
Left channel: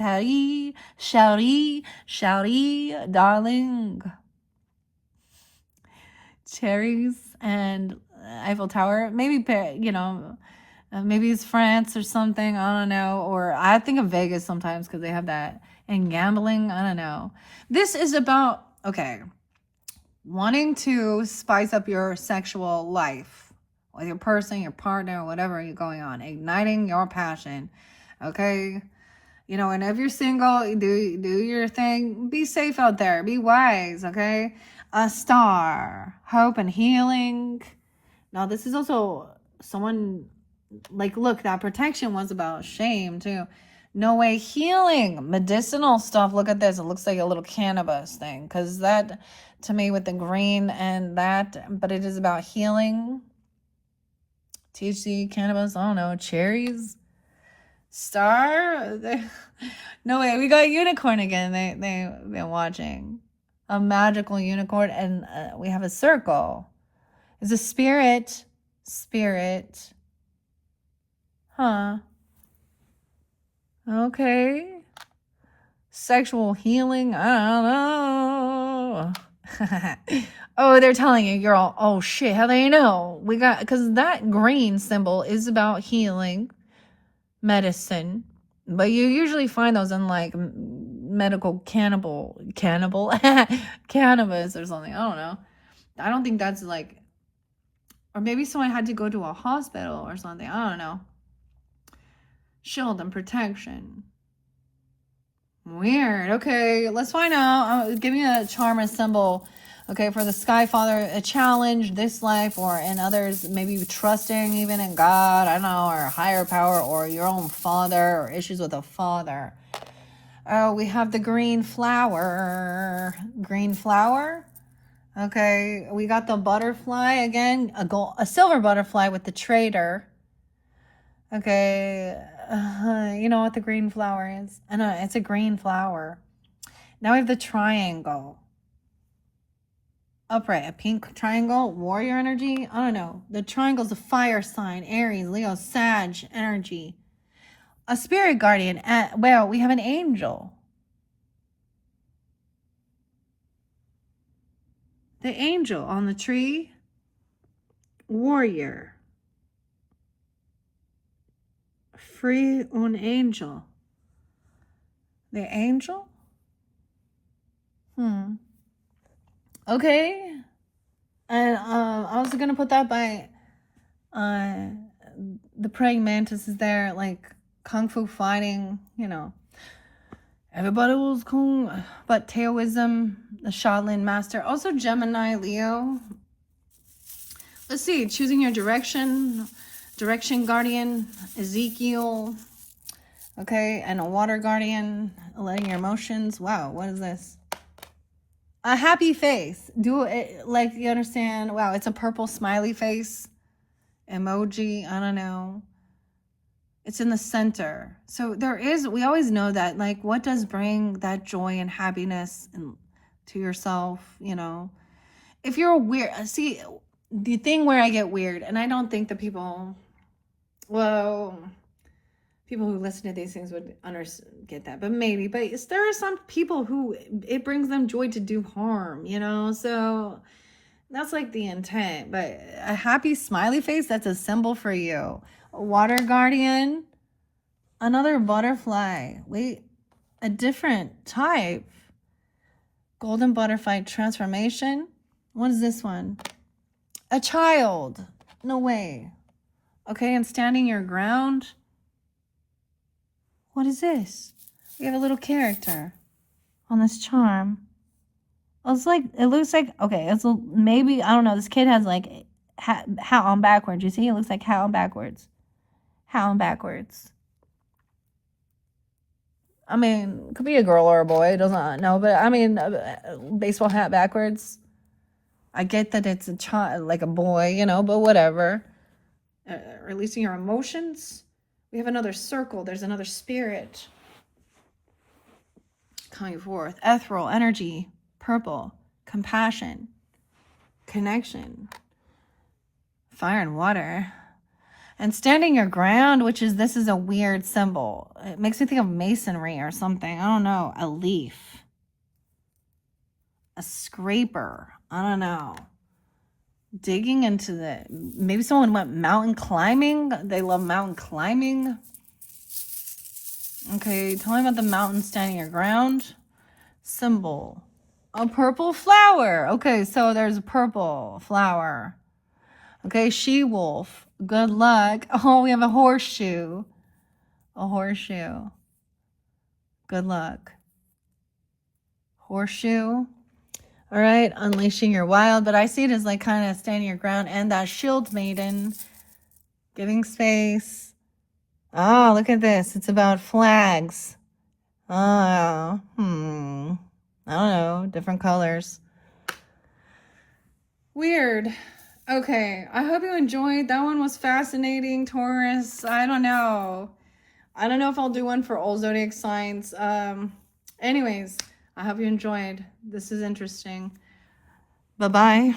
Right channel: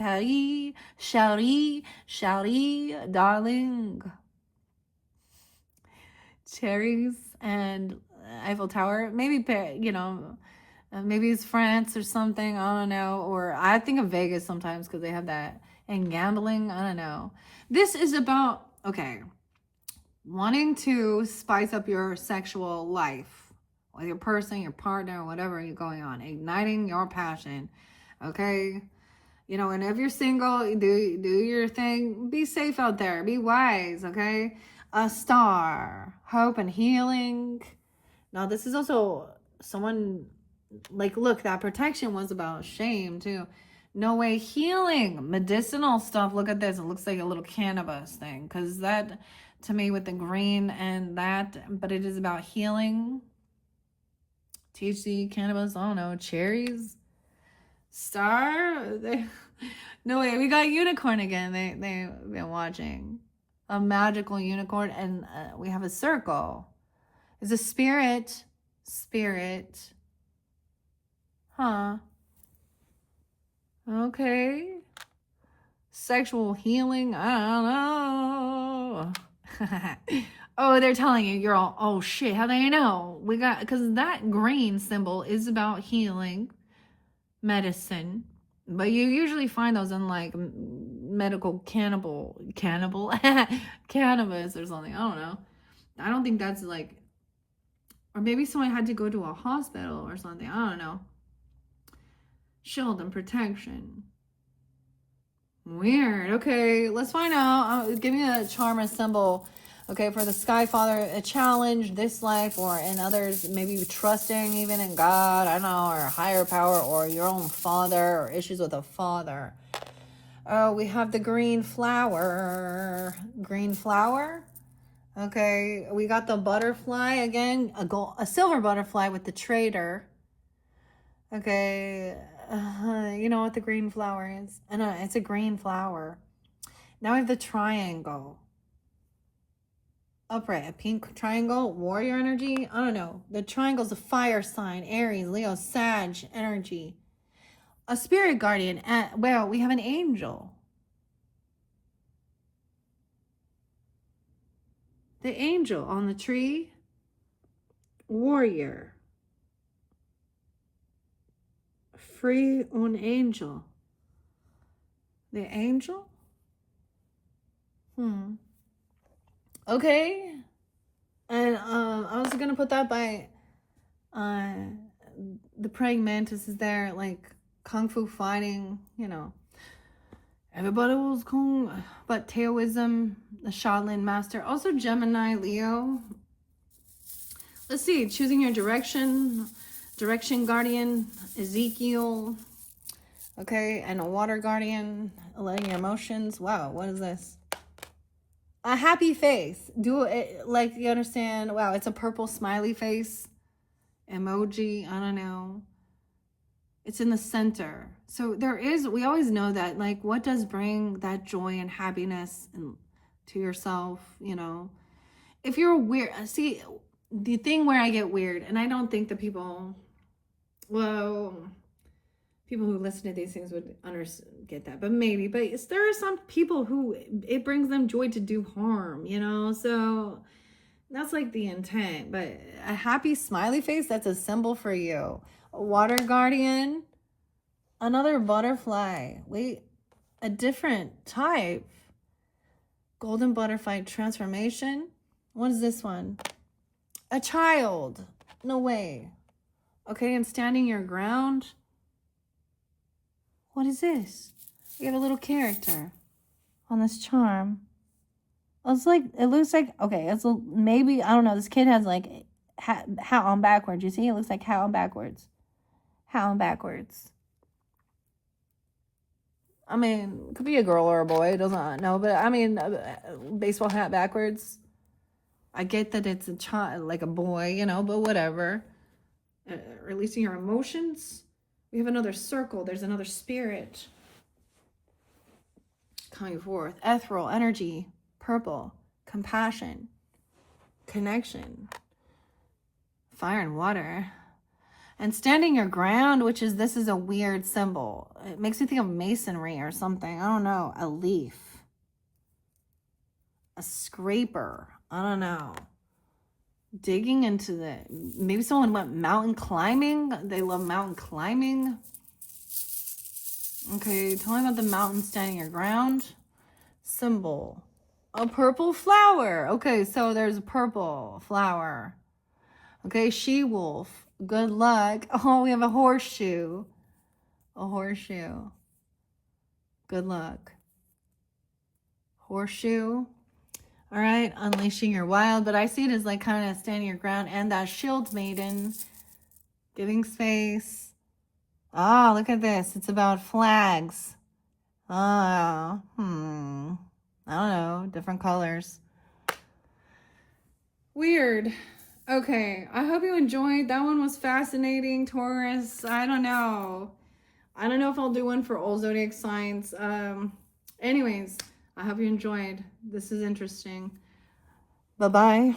shouty, darling. Cherries and Eiffel Tower. Maybe, you know, maybe it's France or something. I don't know. Or I think of Vegas sometimes because they have that. And gambling. I don't know. This is about, okay, wanting to spice up your sexual life with your person, your partner, whatever you're going on, igniting your passion. Okay, you know, and if you're single, do your thing. Be safe out there. Be wise. Okay, a star, hope and healing. Now this is also someone like, look, that protection was about shame too. No way, healing, medicinal stuff. Look at this. It looks like a little cannabis thing, because that to me with the green and that, but it is about healing. THC, cannabis, I don't know, cherries, star. No way, we got unicorn again. They've been watching a magical unicorn, and we have a circle. It's a spirit, huh? Okay, sexual healing. I don't know. Oh, they're telling you, girl. Oh shit, how they know? We got, because that green symbol is about healing, medicine, but you usually find those in like medical cannabis or something. I don't know. I don't think that's like, or maybe someone had to go to a hospital or something. I don't know. Shield and protection. Weird. Okay, let's find out. Give me a charm or symbol. Okay, for the Sky Father, a challenge this life or in others, maybe trusting even in God, I don't know, or higher power, or your own father, or issues with a father. We have the green flower. Green flower. Okay, we got the butterfly again, a silver butterfly with the trader. Okay, you know what the green flower is? I know, it's a green flower. Now we have the triangle. Upright, a pink triangle, warrior energy. I don't know. The triangle's a fire sign, Aries, Leo, Sag energy. A spirit guardian. Well, we have an angel. The angel on the tree. Warrior. Free un angel. The angel? Okay. And I was gonna put that by the praying mantis is there, like kung fu fighting, you know. Everybody was cool, but Taoism, the Shaolin master, also Gemini, Leo. Let's see, choosing your direction guardian, Ezekiel, okay, and a water guardian, letting your emotions. Wow, what is this? A happy face. Do it like you understand. Wow, it's a purple smiley face emoji. I don't know. It's in the center. So there is, we always know that, like, what does bring that joy and happiness to yourself, you know? If you're weird, see, the thing where I get weird, and I don't think the people, well, people who listen to these things would get that, but maybe, but there are some people who it brings them joy to do harm, you know? So that's like the intent, but a happy smiley face, that's a symbol for you. Water guardian, another butterfly. Wait, a different type. Golden butterfly transformation. What is this one? A child. No way. Okay, and standing your ground. What is this? We have a little character on this charm. It's like, it looks like, okay, it's maybe, I don't know, this kid has like hat on backwards. You see, it looks like hat on backwards. Hat on backwards. I mean, could be a girl or a boy, it doesn't know, but I mean, baseball hat backwards. I get that it's a child, like a boy, you know, but whatever. Releasing your emotions. We have another circle. There's another spirit coming forth. Ethereal energy, purple, compassion, connection, fire and water. And standing your ground, which is, this is a weird symbol. It makes me think of masonry or something. I don't know. A leaf. A scraper. I don't know. Digging into the, maybe someone went mountain climbing. They love mountain climbing. Okay, tell me about the mountain standing your ground. Symbol. A purple flower. Okay, so there's a purple flower. Okay, she-wolf. Good luck. Oh, we have a horseshoe. A horseshoe. Good luck. Horseshoe. All right, unleashing your wild, but I see it as like kind of standing your ground, and that shield maiden, giving space. Oh, look at this. It's about flags. Oh, I don't know, different colors. Weird. Okay, I hope you enjoyed. That one was fascinating, Taurus. I don't know if I'll do one for all zodiac signs. Anyways, I hope you enjoyed. This is interesting. Bye-bye.